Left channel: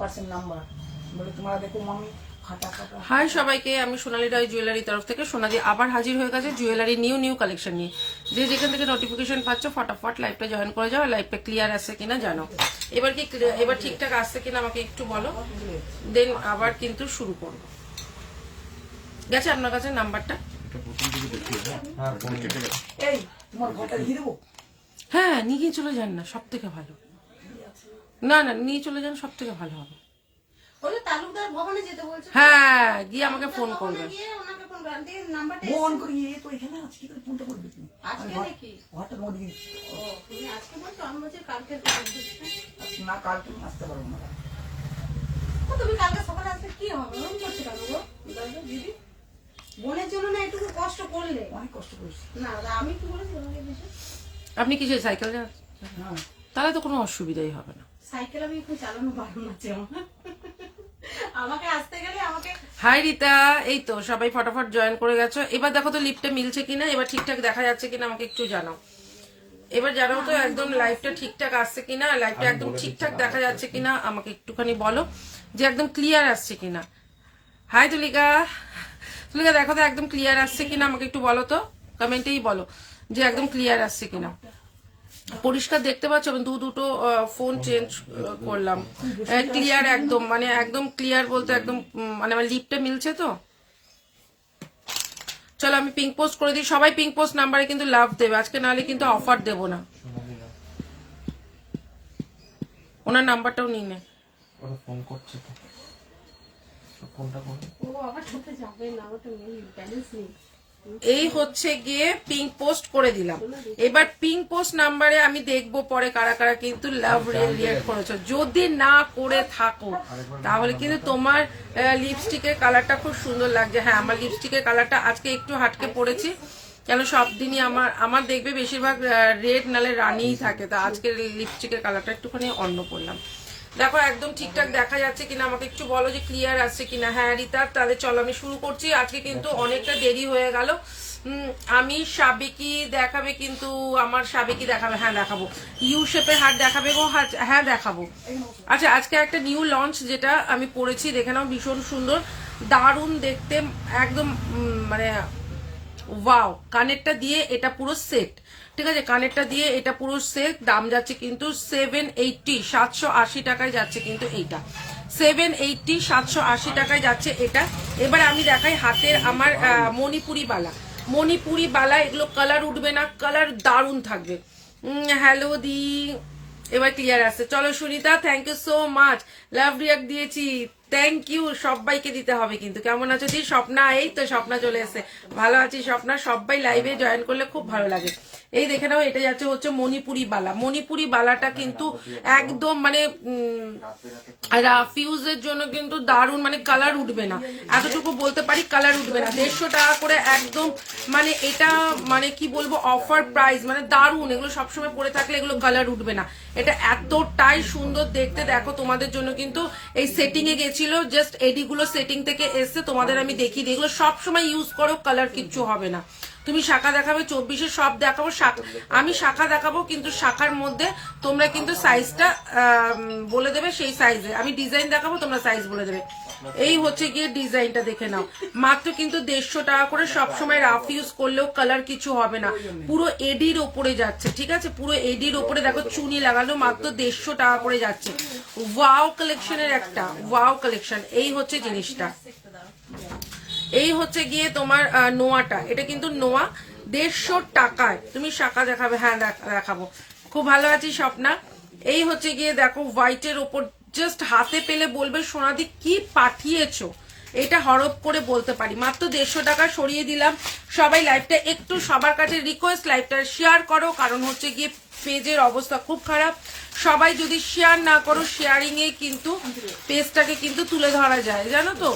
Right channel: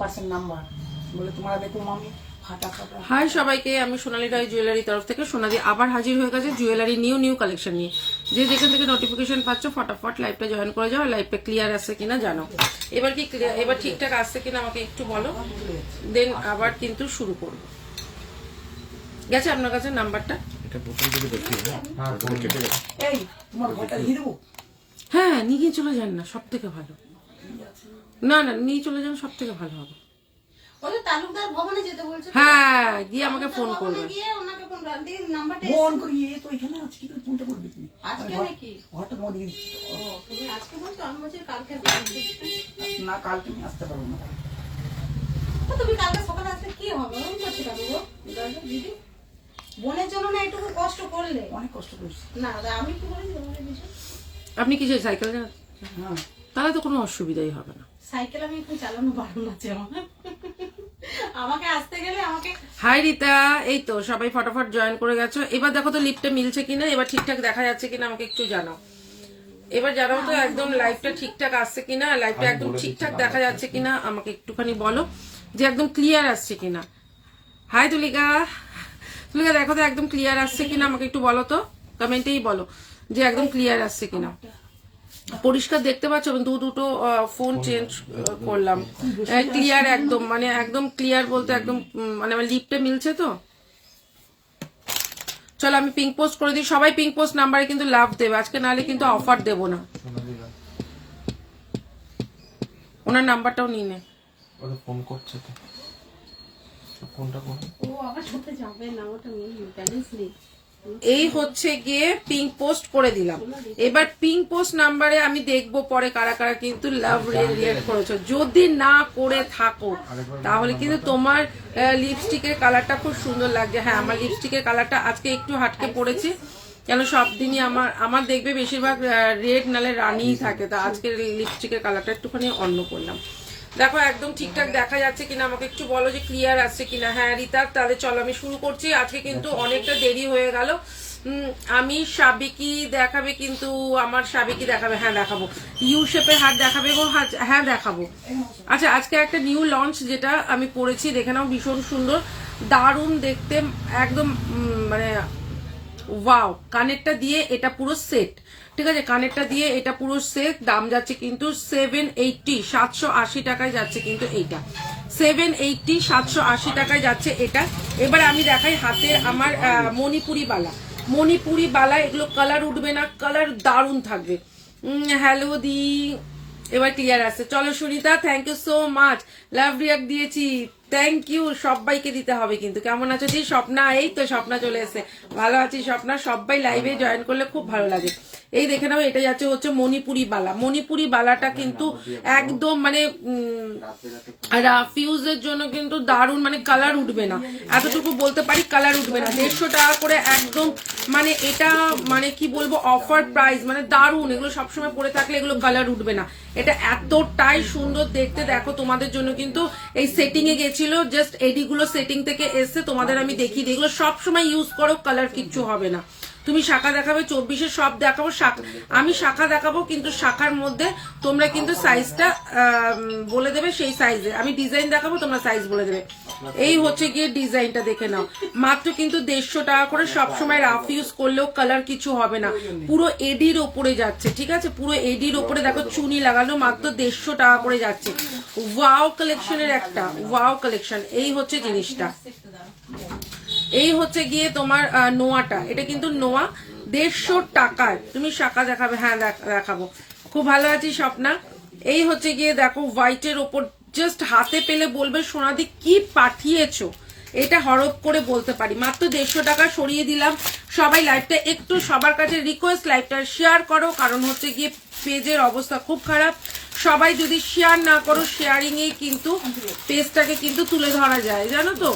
Percent number বলে তোমরা দেখো মামি ফাটা ফাটা। হাই সবাইকে, আমি সোনালী রায় জুয়েলারি তরফ থেকে সোনালি আবার হাজির হয়ে গেছে জুয়েলারি নিউ কালেকশন নিয়ে। যে যেখান থেকে নোটিফিকেশন পাচ্ছ ফটাফট লাইভটা জয়েন করে যাও, লাইভটা ক্লিয়ার আসছে কিনা জানো। এবার কি এবার ঠিকঠাক আসছে কিনা আমাকে একটু বলো, দেন আবার কিন্তু শুরু করবো। গেছে আপনার কাছে নাম্বারটা? এই তোমার ঘরটা দিয়ে দেবো। হ্যাঁ, নিয়ে চলে যান না, সব থেকে ভালো। না না, নিয়ে চলে যান, সব থেকে ভালো হবে। তালুকদার ভবনে যেতে বলছে। হ্যাঁ, গিয়ে আমাকে ফোন করবেন। ফোন করি এই তো এখানে আজকে তো ফোনটা করবি তুমি আজকে নাকি? ঘরটা তোমার দিকে ও তুমি আজকে বলছো, আমি বলছি কালকে। না কালকে আমি আসতে পারবো না। তো তুমি কালকে সকালে আসতে কি হবে? আমি করতে পারবো গো দরজা দিদি। বোনের জন্য না একটু কষ্ট করলে। অনেক কষ্ট করেছি। না আমি কি বলি তোমাদের বিষয়? আপনি কি সেই সাইকেল যান? হ্যাঁ তাহলে তো কোনো অসুবিধাই হবে না। সাইকেল আমি একটু চালানো পারবো না যে আমাকে আসতে গেলে আমাকে। হাই রিতা, এই তো সবাই ফটাফট জয়েন করে গেছো। এবার দেখো তো লিফটে মিলছে কিনা, এবার ঠিকঠাক দেখা যাচ্ছে কিনা আমাকে একটু জানাও। এবার জানাও তো একদম লাইভটা ঠিকঠাক আসছে কিনা, লাইভটা একদম ঠিকঠাক দেখা যাচ্ছে কিনা আমাকে একটুখানি বলো যে একদম ক্লিয়ার আসছে কিনা। হাই তুলিকা, তুলিকা দেখো তো একদম ক্লিয়ার আসছে কিনা আমাকে একটু বলো তো, কমেন্টেই বলো যে একদম ক্লিয়ার আসছে কিনা। পরিষ্কার দেখতে পাচ্ছ? আমি দুটো ফোন চেঞ্জ করলাম, ক্লিয়ার একদম, মানে একদম ক্লিয়ার বলতে একদম মানে আমার লিপটা মিলছে তো। চলো আমি পিঙ্ক পোস্ট করে দিই, সবাই পিঙ্ক পোস্ট নাম্বারে কিন্তু লাভ দেবে আজকে, নাহলে কিন্তু অফার দেবো না। ওনার নাম্বারটাও নিয়ে নে। ফোন করছে তো, ফোনটা করো। ও আবার সাথে যাবে না, ওটা নেই, ব্যালেন্স নেই। এই হচ্ছে গিয়ে পিঙ্ক পোস্ট করে দিলাম। এবার পিঙ্ক পোস্ট নাম্বারে আমি দেখবো পরে কারা কারা কিন্তু লাভ রিয়েক্ট করেছো। যদি না করে থাকো তাহলে কিন্তু তোমার লিপস্টিকের কালারটা খুব সুন্দর লাগছে। হ্যাঁ, আমার লিপস্টিকের কালারটা আজকে একটু হাটকে পড়েছি, কেন সব দিনই আমার দেখবে বেশিরভাগ রেড নালে রানিই থাকে, তা আজকে লিপস্টিকের কালারটা একটুখানি অন্য করলাম। দেখো একদম ঠিকঠাক দেখা যাচ্ছে কিনা আমাকে একটু বলো যে ক্লিয়ার আসছে কিনা। হ্যাঁ রিতা, তাহলে চলো আমি শুরু করছি। আজকে কিন্তু অনেকটা দেরি হয়ে গেল। আমি সাবেকি দেখাবে, কিন্তু আমার সাবেকি দেখাবে। হ্যাঁ দেখাবো। ইউ শেপের হাট দেখাবে গো। হ্যাঁ দেখাবো। আচ্ছা, আজকে একটা নিউ লঞ্চ যেটা আমি পড়েছি, দেখে নাও, ভীষণ সুন্দর, দারুণ দেখতে একদম, মানে ওয়াও। কানেরটা দিয়ে এটা পুরো সেট, ঠিক আছে, কানেরটা দিয়ে এটা পুরো সেট। দাম যাচ্ছে কিন্তু 780, 780 টাকায় যাচ্ছে কিন্তু এইটা, 780, 780 টাকায় যাচ্ছে এটা। এবার আমি দেখাই হাতের আমার মণিপুরি বালা, এগুলো কালার উঠবে না, কালার দারুণ থাকবে। হ্যালো দি, এবার ক্লিয়ার আসছে। চলো Sunita, thank you so much, love react দিয়েছি, থ্যাংক ইউ। সবাইকে দিতে হবে কিন্তু। কেমন আছো দি? স্বপ্না, এই তো স্বপ্না চলে এসে। ভালো আছি স্বপ্না। সবাই লাইভে জয়েন করলে খুব ভালো লাগে। এই দেখে নাও, এটা যাচ্ছে হচ্ছে মণিপুরি বালাটা কিন্তু একদম মানে রাফিউজের জন্য কিন্তু দারুণ, মানে কালার উঠবে না, এতটুকু বলতে পারি, কালার উঠবে না। 150 টাকা করে একদম, মানে এটা মানে কি বলবো, অফার প্রাইস, মানে দারুণ। এগুলো সবসময় পরে থাকলে এগুলো কালার উঠবে না। এটা এতটাই সুন্দর দেখতে। দেখো তোমাদের জন্য কিন্তু এই সেটিং এ গেছিল, জাস্ট এডি গুলো সেটিং থেকে এসছে, তোমাদের আমি দেখিয়ে দিই। এগুলো সবসময় ইউজ করো, কালার কিচ্ছু হবে না। তুমি শাখা দেখাবে 24-এ, সব দেখাবো, আমি শাখা দেখাবো, কিন্তু শাখার মধ্যে তোমরা কিন্তু সাইজটা বলে দেবে, সেই সাইজে আমি ডিজাইন দেখাবো, তোমরা সাইজ বলে দেবে। এই হচ্ছে গিয়ে ডিজাইনটা, দেখে নাও, মাত্র কিন্তু 150 টাকা করে। সবসময় রাফ ইউজ করলেও কালার কিছু হবে না, পুরো এডির ওপরে যাচ্ছে, ঠিক আছে, পুরো এডির ওপরে। দেখো চুনি লাগানো, মাত্র 150 টাকা করে যাচ্ছে। ওয়াও কালেকশনের একটা ওয়াও কালেকশন। এই হচ্ছে জিনিসটা, এই হচ্ছে গিয়ে তোমার নোয়াটা, এটা কিন্তু নোয়া, 150 টাকায়। তুমি শাখা দেখাবে? হ্যাঁ দেখাবো। খুব ভালো আছি স্বপ্না। এই হচ্ছে গিয়ে দেখো হোয়াইটের ওপর, জাস্ট হাতে পেলে বলবে সোনাদি কি পাঠিয়েছো, এটা হরপ করে বলতে পারি। মাত্র 150 টাকা সরিয়ে দিলাম। সবাই লাইভটা একটু, সবার কাছে রিকোয়েস্ট, লাইভটা শেয়ার করো, কারণ হচ্ছে গিয়ে পেজের অবস্থা খুব খারাপ। সবাই যদি শেয়ার না করো, শেয়ারিং এ কিন্তু পেজটাকে কিন্তু তুলে ধরা যায়, জানো তো।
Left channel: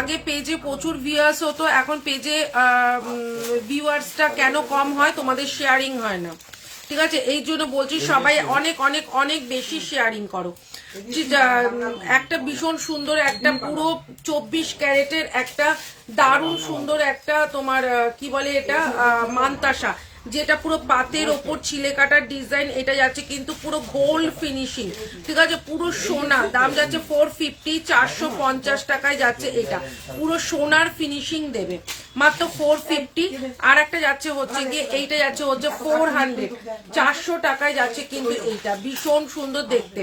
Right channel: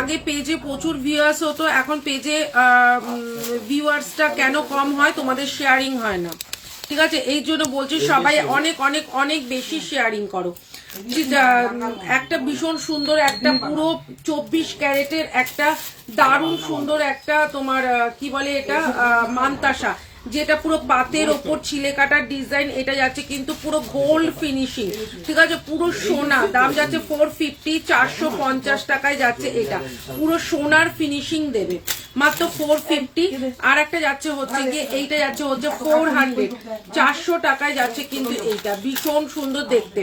আগে পেজে প্রচুর ভিউয়ার্স হতো, এখন পেজে ভিউয়ার্সটা কেন কম হয়, তোমাদের শেয়ারিং হয় না, ঠিক আছে। এই জন্য বলছি সবাই অনেক অনেক অনেক বেশি শেয়ারিং করো। একটা ভীষণ সুন্দর, একটা পুরো 24 ক্যারেটের একটা দারুণ সুন্দর একটা তোমার কি বলে এটা, মানতাসা, যেটা পুরো পাতের ওপর ছিলে কাটার ডিজাইন, এটা যাচ্ছে কিন্তু পুরো গোল্ড ফিনিশিং, ঠিক আছে, পুরো সোনা, দাম যাচ্ছে 450, 450 টাকায় যাচ্ছে এটা, পুরো সোনার ফিনিশিং দেবে মাত্র 450। আর একটা যাচ্ছে হচ্ছে গিয়ে এইটা যাচ্ছে হচ্ছে 400, 400 টাকায় যাচ্ছে কিন্তু এইটা, ভীষণ সুন্দর দেখতে।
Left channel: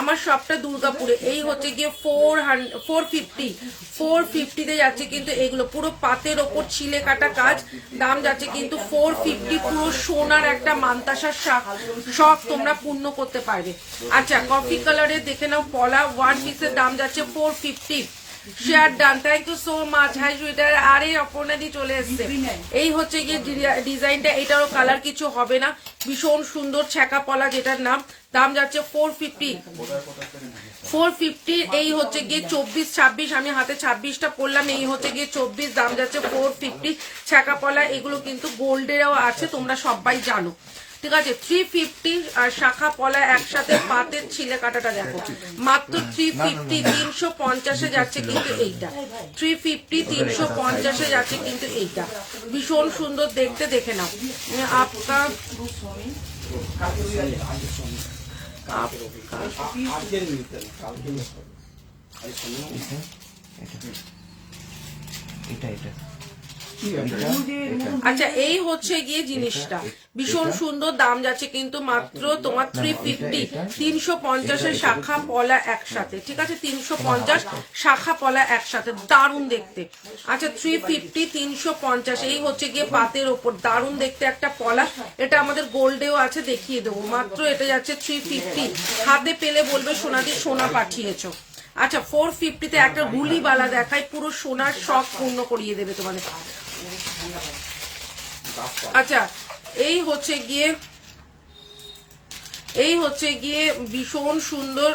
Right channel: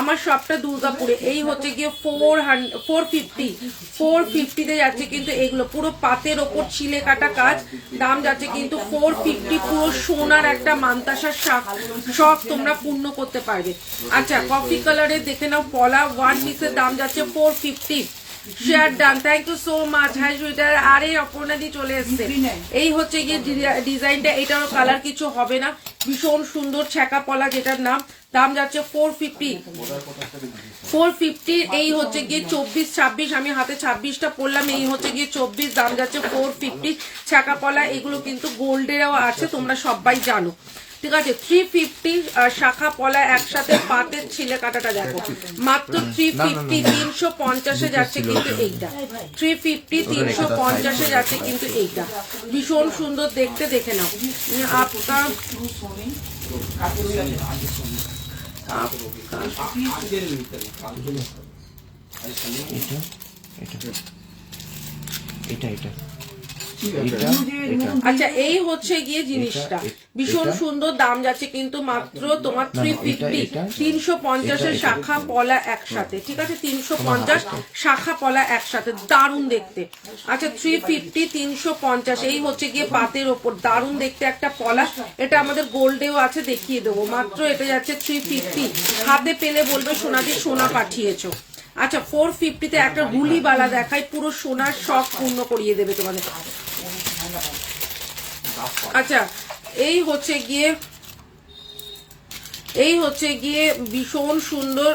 আমার সবটা দুর্গাপুরে, এই হচ্ছে গিয়ে 450 তে যাচ্ছে কিন্তু এগুলো পুরো পাতের ওপর ছিলে কাটা কাজ, দাম যাচ্ছে কিন্তু 450, পুরো সোনার একটা মান্তাসার শখ তোমরা পূর্ণ করতে পারবে। আচ্ছা কফি কালারে দেখে নাও পলা, ওয়ান পিসের দাম যাচ্ছে 450। Share done, thank you so much. Hi সুইটার, আরে অপর্ণাদি চলে এসছে। এই হচ্ছে গিয়ে ডিজাইনটা, এটারও কালার কিছু হবে না, ভীষণ সুন্দর ছ্যাঁকা পলা যেটার নাম, দাম যাচ্ছে 450। এই হচ্ছে গিয়ে 24, 26, আমি হাতে 26টা পরলাম, এই হচ্ছে গিয়ে 24, দাম যাচ্ছে 450। ছ্যাঁকা পলা এগুলো কিন্তু গোল্ডেরও আছে, তোমরা সবাই জানো, ঠিক আছে। 350 শাখা পলা একসাথে পাতের ছিলে কাটাটা দেখো, মাত্র 350, 350 যাচ্ছে কিন্তু এইটা, 350, 350 যাচ্ছে কিন্তু এইটা, ভীষণ সুন্দর দেখতে, দেখে নাও। আপনার আচ্ছা এই হচ্ছে গিয়ে জিনিসটা, ভীষণ সুন্দর, দাম যাচ্ছে কিন্তু মাত্র তোমার 350, 350 শাখা পলা একসাথে, ঠিক আছে, 350 শাখা পলা একসাথে, দারুণ দেখতে। আচ্ছা 350, 350, এই হচ্ছে গিয়ে পাতের ওপর দারুণ দেখতে একটা পলা, এটা আমাদের গোল্ডেও আছে, দেখিয়ে দেবো, মাত্র এটা যাচ্ছে 350। হাতে পেলে বলবে সোনাদি সোনা পাঠিয়েছো। আচ্ছা 450 তে একটা হুলি বালা দেখাই, পুরো সোনার শখ পূর্ণ করিয়ে দেবে তোমাদের। আচ্ছা এই হচ্ছে গিয়ে ভীষণ সুন্দর,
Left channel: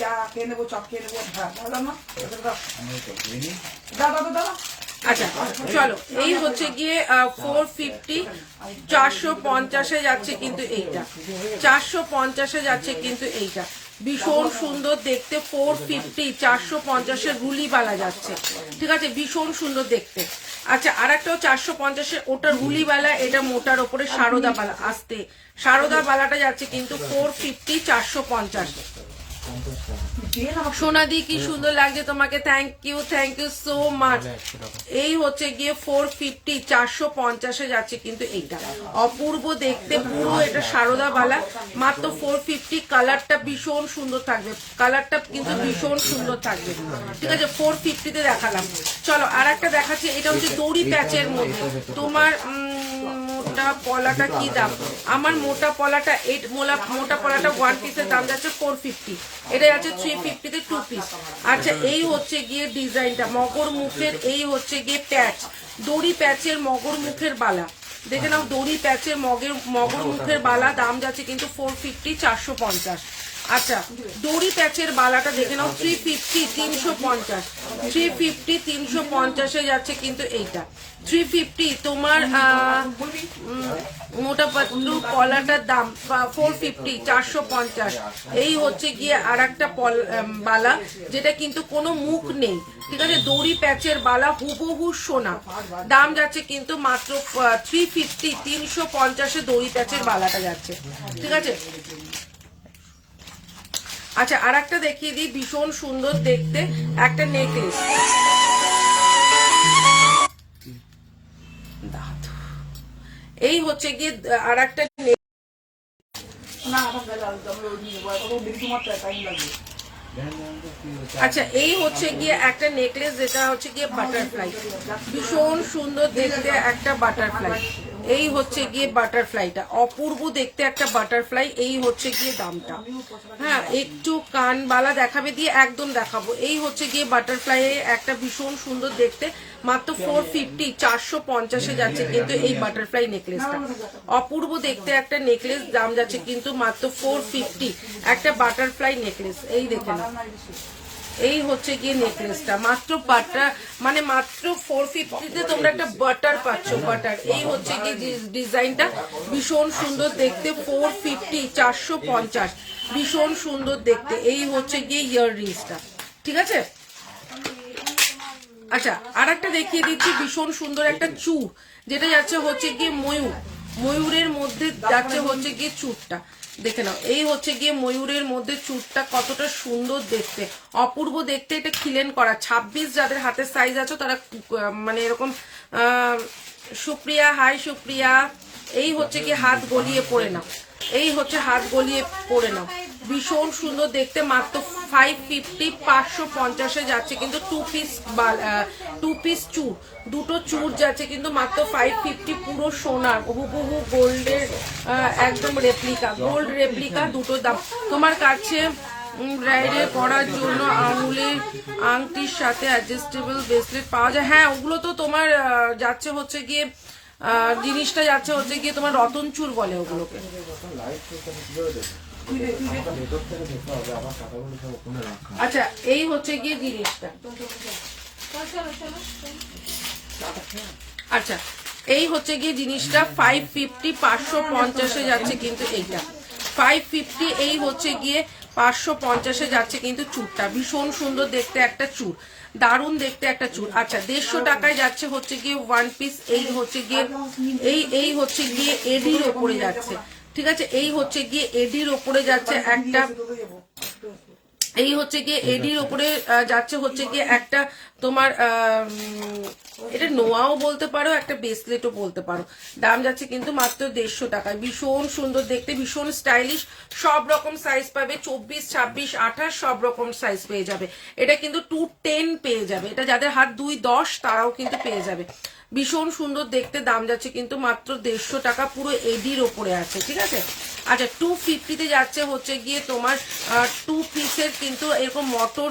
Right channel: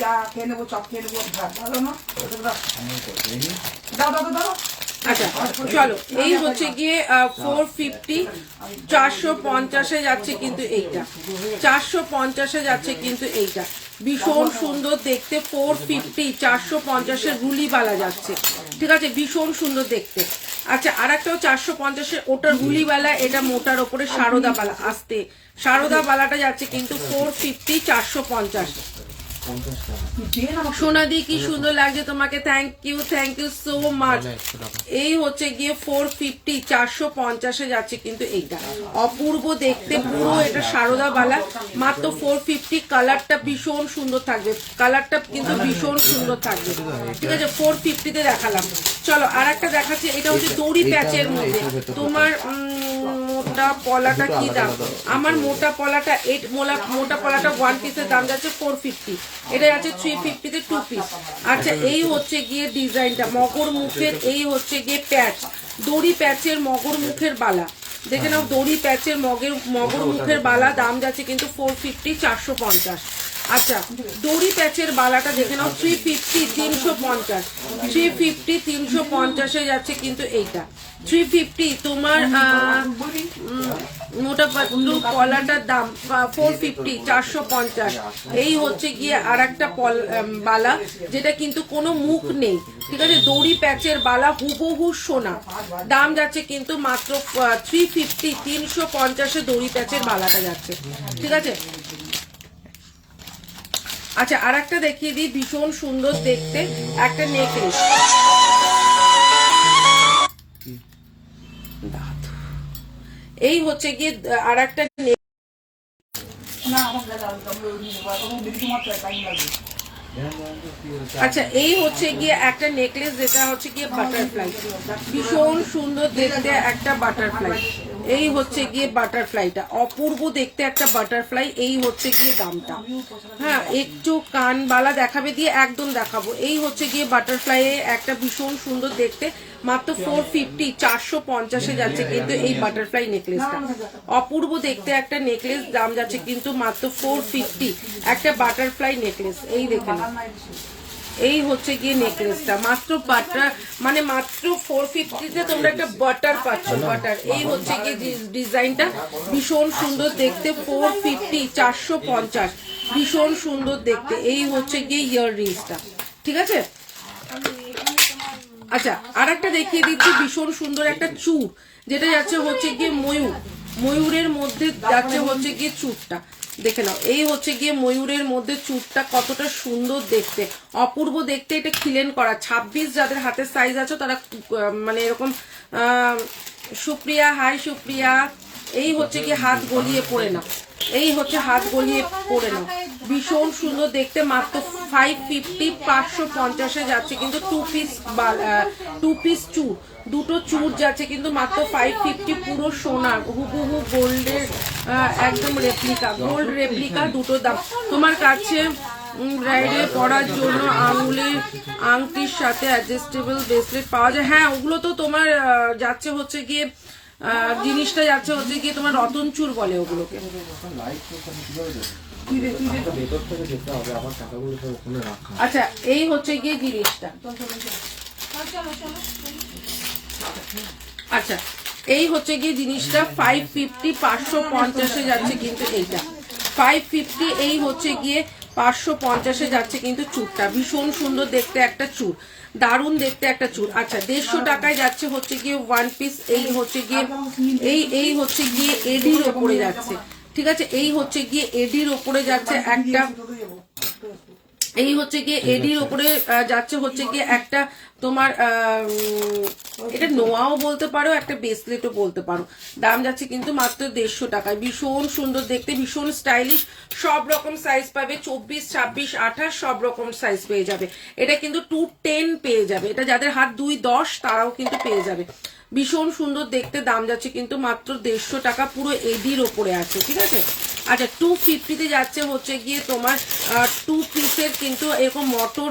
চা খেয়ে নেবো, চপ খেয়ে নেবো, ভাত হবে না, দাও। আচ্ছা চলো, এই হচ্ছে গিয়ে 450, 450 যাচ্ছে কিন্তু এইটা, 450 যাচ্ছে কিন্তু এইটা, ভীষণ সুন্দর দেখতে। 450, 450 হুলিবালা যাচ্ছে, ঠিক আছে, ভীষণ সুন্দর দেখতে। আচ্ছা আর একটাও 450, ওটার হুলিবালা, এটা মোটার ওপরে সারদা বালা, আসতে সারদা বালাটা যাচ্ছে কিন্তু 450, 450। সোনাদি কি সুন্দর লাগছে তোমাকে, থ্যাংক ইউ সো মাচ। এই হচ্ছে গিয়ে 450, 450 যাচ্ছে কিন্তু এইটা, অপূর্ব দেখতে, পুরো এটা সারদা বালা, মাত্র 450। কালারটা ভীষণ সুন্দর থাকবে, কালারটা কিন্তু ভীষণ সুন্দর থাকবে, ঠিক আছে, 450 তে দেখালাম। চলো আর একটা দেখাচ্ছি, এটা হচ্ছে দড়ি প্যাচের মধ্যে, তোমার মোটা পলাটা কি দাম, আমার মোটা পলাটা মোটা পলাটা 1 পিসের দাম যাচ্ছে 450, এটা যাচ্ছে 350 তে 2 পিস। আচ্ছা এই হচ্ছে গিয়ে ডিজাইনটা মগর মুখের, এই হচ্ছে গিয়ে প্যাচ, দড়ি প্যাচের মগর মুখের বালা, দেখে নাও, দড়ি প্যাচের মগর মুখের বালা, দাম যাচ্ছে কিন্তু 450, 450। আচ্ছা দড়ি প্যাচের বালাটা দেখে নাও, 350, 350, 350, 350 যাচ্ছে কিন্তু এইটা, 350। তোমার মোটা পাতলু কলাটার দাম 450, 450। এই হচ্ছে গিয়ে আর একটা বালা, যেটা কিন্তু কোনো মুখ নেই, ঠিক আছে, দড়ি প্যাচের বালা, হুবহু সোনা, দাম যাচ্ছে কিন্তু মাত্র 350, 350 দড়ি প্যাচের বালাটা যাচ্ছে, ঠিক আছে। আচ্ছা আর একটা দেখিয়ে দিই, ভীষণ সুন্দর দেখতে একটা নেকলেস, এই হচ্ছে গিয়ে আর একটা, আচ্ছা এই হচ্ছে গিয়ে একটা নেকলেস, যেটা হচ্ছে গিয়ে বাটারফ্লাই, ভীষণ সুন্দর দেখতে একটা বাটারফ্লাই, এই হচ্ছে গিয়ে বাটারফ্লাইটা, অপূর্ব দেখতে একটা বাটারফ্লাই, এই হচ্ছে গিয়ে দামটা। হ্যাঁ একটু কানবালা দেখাবে দিয়ে একদম দেখাবো, এই হচ্ছে গিয়ে বাটারফ্লাই একটা ভীষণ সুন্দর দেখতে, মাত্র 450, 450 যাচ্ছে কিন্তু এই বাটারফ্লাই নেকলেসটা, অপূর্ব দেখতে একটা নেকলেস, দাম যাচ্ছে কিন্তু মাত্র 450, একটা বাটারফ্লাই নেকলেস, এই দেখে না, এই হচ্ছে গিয়ে নেকলেসটা, মাত্র বাটার মানে মাত্র 450 তে তোমরা একটা বাটার পাচ্ছ, বাটার, এই হচ্ছে গিয়ে ডিজাইনটা, ভীষণ সুন্দর দেখতে, 450, 450, ভীষণ সুন্দর দেখতে, এই হচ্ছে গিয়ে ইয়ার রিংসটা, ঠিক আছে। আচ্ছা আর একটা দেখিয়ে দিচ্ছি ভীষণ সুন্দর একটা চূড়, যেটা যাচ্ছে হচ্ছে গিয়ে ময়ূরের মধ্যে যাচ্ছে হচ্ছে গিয়ে চূড়টা দেখে নাও। এই হচ্ছে গিয়ে ময়ূরের মধ্যে চূড়টা কতটা সুন্দর দেখতে, অপূর্ব দেখতে। এটা খিলেন করা 26 যাদের হাতের সাইজ আছে তারা মানে এরকম সুপ্রিয়া, হাই সুপ্রিয়া। এই হচ্ছে কি হাত গলিয়ে পড়ে নাও, এই হচ্ছে হাত গলিয়ে পড়ে নাও, ভীষণ সুন্দর দেখতে। মাত্র 550 550 যাচ্ছে কিন্তু টু পিস চুর, দুটো চুর যাচ্ছে কিন্তু মাত্র 550, পুরো সোনার হুবহু গোল্ডের একদম রেপ্লিকা, গোল্ড রেপ্লিকা দুটো দাম। তোমার কাছে ব্রাইডে পরার জন্য আঙুলের আংটির সাথে অ্যাডজাস্টেবল ব্রেসলেট পাওয়া যায়। হ্যাঁ ওগুলো তো তোমার যাচ্ছে হচ্ছে গিয়ে জিনিসটা যাচ্ছে হচ্ছে গিয়ে তোমার রতন চুর বলে ওগুলোকে। আচ্ছা এই হচ্ছে গিয়ে জিনিসটা, আচ্ছা এই হচ্ছে গিয়ে জিনিসটা 550 550 যাচ্ছে কিন্তু এইটা 550, এই হচ্ছে গিয়ে 550 যাচ্ছে কিন্তু চুরটা। ভীষণ সুন্দর দেখতে একটা চুর, দারুণ দেখতে একটা চুর। আচ্ছা 150 টাকায় যাচ্ছে হচ্ছে গিয়ে ওয়ান পিস। এই হচ্ছে গিয়ে এই হচ্ছে গিয়ে এডির ওপরে যাচ্ছে, ঠিক আছে। এই হচ্ছে গিয়ে এডির ওপরে যাচ্ছে একটা, এই হচ্ছে গিয়ে এডির ওপরে যাচ্ছে হচ্ছে গিয়ে একটা তোমার এটা নোয়াও বলতে পারো, একটা ব্রেসলেটও বলতে পারো। দাম যাচ্ছে কিন্তু মাত্র 150 টাকায়। ভীষণ সুন্দর দেখতে, ভীষণ স্টাইলিশ, সব রকম সাইজ পাবে, 24 26 28 সব রকম সাইজ পেয়ে যাবে। এটা কিন্তু 210 পেয়ে যাবে, এটা যাদের হাত 2-10 তারাও কিন্তু পেয়ে যাবে। ভীষণ সুন্দর দেখতে, দাম যাচ্ছে কিন্তু মাত্র 150 টাকা, পুরো এডির ওপরে আছে, ঠিক আছে। আচ্ছা 250 যাচ্ছে হচ্ছে গিয়ে তোমার 2 পিসের কিন্তু এরকম মটর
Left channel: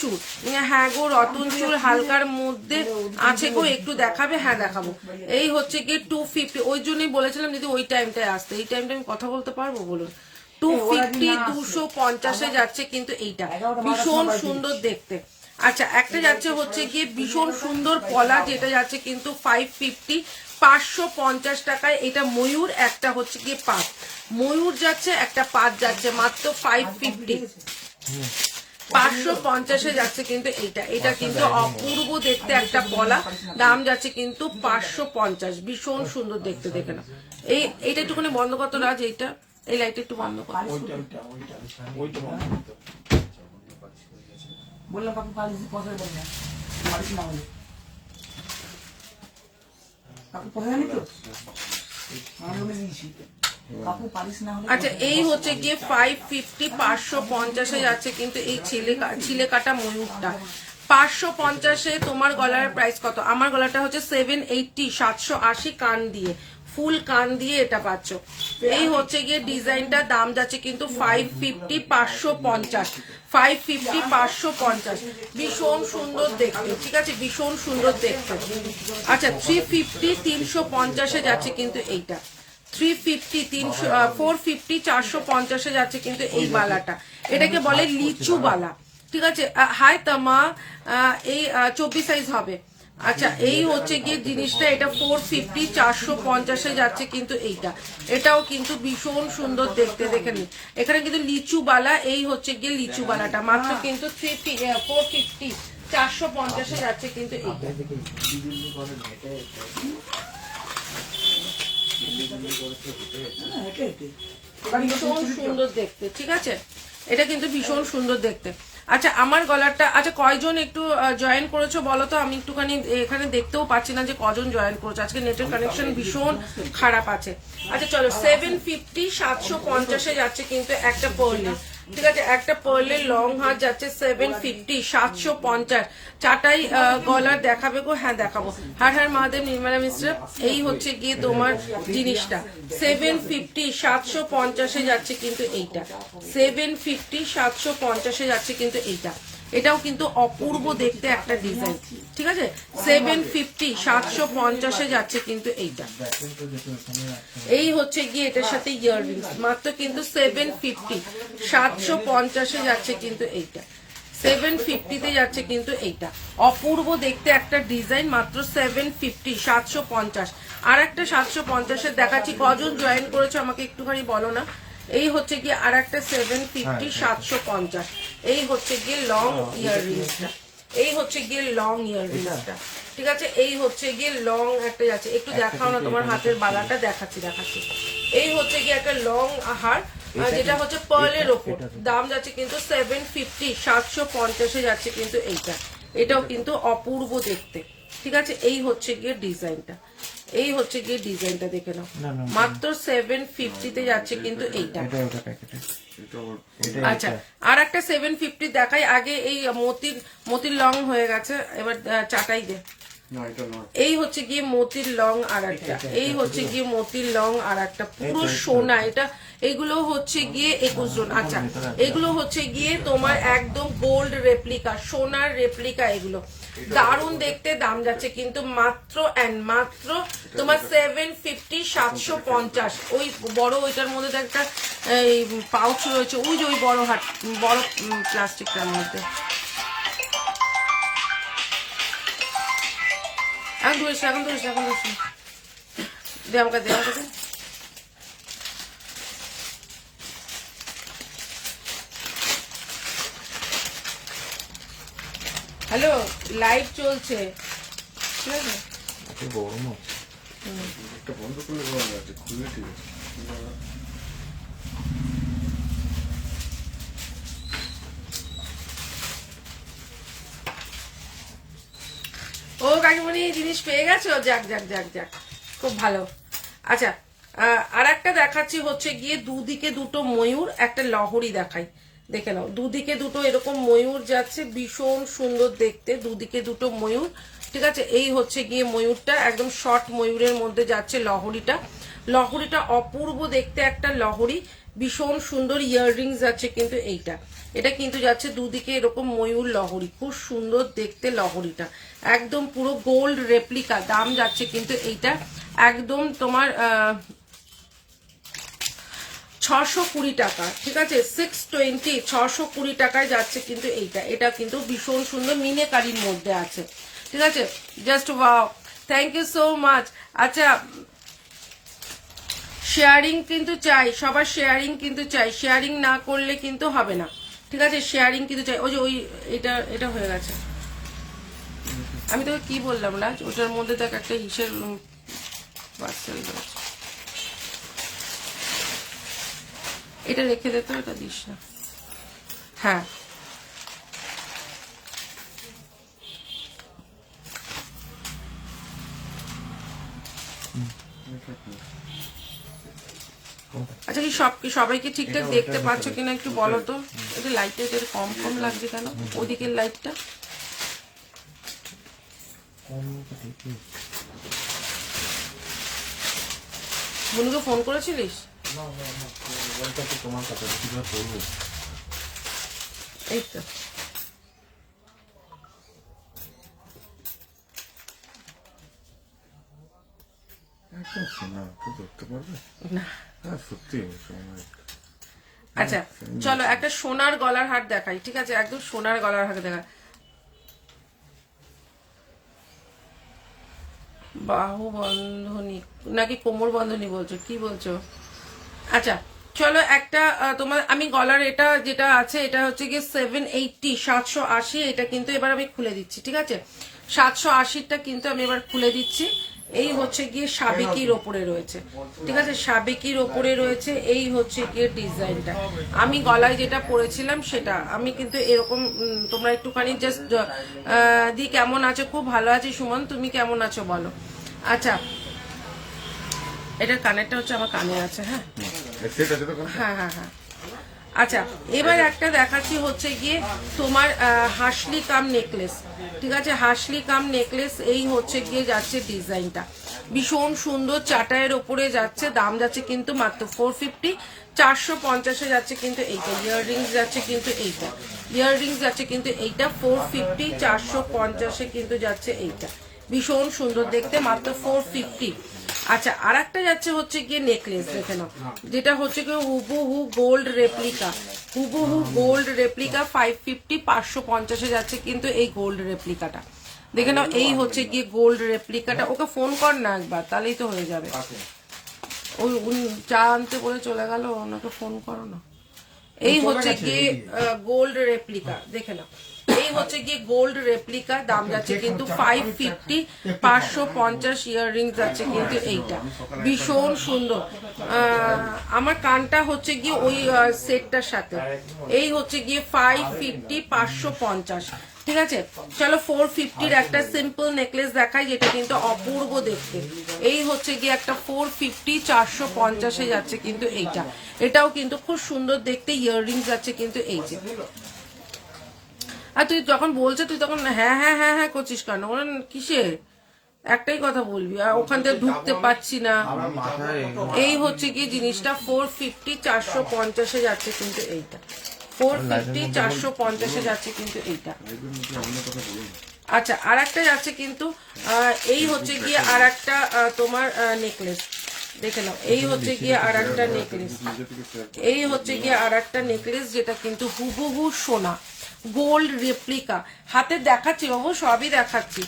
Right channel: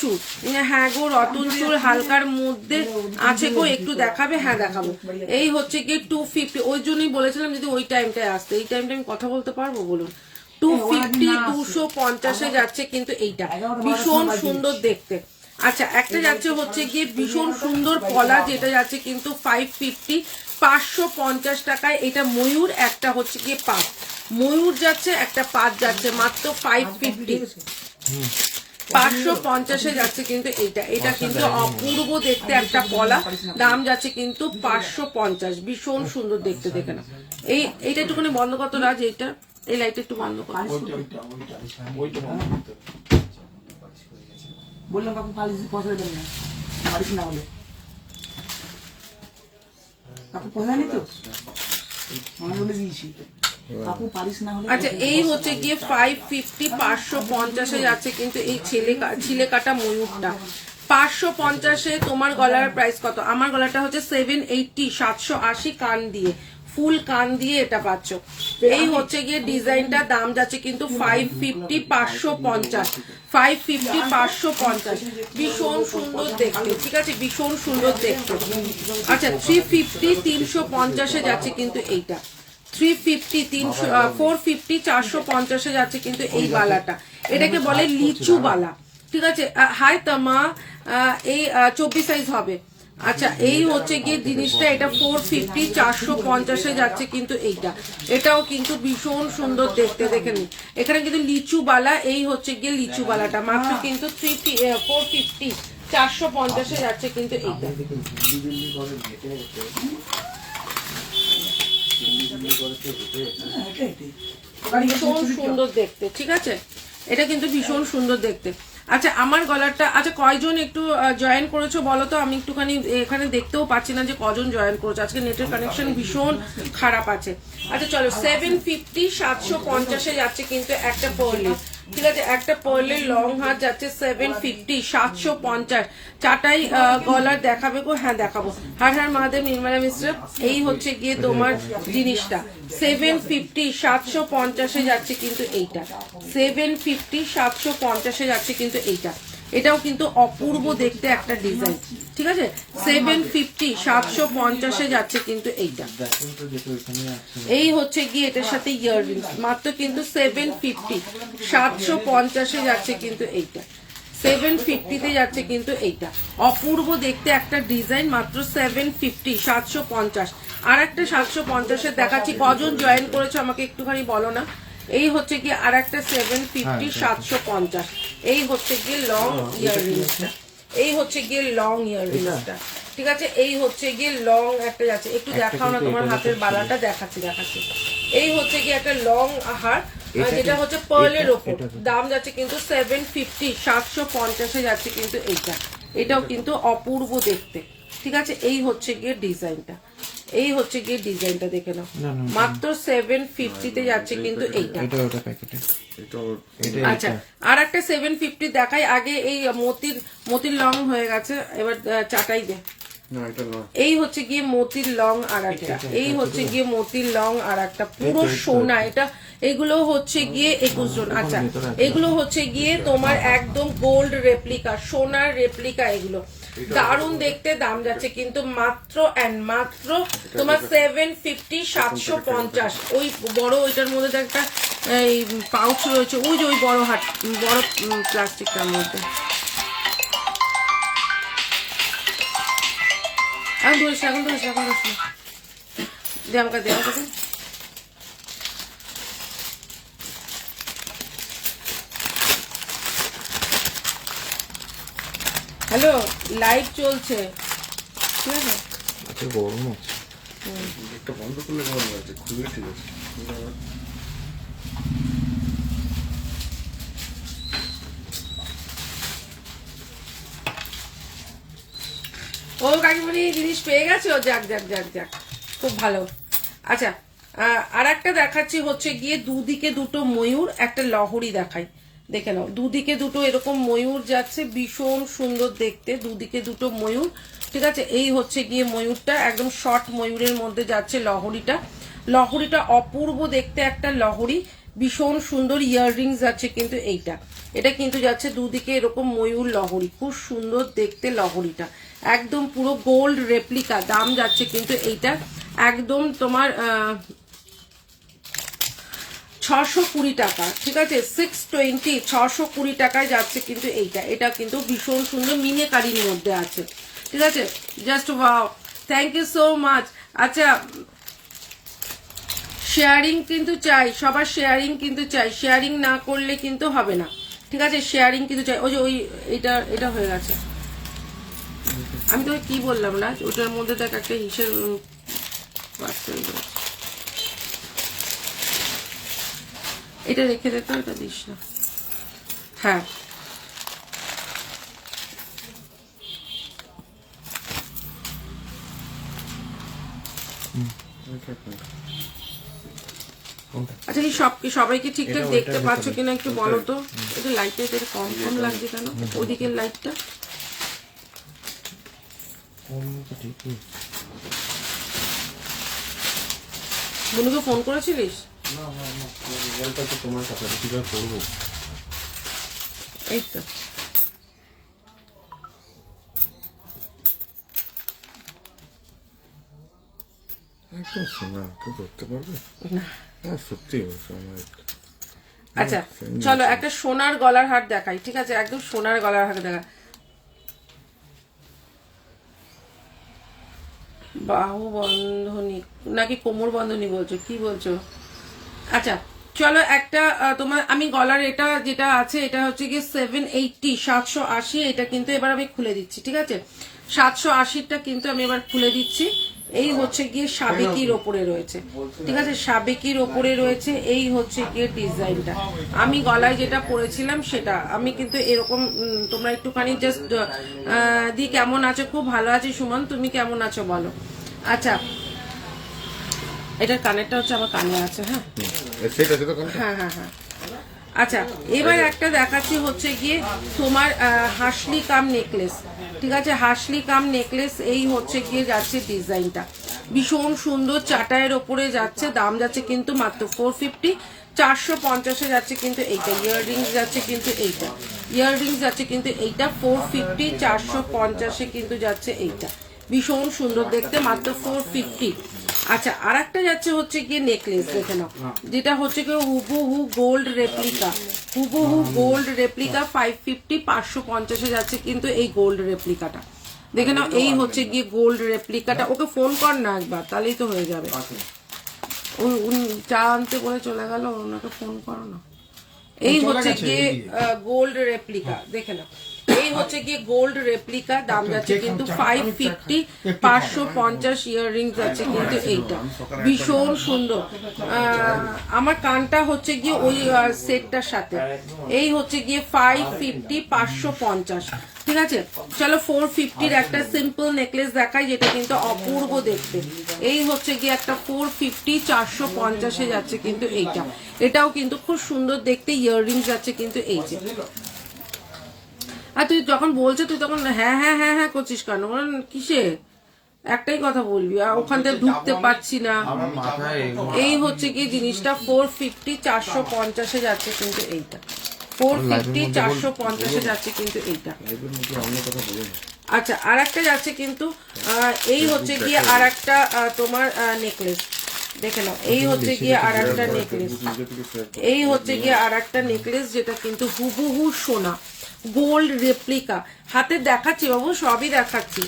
চুর। হ্যাঁ গো রতন চুর হালকার মধ্যে আছে গো, একটু দেখাবে? হ্যাঁ দেখাবো। এই হচ্ছে গিয়ে 250, ওই জন্যই বলেছিলাম যদি ওই টাইমটায় আসতে, এই টাইমটা আমি কথা বলতে পারবো বলুন। 250 250 যাচ্ছে কিন্তু এইটা, ভীষণ সুন্দর দেখতে। আচ্ছা একটা যাচ্ছে হচ্ছে গিয়ে ভীষণ সুন্দর পলা, যেটা যাচ্ছে কিন্তু 550 550 টাকায়। এটা ময়ূর, একটা হচ্ছে গিয়ে পাত, ময়ূর যাচ্ছে একটা পাত যাচ্ছে মাত্র 550 550 যাচ্ছে কিন্তু এইটা। এটা কিন্তু অপূর্ব দেখতে একটা পলা, দাম যাচ্ছে কিন্তু 550, ভীষণ সুন্দর দেখতে। দেখে না এইটা একটুখানি বন্ধ করতো রাজ, এইটা এই লাইট একটু বন্ধ করো। বললাম কাকু পালিশ পয়সা দেবেন না, পালিশ না হলে কাকু পয়সা নেই তো, আমি বলে দিয়েছি কাকু পালিশ না হলে। আচ্ছা এই হচ্ছে গিয়ে 550 550 যাচ্ছে কিন্তু এই ছিলে কাটা ময়ূরটা 550। তোমার গলার প্রাইস কত? আমার গলাটা হচ্ছে 780 780 কান দিয়ে, ফুল কান দিয়ে এটা পাচ্ছ। এই হচ্ছে গিয়ে ডিজাইনটা, দাম যাচ্ছে কিন্তু 550 550 550 550, ভীষণ সুন্দর দেখতে, ঠিক আছে, ভীষণ সুন্দর দেখতে। আচ্ছা 350 350 যাচ্ছে কিন্তু এইটা, 350 450 450 যাচ্ছে কিন্তু এই বালাটা, এটাকে বলে লিচু বালা, ঠিক আছে। হাই তামা, এই 24 সাইজ হবে। আচ্ছা এই হচ্ছে গিয়ে জিনিসটা, এটা 450 450 যাচ্ছে কিন্তু এইটা, এটাও কিন্তু ভীষণ সুন্দর দেখতে। দেখে নি এখানে কিন্তু লিচু বালা, এই হচ্ছে গিয়ে লিচু বালাটা মাত্র কিন্তু 450 450 যাচ্ছে কিন্তু এইটা। ভীষণ সুন্দর দেখতে, ঠিক আছে, এটা কিন্তু ভীষণ সুন্দর দেখতে। আচ্ছা আমার গলারটা, আচ্ছা কয়জন একটু জয়েন করেছো বলো তো, আমি একটুখানি এখানে দেখতেও পাচ্ছি না যে কজন জয়েন করেছো, আজকে নেটের কানেকশন ভীষণ খারাপ আছে। আচ্ছা চলো 750 750 যাচ্ছে কিন্তু একটা পার্লের, ঠিক আছে, একটা পার্লের লং হাত যাচ্ছে 750 750। চাটাই গলার দেখাবে গো? হ্যাঁ দেখাবো। হ্যাঁ হ্যাঁ মহাদেব নির্মলা মিশ্র, এই হচ্ছে গিয়ে তোমার জিনিসটা 750 750 যাচ্ছে কিন্তু এইটা, 750 750 যাচ্ছে কিন্তু এইটা। এটাও কিন্তু অপূর্ব দেখতে একটা ডিজাইন, ঠিক আছে। 750 750 যাচ্ছে কিন্তু এইটা। এই হচ্ছে গিয়ে এটার সাথে ইয়াররিংস, মাত্র কিন্তু 750 750 যাচ্ছে কিন্তু এইটা, 750 যাচ্ছে কিন্তু এইটা। অপূর্ব দেখতে একটা ডিজাইন, মাত্র 750 750। আর একটা 750 দেখাচ্ছি, কজন জয়েন করেছো আমাকে একটুখানি বলো না। এই হচ্ছে গিয়ে আর একটা 750 750, এই হচ্ছে গিয়ে লং ইয়াররিংসটা, এই হচ্ছে গিয়ে লং ইয়াররিংসটা, ঠিক আছে? এই হচ্ছে গিয়ে লং একটা যাচ্ছে, একটু দেখাও না তোমার হাতের বালাটা, দেখাচ্ছি। এই হচ্ছে গিয়ে একটা লং হার, যেটা হচ্ছে পার্লের ওপর, দাম যাচ্ছে কিন্তু 750, 750 যাচ্ছে কিন্তু এইটা। এটাও কিন্তু অপূর্ব দেখতে, ঠিক আছে? এই হচ্ছে গিয়ে ডিজাইনটা, এই হচ্ছে গিয়ে ডিজাইনটা দেখে নাও, মাত্র 750 তে যাচ্ছে কিন্তু এইটা। আচ্ছা, আর একটা 750 দেখাই আগে। এই মতির লং হয়ে গেছে, এবার চাটাই দে। এই হচ্ছে গিয়ে মতির লং আর একটা, এই হচ্ছে গিয়ে মতির লং আর একটা, পুরো সোনা এটা। এগুলো হচ্ছে গিয়ে 21 জন। আচ্ছা, এগুলো হচ্ছে গিয়ে তোমার একদম গোল্ড রেপ্লিকা, সোনার রেপ্লিকা। এগুলো দারুণ দেখতে, দাম যাচ্ছে কিন্তু মাত্র মাত্র তোমার 750, 750। ওই বড় ওইটার মধ্যে তো একটা এই পাউচ রয়েছে, ওই যে ওই বড় বড় প্লাস্টিকটার মধ্যে। এখন ধরিস না, দে আমাকে, হ্যালো, লাইট চলছে, ঠিক আছে? গরম আছে, একটা বন্ধ করলে গরম আছে, খুললে ঠিক আছে। ও কাকিমণি জিনিস পেয়ে গেছো, যাক, খুব ভালো। আচ্ছা, আর একটা দেখাচ্ছি হচ্ছে গিয়ে দুদিকে দুটো ময়ূর, একটা লহরি দেখাই, দেখে নাও। দুদিকে দুটো এরকম ময়ূর যাচ্ছে, ভীষণ সুন্দর দেখতে, দুদিকে দুটো ময়ূর, ঠিক আছে? এই হচ্ছে গিয়ে ময়ূরটা, একদম শর্ট ময়ূরের মধ্যে যাচ্ছে লহরিটা অপূর্ব দেখতে একটা লহরি, ভীষণ সুন্দর ইয়াররিংস যাচ্ছে কিন্তু এইটা। এটা কিন্তু যাচ্ছে দুদিকে এরকম ময়ূর লহরি, খুব সুন্দর দেখতে লহরিটা, একদম পুরো গোল্ড রেপ্লিকা। দাম যাচ্ছে কিন্তু এইটা একদম তোমার 620 টাকা, ঠিক আছে? 620, 620 টাকায় যাচ্ছে কিন্তু এইটা। এটা কিন্তু ভীষণ সুন্দর মিনেকারির মধ্যে আছে, ঠিক আছে? Just wow, thank you so much. আচ্ছা, শেয়ারিং কিন্তু চাই, সবার শেয়ারিং কিন্তু চাই, শেয়ারিং না করলে কিন্তু হবে না, ঠিক আছে? শেয়ারিং কিন্তু চাই। ওই যে ওই এটা হয়ে গেছে, আমি তোকে কি বললাম না, ওটার মধ্যে দেখ একটা হিসেব, এটা রেখে দে তো, এটা দিস না। হ্যাঁ, আচ্ছা, কি সবাইকে ঠিকঠাক দেখতে পাচ্ছ কিনা একটু বলো তো? এটা লাইটটা এটা কম লাগছে কেন, ওদিকের লাইটটা? বনুকে ফোন করেছিলিস? তোমার কাছে কিভাবে করবো? এই তো একদম শোনা, কেউ ধরতে পারবে না। সত্যি বলছো আমার। আচ্ছা, চলো একটা সোনার গলার হার দেখাই, ঠিক আছে? একদম সোনার গলার হার দেখা, বাহু বন্ধনী নাকি কোমর বন্ধনী বলছো, কি বলছো? আচ্ছা, চলো একটা তোমার আমি গলার এটা যেটা আছে এটা হচ্ছে গিয়ে 780, 780। এটা কিন্তু এবার আমি খুলে দিচ্ছি, ঠিক আছে? 780টা কিন্তু আমি এবার খুলে দিচ্ছি। এই হচ্ছে গিয়ে সাবেকির ওপরে রয়েছে, ঠিক আছে? সাবেকির ওপরে রয়েছে, এই হচ্ছে গিয়ে ডিজাইনটা। আমি গলায় যেটা পরেছিলাম সেটা আমি কিন্তু এরকম, তোমরা একটুখানি জাস্ট দি কেমন আছো? খুব ভালো আছি সুমন, তুমি কেমন আছো বলো? আচ্ছা, এটার কানেরটা হচ্ছে আমার কানে আছে, হ্যাঁ হ্যাঁ। আচ্ছা, এবার একটা দেখাচ্ছি হচ্ছে গিয়ে তোমার হাসলি কাম নেকলেস, ঠিক আছে? হাসলি কাম নেকলেস, এই হচ্ছে গিয়ে যাচ্ছে ডিজাইনটা, ভীষণ সুন্দর চাটাইয়ের ওপরে যাচ্ছে, দাম যাচ্ছে কিন্তু মাত্র 450, 450-এ যাচ্ছে কিন্তু এইটা। ইয়াররিংস যাচ্ছে কিন্তু এইটা, ইয়াররিংস যাচ্ছে কিন্তু এইটা 450, 450-এ কিন্তু যাচ্ছে এইটা, ভীষণ সুন্দর দেখতে, মাত্র 450। আচ্ছা, আর একটা যাচ্ছে হচ্ছে গিয়ে নেকলেস, দেখে নাও, যেটা হচ্ছে গিয়ে হুবহু গোল্ড রেপ্লিকা, হুবহু গোল্ড রেপ্লিকা 550, 550-এ যাচ্ছে কিন্তু এই গোল্ড রেপ্লিকাটা, দেখে নাও। এই হচ্ছে গিয়ে গোল্ড রেপ্লিকাটা। ওকে ফোন কর না একবার, তাহলেই তো হয়ে যাবে। ওই চা আনতে বলে চলে গেল, ওনাকে ফোন করো না। এই হচ্ছে গিয়ে গোল্ড রেপ্লিকা, দেখে নাও। এই হচ্ছে গিয়ে গোল্ড রেপ্লিকা, দাম যাচ্ছে কিন্তু 550, 550 ইয়াররিংস যাচ্ছে কিন্তু এইটা ভীষণ সুন্দর। আমার কানটা হচ্ছে গিয়ে ওই সেটটার সাথে, এই হচ্ছে গিয়ে 550, 550, ঠিক আছে। চলো 450-র একটা সিম্পল নেকলেস দেখাই, যেটা কিন্তু অপূর্ব দেখতে। এই হচ্ছে গিয়ে একটা 450, 450-এ যাচ্ছে কিন্তু এইটা, এটাও কিন্তু খুব সুন্দর দেখতে ইয়াররিংস যাচ্ছে কিন্তু এই যে। আর তুই যখন বলছে তুই তখন হ্যাঁ হ্যাঁ হ্যাঁ হ্যাঁ করছিস কেন? কিসে একটাই কথা বলবি, আর ওখান থেকে ঢুকতে পারছি না। এই হচ্ছে কি জিনিসটা 450, 450-এ যাচ্ছে কিন্তু এইটা, 450, 450-এ যাচ্ছে কিন্তু এইটা। আচ্ছা, আর একটা যাচ্ছে কিন্তু এই হচ্ছে গিয়ে আর একটা তোমার নেকলেস দেখে নাও। এই হচ্ছে গিয়ে আর একটা নেকলেস, এই হচ্ছে গিয়ে আর একটা নেকলেস, যেটা কিন্তু হুবহু সোনা, গোল্ড রেপ্লিকা। হাতে দেখাচ্ছি বাবু, সবই দেখাচ্ছি।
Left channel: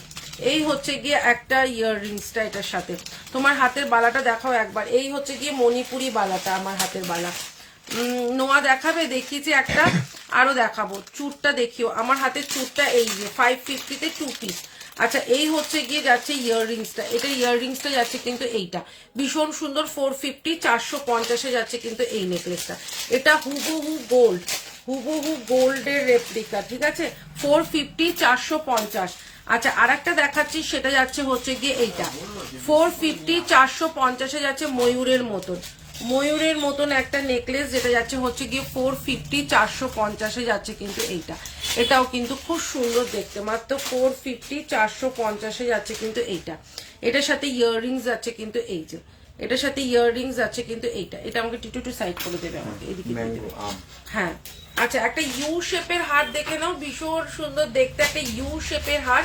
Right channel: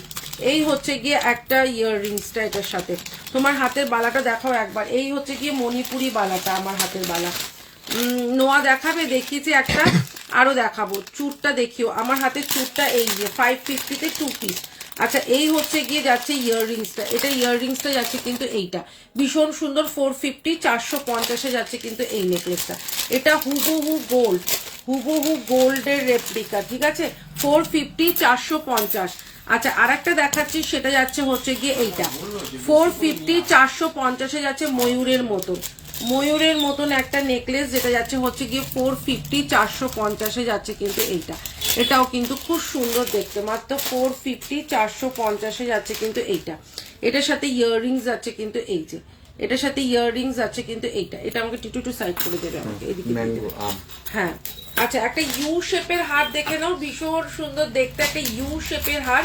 এই হচ্ছে গিয়ে একটা ইয়াররিংসটা এটার সাথে। তোমার হাতের বালাটা দেখাও একবার। এই হচ্ছে গিয়ে মণিপুরি বালাটা, আমার হাতের বালা। নোয়া দেখাবে, দেখিয়েছি একটা, আরো দেখাবো। চুরটা দেখিও, আমার হাতের চুরটা এই যে 550-তে 2 পিস। আচ্ছা, এই হচ্ছে গিয়ে যাচ্ছে ইয়াররিংসটা, এটা ইয়াররিংসটা যাচ্ছে কিন্তু এইটা ভীষণ সুন্দর 450, 450-এ যাচ্ছে কিন্তু এই নেকলেসটা। এটা হুবহু গোল্ড, হুবহু গোল্ডের রেপ্লিকা, ঠিক আছে, 450, 450। আচ্ছা, আর একটা দেখাচ্ছি, সেটা যাচ্ছে হচ্ছে গিয়ে এইটা 450, 450-এ যাচ্ছে ময়ূরের মতন, ময়ূরের মতন একটা নেকলেস, যেটা যাচ্ছে হচ্ছে গিয়ে 450, 450-এ যাচ্ছে কিন্তু এইটা। এটাও কিন্তু খুব সুন্দর দেখতে, মাত্র 450, 450-এ যাচ্ছে কিন্তু এইটা। এটার সাথে ইয়াররিংস যাচ্ছে কিন্তু এই যে, এটার সাথে ইয়াররিংস আছে কিন্তু এইটা। এটা আমাকে টিটু সাইড করে দেবে আমাকে এদিকে। হ্যাঁ, আচ্ছা, একটা ইউ শেপের হার দেখে নাও, ভীষণ সুন্দর দেখতে একটা ইউ শেপের হার,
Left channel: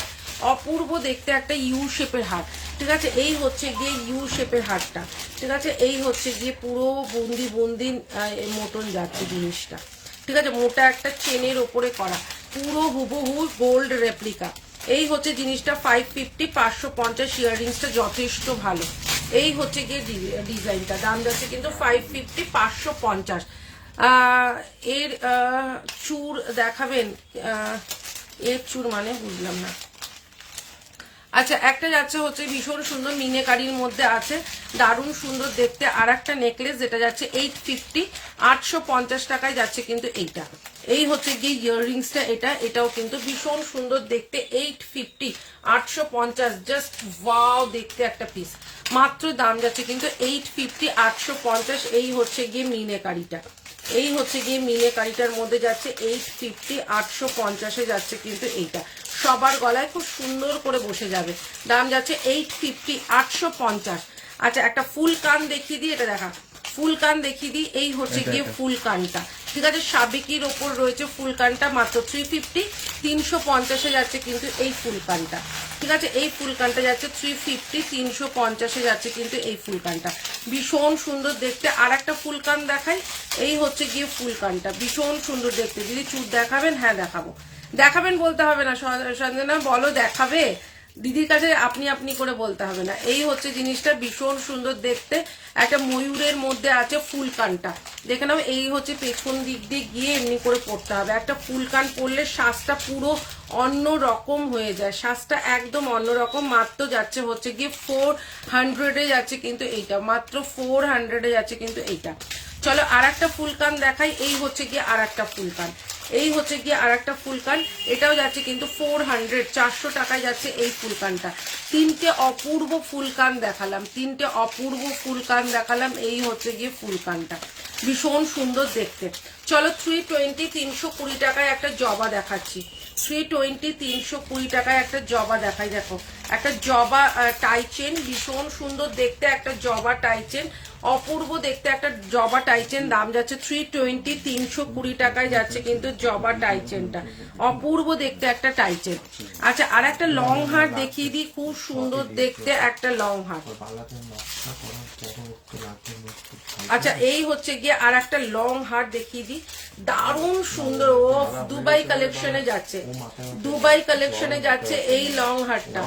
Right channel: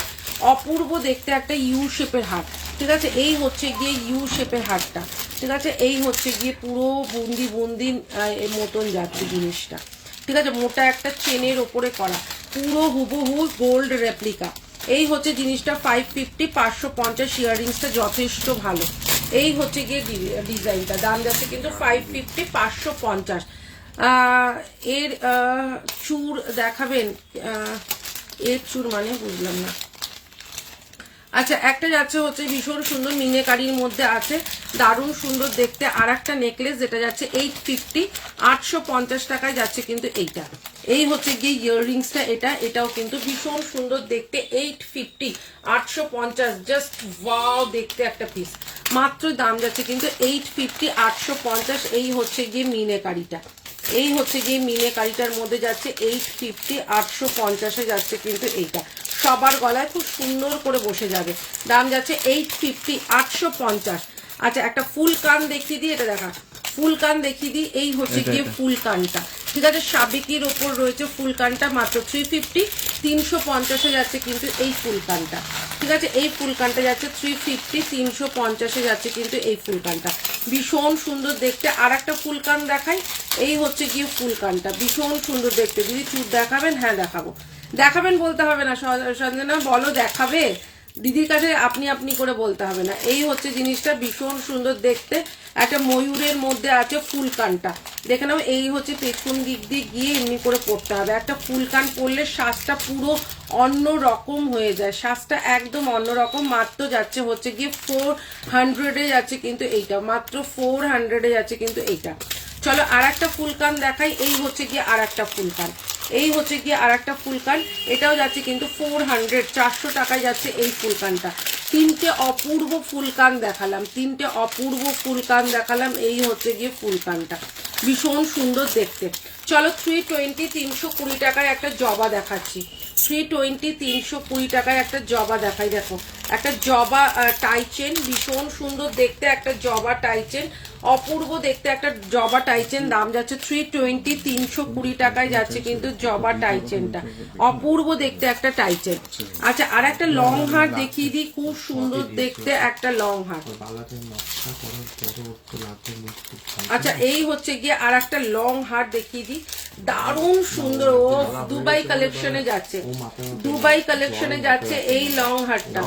অপূর্ব দেখতে একটা ইউ শেপের হার, ঠিক আছে। এই হচ্ছে গিয়ে ইউ শেপের হারটা, ঠিক আছে। এই হচ্ছে গিয়ে পুরো বুন্দি বুন্দি মতন যাচ্ছে জিনিসটা, ঠিক আছে। মোটা একটা চেনের ওপরে করা, পুরো হুবহু গোল্ড রেপ্লিকা। এই হচ্ছে জিনিসটা 550, 550 ইয়াররিংসটা যথেষ্ট ভালো। এই হচ্ছে গিয়ে ডিজাইনটা, দাম যাচ্ছে কিন্তু 550, 550। এর চুর দেখাবেন? এর চুর মানে বুঝলাম না। আচ্ছা, একটা যাচ্ছে হচ্ছে ভীষণ সুন্দর মিনেকারির মধ্যে আছে, দারুণ সুন্দর দেখতে। আর একটা নেকলেস, যেটা যাচ্ছে 850, 850 টাকায় যাচ্ছে কিন্তু এইটা। এই হচ্ছে গিয়ে ইয়াররিংসটা, এটাও কিন্তু ভীষণ সুন্দর দেখতে, 850, 850, জাস্ট ওয়াও দেখতে একটা পিস। মাত্র দাম যাচ্ছে কিন্তু 850, 850। এই হচ্ছে গিয়ে মিনেকারিটা, এই হচ্ছে গিয়ে মিনেকারিটার মধ্যে যাচ্ছে 850, 850-এ যাচ্ছে কিন্তু এইটা। সবার গলায় খুব সুন্দর করে বসে যাবে, দাম যাচ্ছে 850, 850। আচ্ছা, একটা ফুল কান দেখিয়ে দিই, এটা দেখা ফুল কান দেখিয়ে দিই। এই হচ্ছে গিয়ে ফুল কানটা, ঠিক আছে, সাবেকির ওপর রয়েছে ফুল কানটা, মাত্র 350, 350-এ যাচ্ছে কিন্তু এই ফুল কানটা, ঠিক আছে। এই ফুল কানটা যাচ্ছে 350, 350-এ যাচ্ছে কিন্তু এই ফুল কানটা, ভীষণ সুন্দর দেখতে। আর একটা ফুল কান দেখাই, এই হচ্ছে গিয়ে ফুল কানটা, ভীষণ সুন্দর দেখতে। যদি চুর দেখাবেন? হ্যাঁ দেখাবো। দেখাবেন বলতে হবে না, সঞ্জনা বলো দেখাবে, দিদির কাছে আপনি আপনি করে বলতে হবে না। এই হচ্ছে জিনিসটা, ভীষণ সুন্দর দেখতে, একটা ময়ূরের মধ্যে আছে ফুল কানটা, দেখে নাও। এই হচ্ছে পেছন দিক দিয়ে গিয়ে এমনি করে পড়তে হবে। একটা ফুল কান পরলে শ্বাসটা পুরো অন্য রকম হয়ে যায়, শ্বাসটা একদম অন্যরকম। মাত্র যাচ্ছে হচ্ছে গিয়ে 400-এ যাচ্ছে কিন্তু এইটা, মাত্র 400-এ যাচ্ছে কিন্তু এইটা। চলো আর একটা ফুল কান দেখাই। এই হচ্ছে গিয়ে আর একটা ফুল কান, এই হচ্ছে গিয়ে আর একটা ফুল কান, এটাও যাচ্ছে কিন্তু 400, 400 টাকায় যাচ্ছে এই ফুল কানটা। তিনটে অপূর্ব ফুল কান দেখালাম, তিনটে অপূর্ব ফুল কান দেখালাম। এই হচ্ছে গিয়ে ফুল কানটা, ভীষণ সুন্দর দেখতে। চলো 320, 320 টাকায় একটা জবা দেখাচ্ছি। 320, 320 টাকায় একটা জবা দেখাই। দেখো, একটা জবা টাইচেন, ভীষণ সুন্দর দেখতে একটা জবা টাইচেন, অপূর্ব দেখতে একটা জবা টাইচেন, দাম যাচ্ছে 320, 320 টাকায় যাচ্ছে কিন্তু জবা টাইচেনটা, অপূর্ব দেখতে একটা টাইচেন। আচ্ছা, আর একটা লং হার দেখিয়ে দিই, খুব সুন্দর দেখতে একটা লং হার। আচ্ছা, এই হচ্ছে গিয়ে আর একটা লং হার দেখিয়ে দিই, দারুণ সুন্দর। ও দুবাই কালেকশনে যাচ্ছে, দুবাই কালেকশনে যাচ্ছে এই লং হারটা,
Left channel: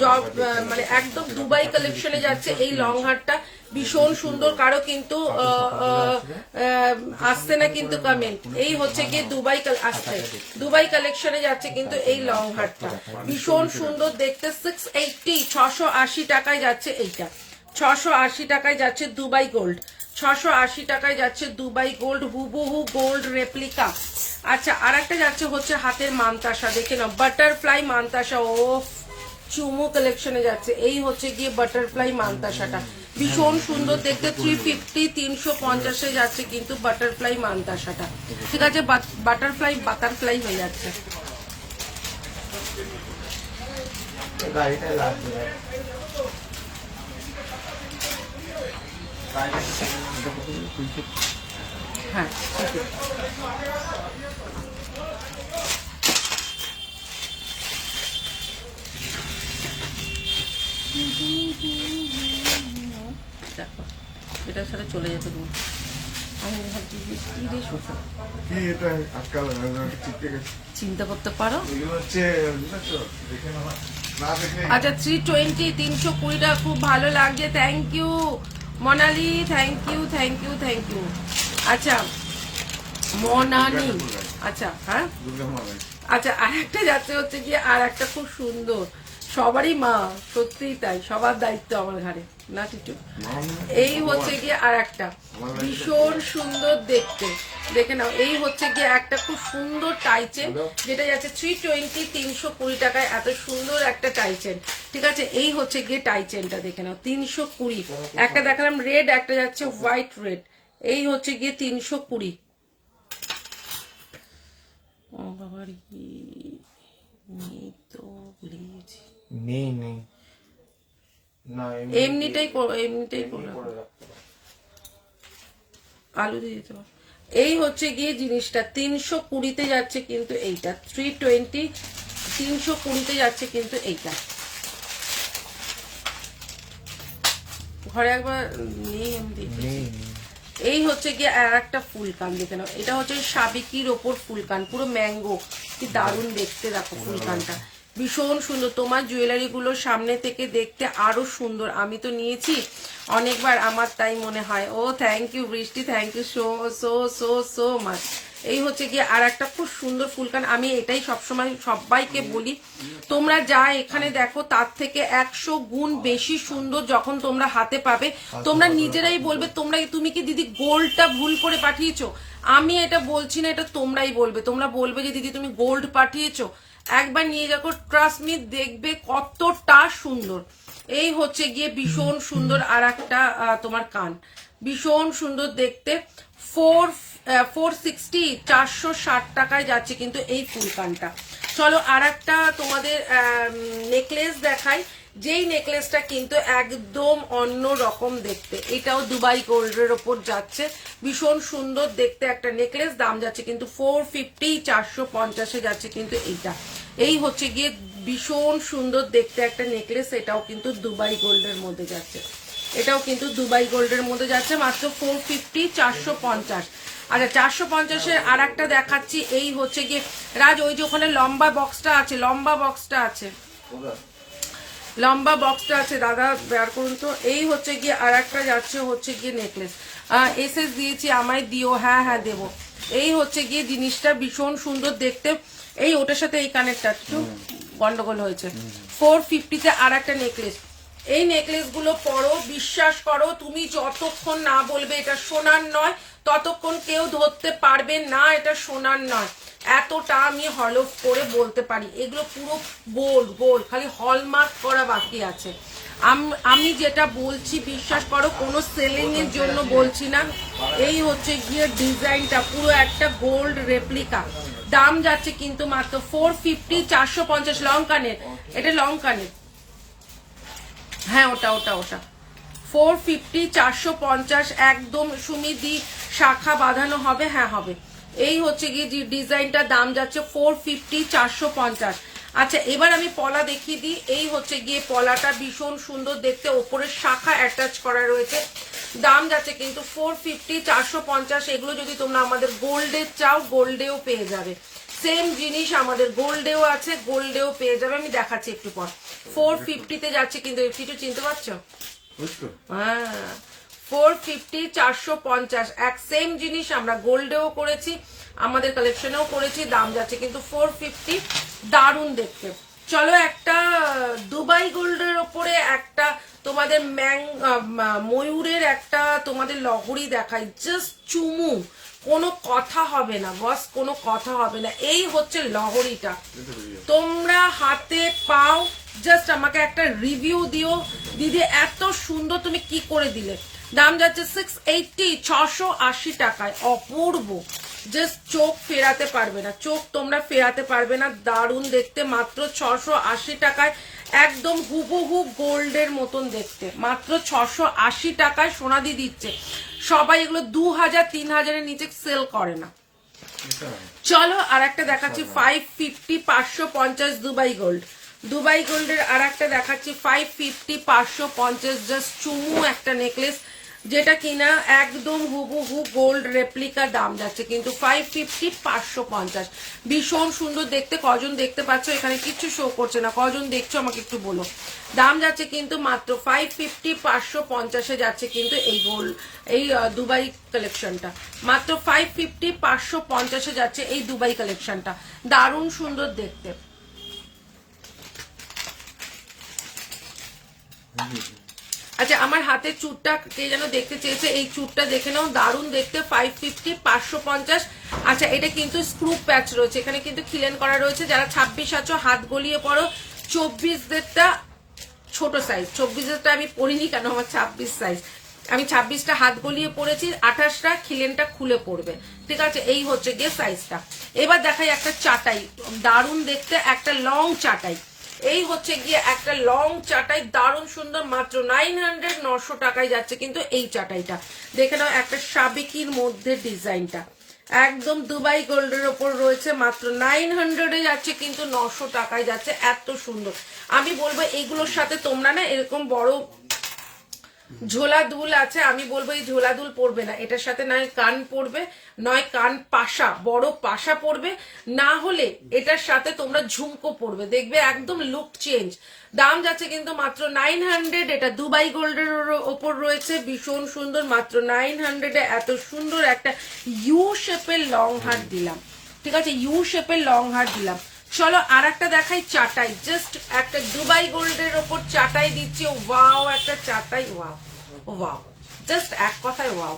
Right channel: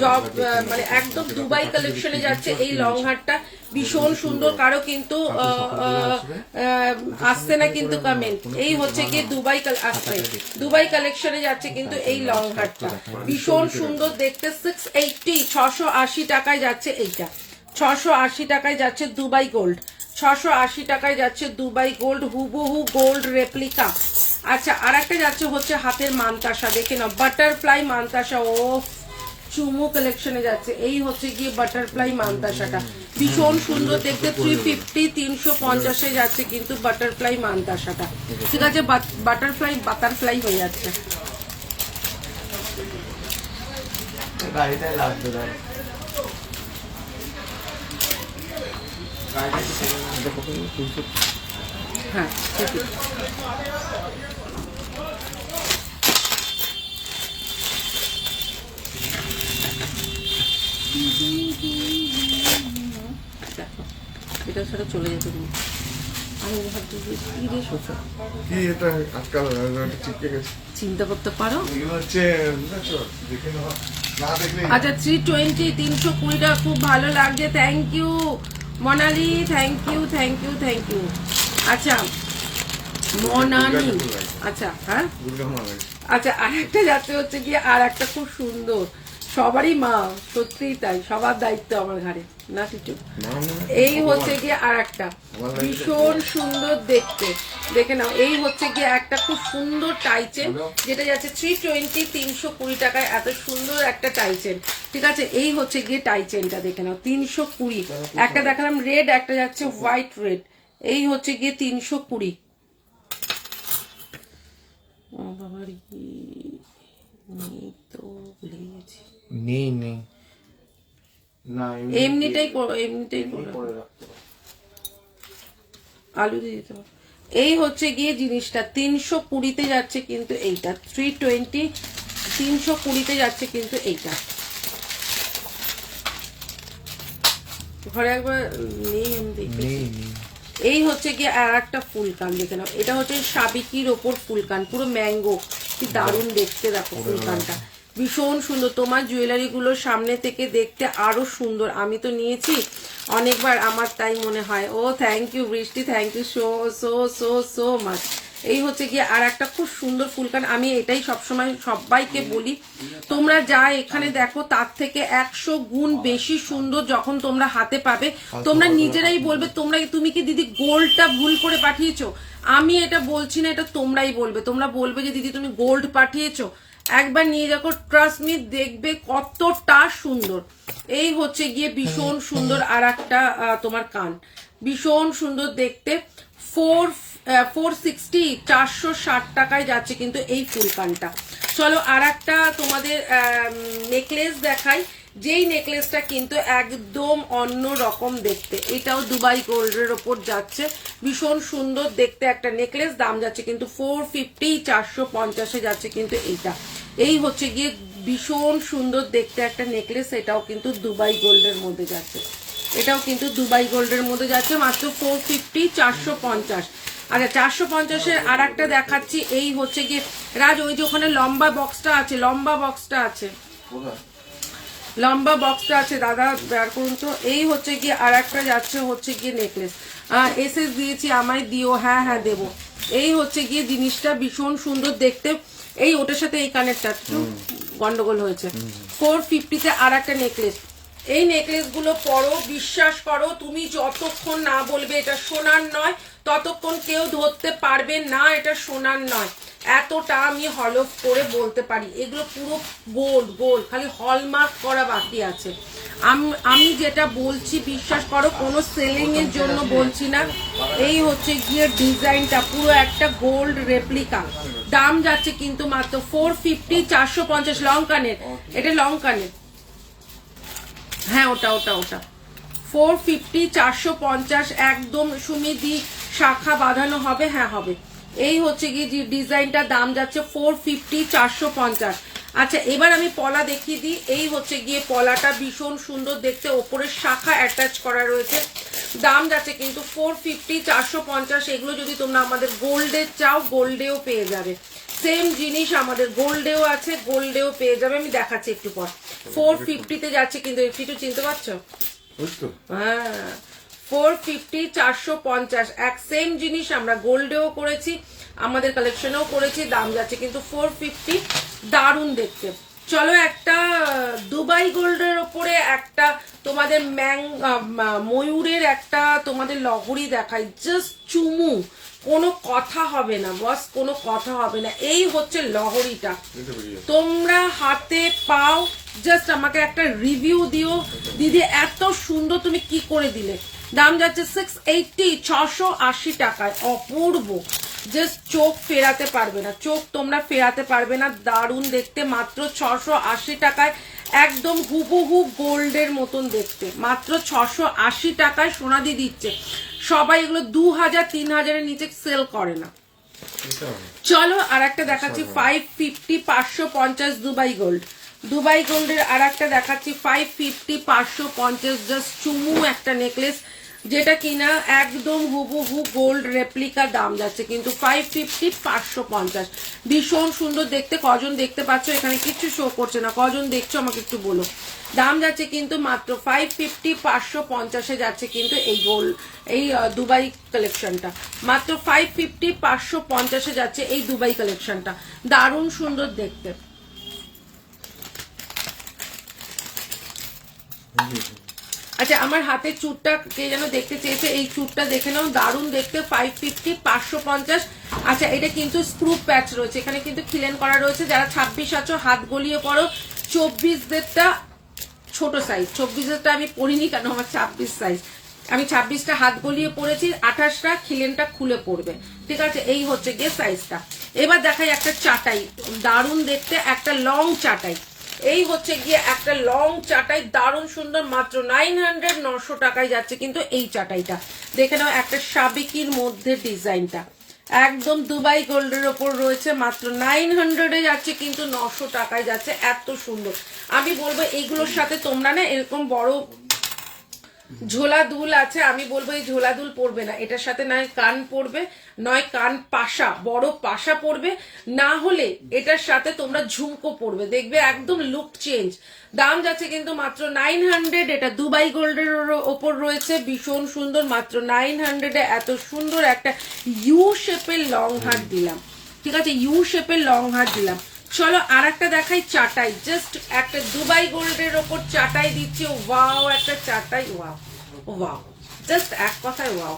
জব মানে একদম দুবাই কালেকশনে যাচ্ছে এই লং হারটা, ভীষণ সুন্দর। কারো কিন্তু আসছে না কিন্তু কমেন্ট। এই হচ্ছে গিয়ে দুবাই আসছে, দুবাই কালেকশনে যাচ্ছে কিন্তু এই লং হারটা, ভীষণ সুন্দর দেখতে। 680 680 টাকায় যাচ্ছে এইটা, 680 টাকায় যাচ্ছে দুবাই গোল্ড, 680 টাকায় যাচ্ছে দুবাই গোল্ড, হুবহু গোল্ড রেপ্লিকা। আচ্ছা, আর একটা যাচ্ছে হচ্ছে হাতের মানতাসা, দেখে নাও বাটারফ্লাই মানতাসা। ও চুমু কালেকশনে যাচ্ছে, এই হচ্ছে গিয়ে বাটারফ্লাই মানতাসাটা, ভীষণ সুন্দর দেখতে। 350 350 যাচ্ছে কিন্তু বাটারফ্লাই মানতাসাটা। ঠিক আছে, বাটারফ্লাই হয়ে যাচ্ছে। হ্যাঁ, ঠিক আছে। দেখো, এটার সাথে চলে যেতে দিন। আমি ভাবছি যে কি রে শোষা, কি এটা আজকাল চিপকে গেছে, চিন্তা করতে পারো। এগুলো হচ্ছে বুঝেছো, দেখে নেওয়া না দেখলে। আচ্ছা, 320 320 টাকা, খুব ভালো লাগছে, thank you Monali, thank you thank you thank you. আচ্ছা মনালি, আচ্ছা হ্যাঁ, দুর্গা মা লাগে। আচ্ছা আর একটা যাচ্ছে হচ্ছে গিয়ে আর একটা খুব সুন্দর, সবারই মা, সত্যিই তাই, সবার দায়িত্ব আমার ঘাড়ে না কিছু। এই হচ্ছে গিয়ে আর একটা ভীষণ সুন্দর দেখতে, দেখে নাও। এই হচ্ছে গিয়ে একটা খুব সুন্দর টাইচেন, যেটা যাচ্ছে 320 320 টাকায়, এত সুন্দর একটা টাইচেন। ঠিক আছে, এই হচ্ছে গিয়ে টাইচেনটা দেখে নাও 320। একটা দেখালাম রেড, একটা যাচ্ছে হোয়াইট রেড, এই হচ্ছে গিয়ে 320। ও বাবার কি নেই তো, ভুলে গেছি। নেই না, এমনিটাই আলু দিয়ে দিতে পারো। এই হচ্ছে গিয়ে জিনিসটা 320 যাচ্ছে কিন্তু এইটা, 320 320 যাচ্ছে কিন্তু এইটা। ঘরে একবার নেই, আমি দেখি। এই হচ্ছে গিয়ে আর একটা ফুলকান, দেখে নাও, এটা হচ্ছে সাবিকির ওপর ফুলকান, পুরো ম্যাঙ্গো, কি দারুণ দেখতে, দেখো ফুলকানটা ভীষণ সুন্দর। তোমার জুয়েলারি গুলো সামনে থেকে দেখতে আরো সুন্দর, আমি তো নিয়েছি অনেকবার, আমার তাই মনে হয়। ও thank you Brishti, thank you so so so so much. এই হচ্ছে গিয়ে আর একটা খুব সুন্দর ফুলকান। আমি এটাই সবসময় সবাইকে বলি, তোমরা যা এখানে দেখো তার থেকে 100 গুণ বেশি সুন্দর যখন তোমরা হাতে পাবে, তোমরা নিজেরাই বলবে তুমি কি দিদি গোল্ডটা ভুল করে পাঠিয়েছো। আমি এটা বলছি না, এটা তোমরাই বলবে, তোমরা বলবে যে দিদি তুমি গোল্ড পাঠিয়েছো, একবার নিয়ে যাবো, ট্রাস্ট মি, দেখবে কতটা সুন্দর। এই হচ্ছে গিয়ে ভীষণ সুন্দর আর একটা তোমার কান, ভীষণ সুন্দর দেখতে। 460 460 টাকায় যাচ্ছে কিন্তু এই ফুল কানটা। চলো আর একটা তোমাদের নেকলেস দেখাই, যেই নেকলেসটা কিন্তু একদম অন্য রকম দেখতে। এটাও দুবাই গোল্ডের ওপর যাচ্ছে, ভীষণ সুন্দর দেখতে একটা নেকলেস, দাম যাচ্ছে কিন্তু 450 450 যাচ্ছে কিন্তু এইটা। এই হচ্ছে গিয়ে ভীষণ সুন্দর দেখতে একটা নেকলেস, এটাও কিন্তু দুবাই গোল্ডের মধ্যে যাচ্ছে, এটাও কিন্তু দুবাই গোল্ডের মধ্যে যাচ্ছে, মাত্র 450 450। আচ্ছা 450-এর আর একটা দেখাচ্ছি। এই হচ্ছে গিয়ে রাজ, ওই যে ওখানে লম্বা বক্সটা আছে, লম্বা বক্সটা আছে দাদা, বের করুন তো। এই হচ্ছে গিয়ে আর একটা যাচ্ছে হচ্ছে গিয়ে নেকলেস, এসএস দিয়েছি, আমায় দিও, হ্যাঁ হ্যাঁ দেবো। এই হচ্ছে গিয়ে জিনিসটা ভীষণ সুন্দর দেখতে। এই ওটার সাথে এই কানেরটা একটু গন্ডগোল হয়েছে। 450-তে আর একটা নেকলেস। এই নেকলেস গুলো পরো, বিশ্বাস করো, তুমি যতক্ষণ না বলবে এটা সোনার নয়, ততক্ষণ কেউ ধরতে পারবে না এটা সোনার নয়, এতটা আমি হলফ করে বলতে পারি। এগুলো পুরো গোল্ড, খালি হলমার্ক করা বাকি আছে। আমি যেটা বলছি বিশ্বাস করো, কোনো সেলিং এর জন্য বলছি না। এই হচ্ছে গিয়ে ডিজাইনটা পুরো একটা গোল্ড রেপ্লিকা, দাম যাচ্ছে কিন্তু মাত্র 450 450। লং কানের, এটা লং কানের, হ্যাঁ ওটা 450 450 একদম সুমিদি শাখা বাঁধানো হবে, হ্যাঁ হবে। এই হচ্ছে গিয়ে ডিজাইনটা, দাম যাচ্ছে 450 450। আচ্ছা এবার আমি পলা দেখিয়ে দিই। এই হচ্ছে গিয়ে পলাটা, ভীষণ সুন্দর দেখতে, ওপরে শাখা অ্যাটাচ করা রয়েছে। দাম যাচ্ছে কিন্তু 450, 450। এগুলো যদি তোমরা আমাদের গোল্ডে চাও, গোল্ডেও পেয়ে যাবে। সেম জিনিস আমাদের গোল্ডেও আছে, গোল্ডেও পেয়ে যাবে। আমি দেখাচ্ছি একটু পর। 450 যাচ্ছে কিন্তু, একটু চিনতে পারছো? হ্যাঁ 450, 450 এক সেম জিনিস আমরা গোল্ডেও করেছি, আমাদের কালেকশনেও করেছি। দাম যাচ্ছে কিন্তু 450, দারুণ দেখতে। চলো একটা দুবাই গোল্ডের ওপরে একটা তোমাদের ময়ূরের একটা তোমাদের লহরি দেখাই, জাস্ট চুমু, কোনো কথা হবে না বস, কোনো কথা হবে না। এই হচ্ছে লহরিটা, তোমরা হাতে পাও, জাস্ট আমাকে একটা রিভিউ দিও দিদি এত সুন্দর তুমি কি করে দিলে। দাম যাচ্ছে 680, 680 টাকায়, অপূর্ব, জাস্ট চোখ ফেরাতে পারবে না, চোখ তোমরা ফেরাতে পারবে না, দারুণ দেখতে, মাত্র 680 টাকায়, একদম হুবহু গোল্ডের মতন দেখতে, মাত্র 680 টাকায় সোনাদি দিচ্ছে। সবাই এগুলো 2000, 3000-এর নিচে সেল করে না। চলো আর একটা দেখাচ্ছি 550, 550 দুবাই গোল্ড। দুবাই গোল্ডের আর একটা দেখাচ্ছি 550, 550, জাস্ট চুমু একটা নেকলেস, যেটা কিনা একদম হুবহু গোল্ড রেপ্লিকা। দাম যাচ্ছে কিন্তু 550, 550, ভীষণ সুন্দর দেখতে। কজন দেখতে পাচ্ছ? এখানে কিছু শো করছে না, কজন দেখছো আমাকে একটু বলো। দাম যাচ্ছে কিন্তু মাত্র 550, 550-এ যাচ্ছে কিন্তু এই গোল্ড, এই দুবাই কালেকশনটা মাত্র 550, 550-এ যাচ্ছে এই দুবাই কালেকশনটা, দারুণ সুন্দর দেখতে। আচ্ছা আমার হাতের চুটটা কে যেন দেখতে চেয়েছে, এই চুটটা দেখে নাও, দারুণ দেখতে, 550, 550। আচ্ছা এটা কিন্তু স্ক্রু প্যাচ রয়েছে, এখানে কিন্তু খিলেন করা রয়েছে। যারা 26 আছো হাত গলিয়ে পড়ো, 24-দেরটা ছোট সাইজ, 24-এরটা আমি পরিনি কেন, আমার 26 সাইজ, আমি 26টা হাত গলিয়ে পড়েছি, 28টা খিলেনটা খুলে পড়বে, ঠিক আছে। এই হচ্ছে গিয়ে সাইজটা। এবার দেখাই একটা চাটাই, দারুণ দেখতে একটা লং চাটাই। এই হচ্ছে গিয়ে একটা লং চাটাই, দারুণ সুন্দর, মাত্র 900, 900 টাকায় যাচ্ছে কিন্তু এই চাটাইটা। দেখে নাও একটা সাবেকির মধ্যে ডিজাইনটা, একদম দুবাই গোল্ডের ওপর রয়েছে, মাত্র 900-এ যাচ্ছে কিন্তু 900 টাকায় যাচ্ছে, এত সুন্দর। আমি বলবো এইগুলোর সাথে তোমরা না এরকম বড় ঝোলা দুল আছে, আমি বলবো এই ঝোলা দুল পরবে না, এটার সাথে নয় কান পরবে, নয় কান পাশা, বড় পাশা পরবে, না হলে এটার সাথে তোমরা ঝুমকো পরবে, দেখবে একদম লুক চেঞ্জ। দাম যাচ্ছে কিন্তু মাত্র 900, এটা দুবাই গোল্ডের ওপর রয়েছে, ভীষণ সুন্দর, মাত্র 900-এ এত সুন্দর একটা ইউ শেপের লং হার দিলাম, ঠিক আছে, ইউ শেপের লং হার দিলাম। চলো আর একটা দেখাই চাটাই, জাস্ট একটা দুবাই গোল্ডের ওপর চাটাই দিচ্ছে, ওয়াও একটা চাটাই, ওয়াও ওয়াও, জাস্ট এক কথায় ওয়াও।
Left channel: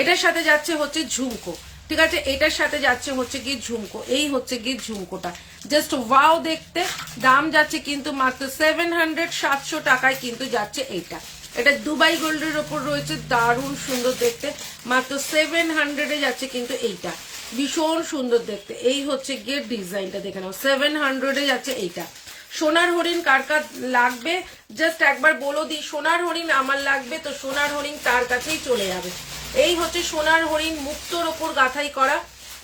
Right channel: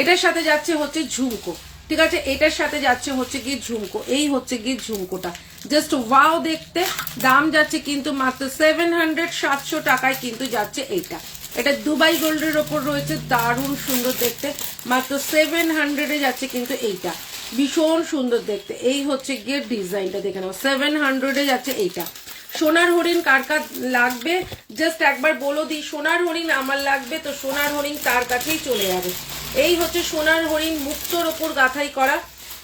এটার সাথে যাচ্ছে হচ্ছে ঝুমকো, ঠিক আছে, এটার সাথে যাচ্ছে হচ্ছে গিয়ে ঝুমকো, এই হচ্ছে গিয়ে ঝুমকোটা, জাস্ট ওয়াও দেখতে। দাম যাচ্ছে কিন্তু মাত্র 700, 700 টাকায় কিন্তু যাচ্ছে এইটা। এটা দুবাই গোল্ডের ওপর রয়েছে, দারুণ সুন্দর দেখতে, মাত্র 700-এ যাচ্ছে কিন্তু এইটা, ভীষণ সুন্দর দেখতে। এই হচ্ছে গিয়ে ডিজাইনটা দেখে নাও, 700-এ যাচ্ছে এইটা। সোনার হরিণ কার কার লাগবে জাস্ট একবার বলো দিই, সোনার হরিণ আমার লাগবে, তো সোনার হরিণ তার কাছেই চলে যাবে। এই হচ্ছে সোনার হরিণ, মুক্তোর ওপর গাঁথাই করা,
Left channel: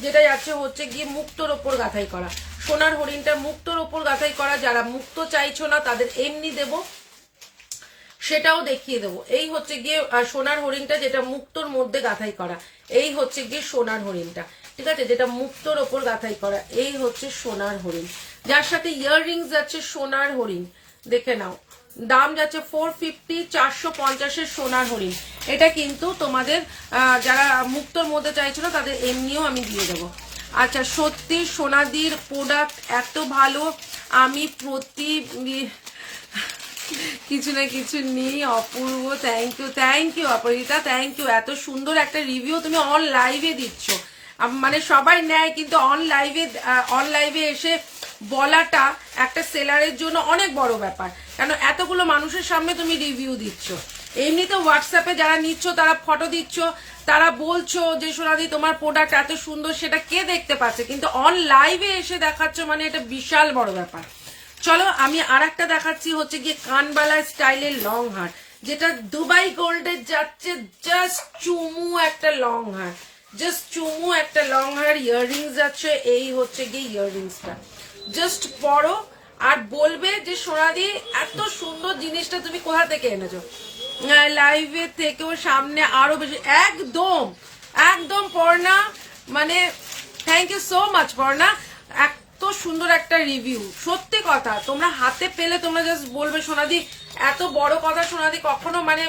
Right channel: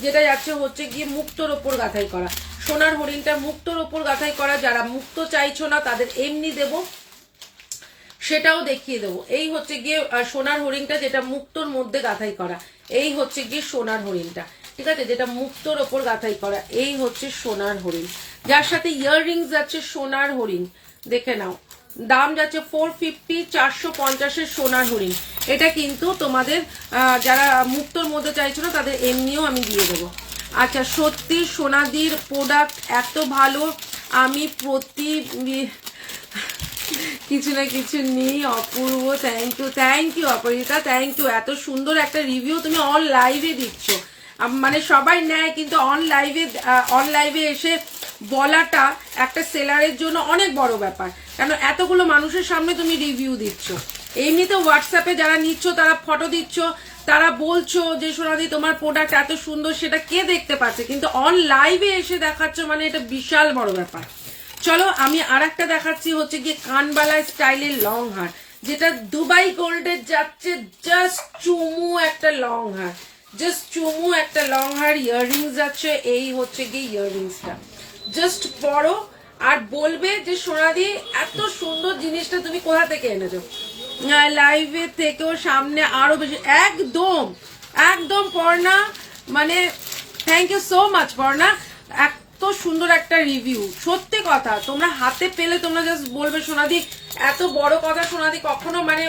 যেটা যাচ্ছে হচ্ছে গিয়ে মুক্তোর ওপর গাঁথাই করা। সোনার হরিণটা মুক্তোর ওপর গাঁথাই করা, যারা মুক্তো চাইছো না তাদের এমনি দেবো, সেটাও দেখিয়ে দেবো। এই হচ্ছে গিয়ে সোনার হরিণটা, যেটা মুক্তোর মধ্যে গাঁথাই করা, এই হচ্ছে গিয়ে সোনার হরিণটা, ঠিক আছে, যেটা মুক্তোর ওপর গাঁথাই করা, এই হচ্ছে সোনার হরিণ, যার সাথে ইয়াররিংস যাচ্ছে সোনার হরিণ, দেখে নাও। দাম যাচ্ছে 450, 450-এর সোনার হরিণ। এটা কিন্তু তোমাদের যারা মুক্তোর মধ্যে চাইছো না তাদের এমনিও আমি দিয়ে দেবো। আচ্ছা সত্যি সোনাদির প্রোডাক্ট এত ভালো, আমি প্রতি কিছু না কিছু নিই। অপূর্ব, থ্যাংক ইউ অপরিতা, থ্যাংক ইউ, এত সুন্দর একটা রিভিউ তুমি অন লাইভে দিচ্ছ, মানে সবাই নেয় কিন্তু অন লাইভে এসে বলাটা একটা সেলারের জন্য অনেক বড় ব্যাপার, কারণ এতগুলো মানুষের সামনে তুমি রিভিউ দিচ্ছ। এমনিতে হোয়াটসঅ্যাপে যারা নিচ্ছ তারা ফটো দিচ্ছ, তারা বলছো যে সোনাদি তোমার প্রোডাক্ট এত সুন্দর, সেটা কে দেখতে পাচ্ছে, কিন্তু অন লাইভে এসে দেখাচ্ছ, মানে এটা বিশাল বড় ব্যাপার। চলো আমি আর একটা দেখাচ্ছি হচ্ছে গিয়ে কানবালা স্টাইলের লং হার, যেটা দুবাই গোল্ডের যাচ্ছে, জাস্ট চুমু একটা লং হার, জাস্ট চুমু একটা লং হার, ইয়াররিংস যাচ্ছে, এই হচ্ছে গিয়ে ইয়াররিংসটা, জাস্ট পরো আর বলবে যে সোনাদি এত সুন্দর জিনিসটা তুমি কোথা থেকে এনেছো, লাইভে থেকেও সামনে আরো বেশি। একদম একদম পর্ণা, মানে thank you so much Parna, এত সুন্দর একটা রিভিউ। সত্যি কথা, তোমরা হাতে পেলে তোমরা জাস্ট বলবে সোনাদি এত বড় কথা সোনাদি কখনো মানে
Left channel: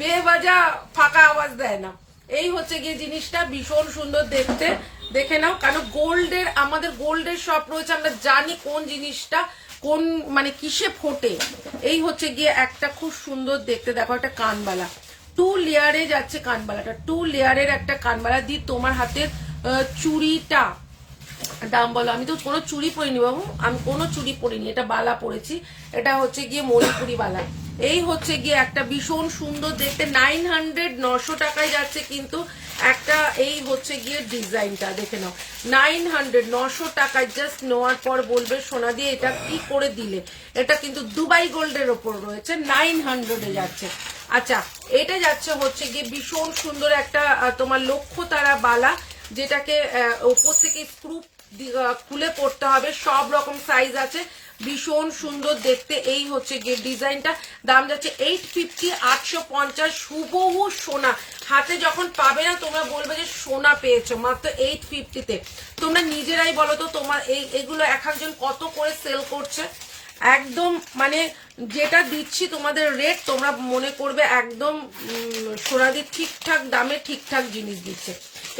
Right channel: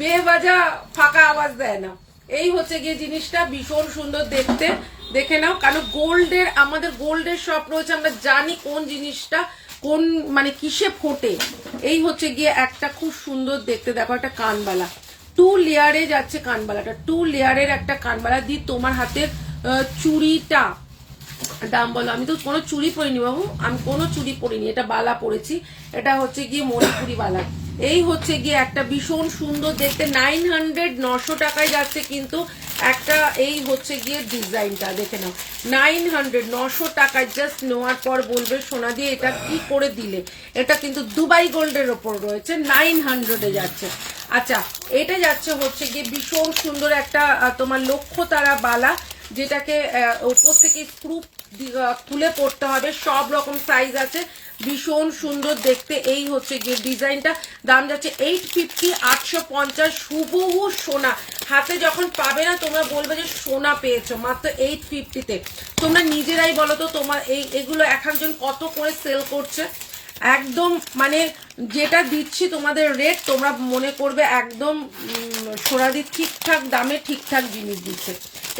বেবাজা ফাঁকা আওয়াজ দেয় না। এই হচ্ছে গিয়ে জিনিসটা ভীষণ সুন্দর দেখতে, দেখে নাও। কারণ গোল্ডের, আমাদের গোল্ডের শপ রয়েছে, আমরা জানি কোন জিনিসটা কোন মানে কিসে ফোটে। এই হচ্ছে গিয়ে একটা খুব সুন্দর দেখতে, দেখো একটা কানবালা 2 লেয়ারে যাচ্ছে, কানবালাটা 2 লেয়ারের একটা কানবালা দিয়ে তোমার হাতের চুড়িটা দাম বলো। আমি তো কোনো চুড়ি পরিনি বাবু, আমি কোনো চুড়ি পরিনি, এটা বালা পরেছি, এটা হচ্ছে গিয়ে মণিপুরি বালা। এই হচ্ছে গিয়ে একটা ভীষণ সুন্দর দেখতে 900 টাকায় যাচ্ছে কিন্তু একটা। এই হচ্ছে গিয়ে ডিজাইনটা দেখে নাও, 900 টাকায় জাস্ট নেওয়ার পর বলবে সোনা দিয়ে এটা কি করে দিলে। এটা কিন্তু দুবাই গোল্ডের ওপর রয়েছে, 900 যাচ্ছে। আচ্ছা, এটা যাচ্ছে হচ্ছে গিয়ে ভীষণ সুন্দর একটা তোমার লক্ষ্য তারা বালা, যেটাকে উপর থেকে স্ক্রু খুলে পড়তে হবে, সব রকম সাইজ আছে, ভীষণ সুন্দর দেখতে। এই হচ্ছে গিয়ে ডিজাইনটা, দাম যাচ্ছে 850, 850। হুবহু সোনা হাতে যখন পাবে না তোমরা বলবে যে সোনা পেয়েছো মাত্র 850-তে। তোমরা নিজেরাই বলো তো তোমার এগুলো একজন কত করে সেল করছে। একদম মানে যেটা দিচ্ছি তোমাদের রেট, তোমরা মনে করবে একদম সোনাদি ঠিকঠাক দামে ঠিকঠাক জিনিস দিচ্ছে।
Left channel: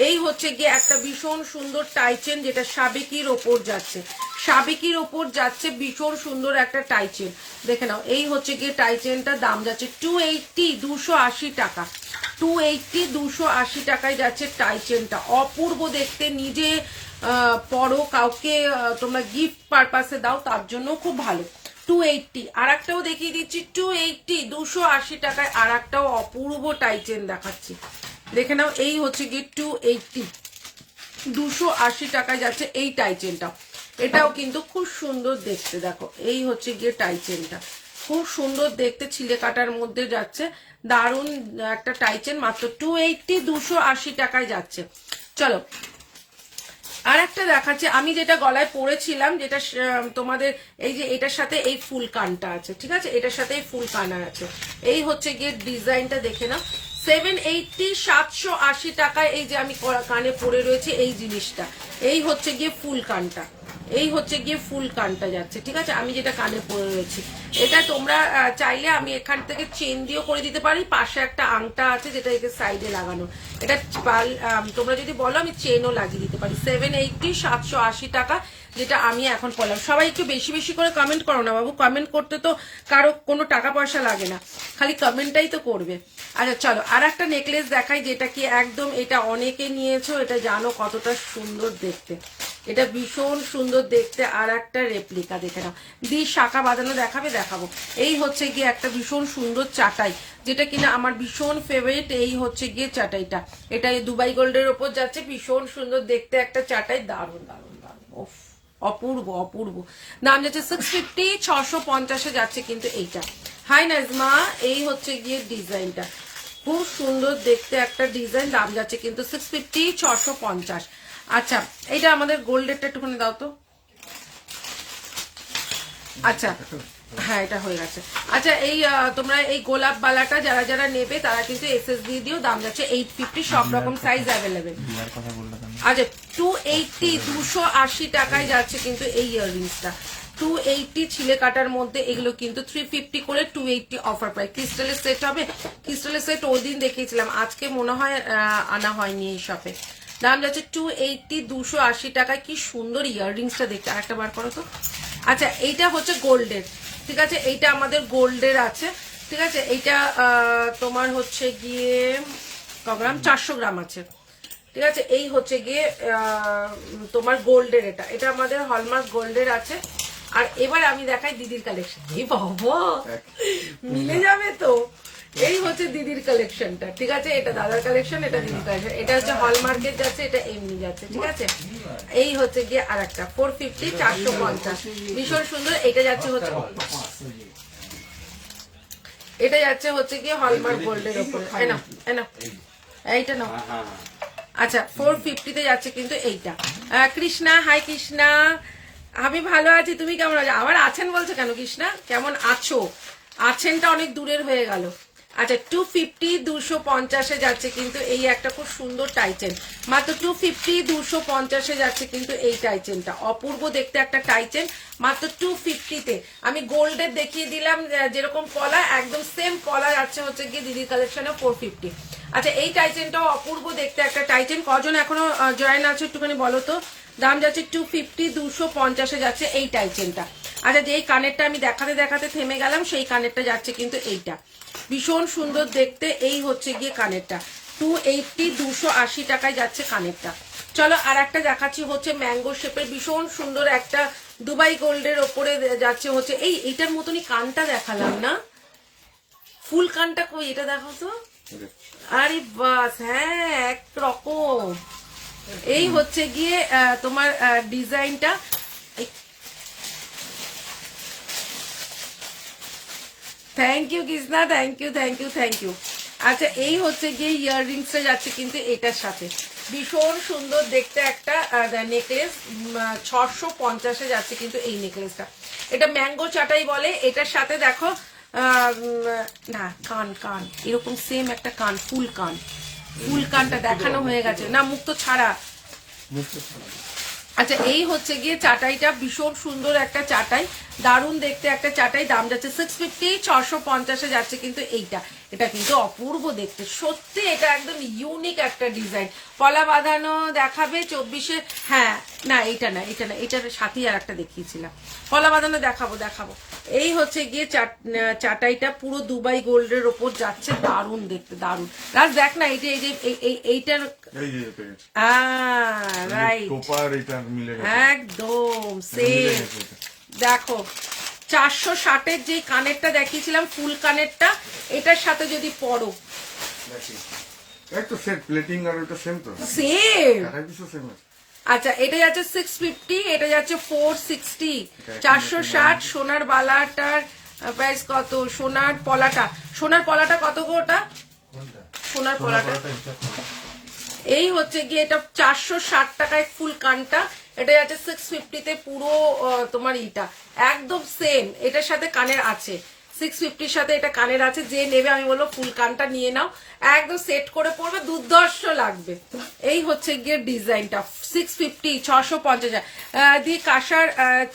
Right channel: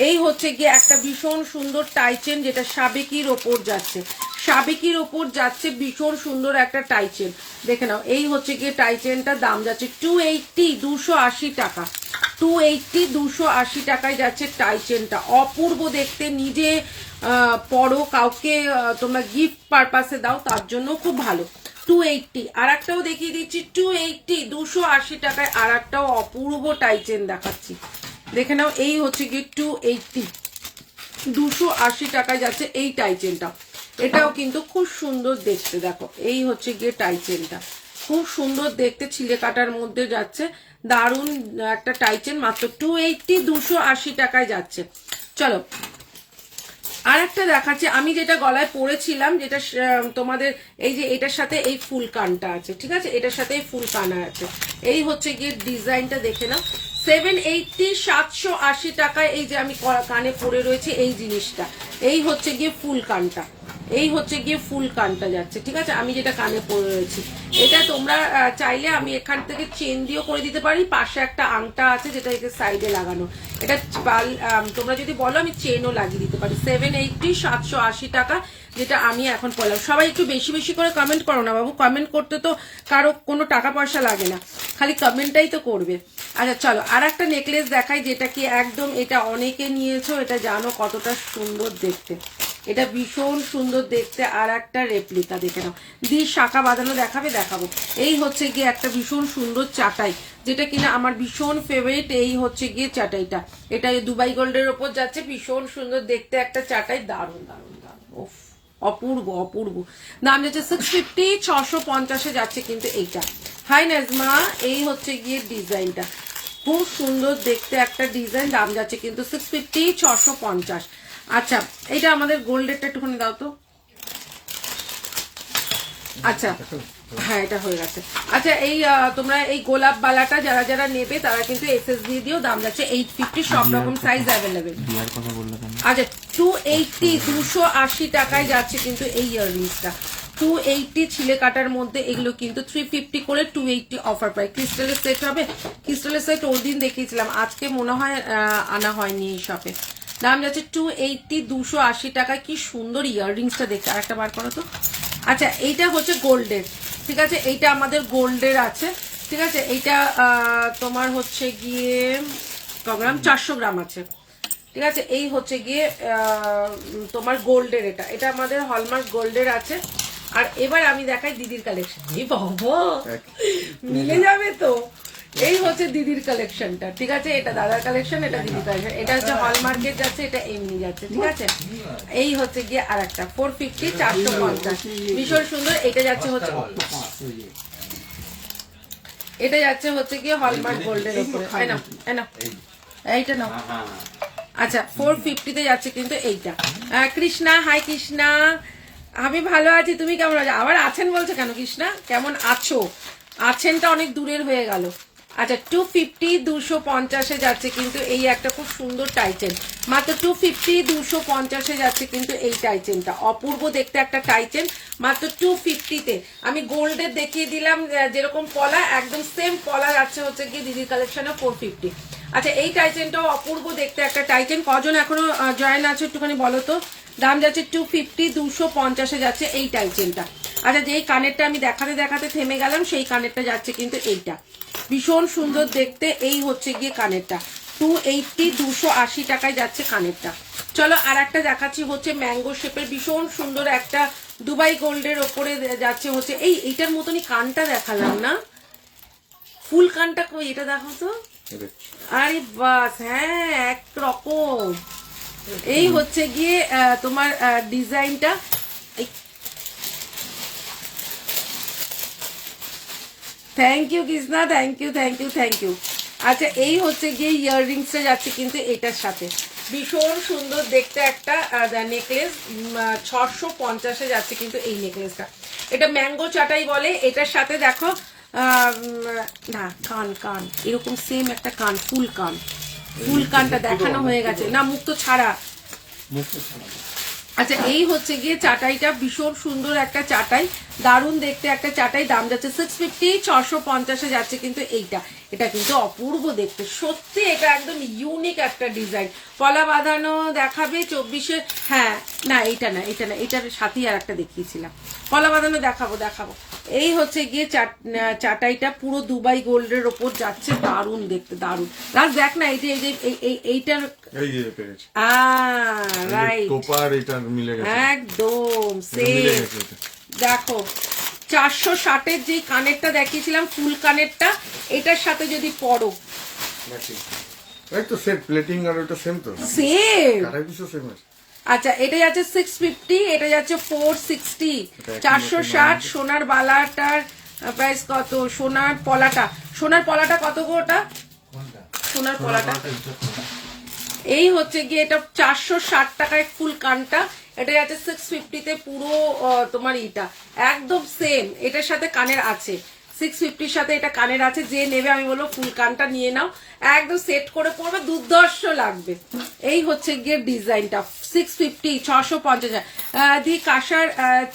এই হচ্ছে গিয়ে একটা ভীষণ সুন্দর টাইচেন, যেটা সাবেকির ওপর যাচ্ছে, সাবেকির ওপর যাচ্ছে, ভীষণ সুন্দর একটা টাইচেন দেখে নাও। এই হচ্ছে গিয়ে টাইচেনটা দাম যাচ্ছে 280, 280 টাকা, 280, 280 টাকায় যাচ্ছে টাইচেনটা। অপূর্ব দেখতে, নিজে পরো, কাউকে তোমরা গিফট পারপাসে দাও, তার জন্য খুব ভালো। 280। আর একটাও দেখিয়ে দিচ্ছি 280, 280 টাকায় আর একটাও অপূর্ব টাইচেন দেখাচ্ছি, দেখে নাও। এই হচ্ছে গিয়ে 280, 280 টাকায় যাচ্ছে এই টাইচেনটা। এটাও কিন্তু খুব সুন্দর দেখতে, দেখো এই হচ্ছে গিয়ে টাইচেনটা, খুব সুন্দর দেখতে, ছিলে কাটার মধ্যে যাচ্ছে, দারুণ একটা টাইচেন, মাত্র 280, 280 টাকায় যাচ্ছে। চলো আর একটা দেখাচ্ছে, আমি যেটা গলায় পরেছিলাম, যেটা তোমাদের এই যে এটার সাথে এই ফুল কানটা আছে, ঠিক আছে, এটার সাথে এই ফুল কানা আছে। এই হচ্ছে গিয়ে ডিজাইনটা দেখে নাও, 780, 780 টাকায় এই যে আমি কানে পরে রয়েছে এই জিনিসটা। এই হচ্ছে গিয়ে ফুল কানটা, এই হচ্ছে গিয়ে ফুল কানটা যাচ্ছে, ঠিক আছে, আমি যেটা কানে পরে রয়েছি। এটা তোমরা চাইলে আমি এখান থেকে চেন দিয়েও করে দিতে পারি, পাশে একটা আংটা আছে যেটা একে সাইডে লাগানো, এটা তোমরা যদি বলো আমি চেনও লাগিয়ে দিতে পারি। 780, 780 টাকা, যেটা আমি এখন পড়লাম। সবাই একটু বেশি বেশি করে কমেন্ট করো না বাবু, কমেন্ট করতে তো কারো কোনো টাকা পয়সা লাগে না, খালি কমেন্টটাই তো করবে। আচ্ছা চলো আর একটা নেকলেস দেখাই, যেটা কি একদম, এটা অনেকে নিয়েছো, এটা জানো কতটা সুন্দর দেখতে, এটা ভীষণ সুন্দর দেখতে। আর একটা রেপ্লিকা দেখে নাও, শাখা বাঁধানো দেখাবে, দেখাবো। এই হচ্ছে গিয়ে একটা ভীষণ সুন্দর চাটাই, যেটা কিনা আমার ভীষণ ফেভারিট। এই হচ্ছে গিয়ে চাটাইটা, এটা দুবাই গোল্ডের ওপর যাচ্ছে, ভীষণ সুন্দর দেখতে একটা চাটাই, দারুণ দারুণ দারুণ, ওফ অপূর্ব অপূর্ব। দাম যাচ্ছে 650, 650-এ যাচ্ছে কিন্তু এইটা। হাই নাজমা, এই হচ্ছে গিয়ে ডিজাইনটা, খুব সুন্দর দেখতে একটা ডিজাইন, দাম যাচ্ছে কিন্তু 650, 650। আচ্ছা এটা আমাদের গোল্ডেরটা একটুখানি দাও তো। আচ্ছা হ্যাঁ এটা হয়ে গেছে। আচ্ছা এই তোমরা এই গোলাপ বালাটা যারা যারা নেবে তারা কিন্তু এসএসবি দিও, দাম যাচ্ছে 850, সব রকম সাইজ অ্যাভেলেবেল। আচ্ছা 280, 280 টাকায় যাচ্ছে কিন্তু এই ইয়াররিংসটা, 280 ছিলে কাটার মধ্যে। এগুলো কিন্তু 350 করে 280 অফার প্রাইস। ক্রিস্টালের সেট হবে, ক্রিস্টালের সেট ওই দিন দেখিয়েছিলাম, আজকে মনে হয় আনা হয়নি এই শপে। দাম যাচ্ছে 280, 280 টাকায়। কি সুন্দর ইয়াররিংসটা দেখতে, আরেকটা বার করো তো। আচ্ছা এইটা হচ্ছে গোল্ডের, ঠিক আছে, এইটা আমাদের গোল্ডের আছে, ঠিক আছে, এইটা তোমার হচ্ছে গিয়ে গ্রাম 400 গ্রাম আছে, ঠিক আছে। এই হচ্ছে গিয়ে তোমার গোল্ডের, এটা এটা আমাদের হলমার্ক গোল্ডের আছে। আর এবার আমি দেখাই দিদির কালেকশন, এই বাবা মিলে যাবে তো। এই হচ্ছে দিদির কালেকশনটা, ঠিক আছে, এটা দাদার কালেকশন, এটা দিদির কালেকশন, এটা হচ্ছে হলমার্কেট যাচ্ছে, এটা এমনি যাচ্ছে, ঠিক আছে। এই হচ্ছে গিয়ে আর একটা 450, 450, ভীষণ সুন্দর। এটা যাচ্ছে হচ্ছে, এটা যাচ্ছে হচ্ছে গিয়ে হলমার্ক গোল্ডের উপরে, এইটা নাও। আচ্ছা 450-তে যাচ্ছে কিন্তু এইটা। কৃষ্ণা, হাই কৃষ্ণা, আমি ভালো আছি, তুমি কেমন আছো? আবার আছেন বলছো কেন কৃষ্ণা? কেমন আছো? আছেনটা অনেক দূরের হয়ে গেল। আচ্ছা 250 250 যাচ্ছে কিন্তু এই একটা খুব সুন্দর টাইচেন, মাত্র 250 250 যাচ্ছে কিন্তু এই টাইচেনটা, অপূর্ব দেখতে একটা টাইচেন, মাত্র 250-তে। আমি গোল্ডের দেখিয়ে দিলাম যেরকম পলা, একদম সেম পলা যাচ্ছে হচ্ছে কি দিদি কালেকশনে 450। আচ্ছা এই টাইচেনটাও অপূর্ব দেখতে একটা টাইচেন। কজন এখনো জয়েন আছে একটুখানি বলো তো। দাম যাচ্ছে 250 250 যাচ্ছে এই টাইচেনটা। আচ্ছা যেই কানেরটা আমি দেখাতে দেখাতে থেমে গেলাম, সেই কানেরটা যাচ্ছে কিন্তু এইটা, ভীষণ সুন্দর দেখতে। এই হচ্ছে গিয়ে কানেরটা 280 280 টাকায় যাচ্ছে কানেরটা। চলো আর একটা দেখাচ্ছি হচ্ছে ম্যাঙ্গো শেপের ভীষণ সুন্দর একটা দুবাই গোল্ডের ওপরে যাচ্ছে হচ্ছে এইটার মতনই কানটা দেখালাম না, ফুল কানটা কই এটা দেখো তো। আরে বাস, হ্যাঁ একরকম। এই হচ্ছে গিয়ে তোমার ডিজাইনটা। Thank you Krishna, thank you thank you thank you. আচ্ছা এই হচ্ছে গিয়ে ইয়াররিংসটা যাচ্ছে কিন্তু এটার সাথে, ভীষণ সুন্দর দেখতে একটা নেকলেস, 650 যাচ্ছে কিন্তু এই নেকলেসটা। এটা ম্যাঙ্গো চাটাই বলে। এটার সাথে দেখো না কান কান এরকম সেম একটা কান, ফুল কান, ফুল কানটা দেখানো হয়ে গেছে না, মুখ তো ছাড়া। আচ্ছা এই হচ্ছে গিয়ে চাটাইটা, ভীষণ সুন্দর একটা চাটাই, দারুণ দেখতে একটা চাটাই। দাম যাচ্ছে 650 650 যাচ্ছে কিন্তু এইটা। এটা কিন্তু অপূর্ব দেখতে, সত্যি এটা একদম ইউনিক একটা ডিজাইন। পলা বাঁধানো দেখাবে 24-এ, হ্যাঁ না এটা না এটা না, এটার সাথেই আর একটা দেখিয়েছিলাম, পলা বাঁধানো দেখাবো দেখাবো। এই হচ্ছে গিয়ে চাটাইটা পুরো দুবাই গোল্ডের ওপর যাচ্ছে, দারুণ দেখতে দারুণ। রাজ দেখ না এইটা, এইটার রাইট একদম সেম। দেখো 460-এর যে কানেরটা দেখিয়েছিলাম ফুল কানেরটা, এটার সাথে যদি পরো সেম। আচ্ছা এটা যাচ্ছে 650, এটা যাচ্ছে 460, 460। সোনার বালাটার প্রাইস কত? সোনার পলাটা কত গো? ওটা সোনার পলাটা এই হচ্ছে গিয়ে এটা 460 টাকায় ফুল কানটা, এটা যাচ্ছে 650-তে পুরো তোমার ইটা একদম সেম। এটার সাথে কানের আছে, 650-র সাথে এটা কানের আছে। যে নেবে আমি বলবো ফুল কানটা নিয়ে নাও, একদম সেট করে পড়বে, দুর্ধর্ষ লাগবে। এই হচ্ছে গিয়ে ডিজাইনটা 650 650। দি কাঁসার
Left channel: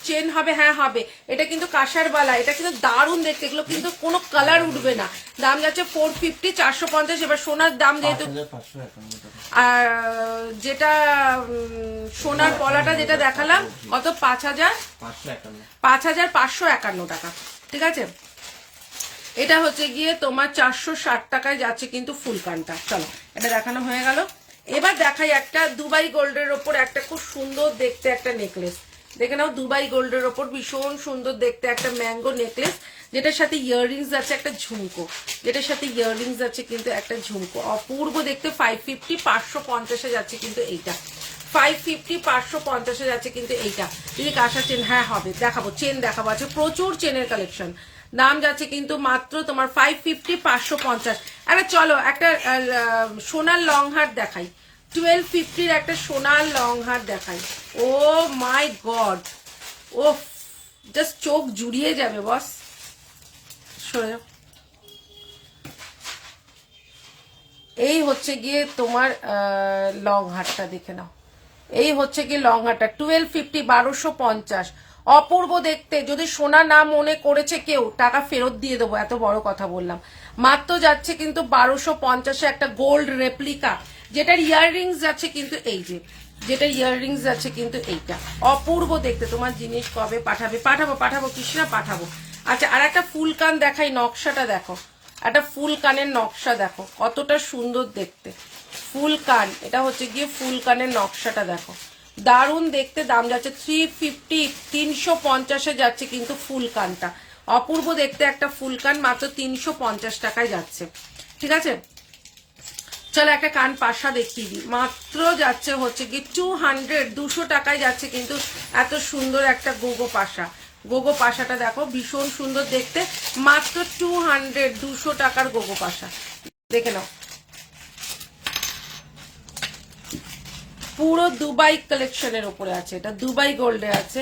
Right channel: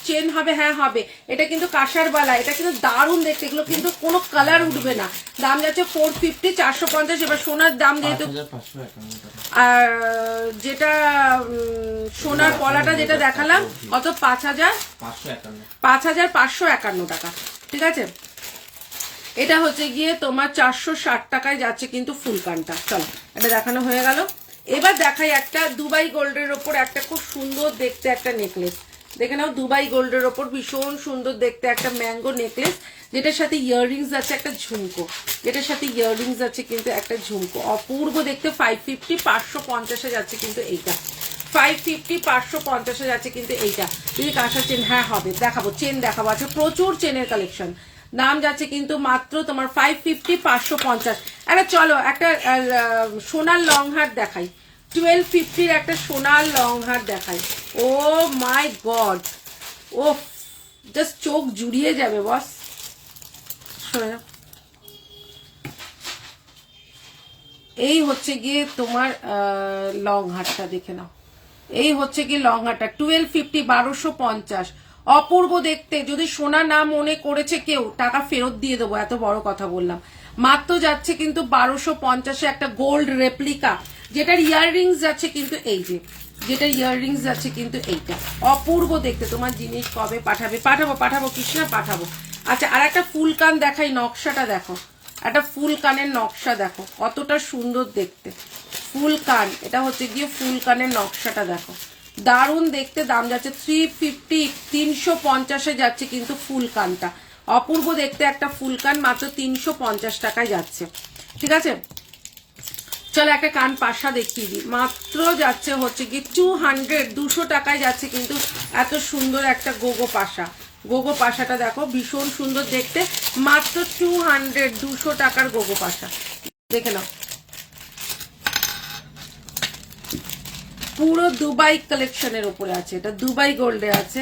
চেন হবে? হ্যাঁ হবে। এটা কিন্তু কাঁসার বালা, এটা কিন্তু দারুণ দেখতে, এগুলো কিন্তু কোনো কালার উঠবে না। দাম যাচ্ছে 450 450। এবার সোনার দাম যেহেতু, যেটা সোনার পলাটা যেটা দেখালাম কত? 5551 টাকা, ঠিক আছে। এটা হচ্ছে গিয়ে তোমার 460 টাকায় যাচ্ছে কিন্তু ফুল কানটা। চলো এটা দেখানো হয়ে গেল। এবার দেখাই একটা দুবাই গোল্ডের ওপর একটা খুব সুন্দর দেখতে একটা নেকলেস, দেখে নাও। দুবাই গোল্ডের ওপর ভীষণ সুন্দর দেখতে একটা ম্যাঙ্গো নেকলেস, যেটার সাথে ইয়াররিংস আছে একটা ঝুমকো, যেটার সাথে ইয়াররিংস আছে কিন্তু একটা ঝুমকো, অপূর্ব দেখতে। 550 550 যাচ্ছে কিন্তু এইটা, 550 550 যাচ্ছে কিন্তু এইটা। এই কাঁসার চেন, হ্যাঁ হবে, দেখাবো চেন দেখাবো। আছে প্রচুর চেনের কালেকশন। দাম যাচ্ছে কিন্তু মাত্র তোমার 550 550। এবার চলো একটা সোনার লং হার দেখাই, 1250-র একটা সোনার লং হার দেখাই। ও মাই গড, ও জাস্ট চোখ জুড়িয়ে যাবে বস। এই হচ্ছে গিয়ে তোমার লং হারটা দেখে নাও, এই হচ্ছে গিয়ে লং হারটা 1250 1250, অপূর্ব দেখতে। যদি সোনা না মনে করেছে কেউ, টাকা ফেরত দিয়ে দেবো, এত বড় কথা বললাম। মাত্র যাচ্ছে কিন্তু 1250-এ একটা গোল্ড রেপ্লিকা, যেটার ইয়াররিংস যাচ্ছে কিন্তু এই যে, যেটার ইয়াররিংস যাচ্ছে কিন্তু এইটা, অপূর্ব দেখতে। তোমার জিনিস কবে পাঠাবে? পাঠাবো কৃষ্ণা, পাঠাবো। আচ্ছা আর একটা ফুল কান দেখাই, নকশাটা দেখো, একটা ফুল কানের নকশা দেখো কতটা সুন্দর দেখতে, ফুল কান। এটা হচ্ছে গিয়ে ফুল কানের নকশাটা দেখো, দারুণ দেখতে। দাম যাচ্ছে 350 350-এ যাচ্ছে কিন্তু ফুল কানটা, অপূর্ব দেখতে একটা ফুল কান, মাত্র 350 টাকায় যাচ্ছে, ঠিক আছে। চলো একটা কান পাশা দেখিয়ে দিই, মাত্র যাচ্ছে হচ্ছে কি 200 টাকায় যাচ্ছে কিন্তু এত সুন্দর একটা গোগো পাশা। গোগো পাশাটা দেখো ভীষণ সুন্দর দেখতে, মাত্র 200 টাকার গোগো পাশা, দেখে নাও। পুরো দুবাই কালেকশনের উপরে আছে, এটা দুবাই গোল্ডে আছে,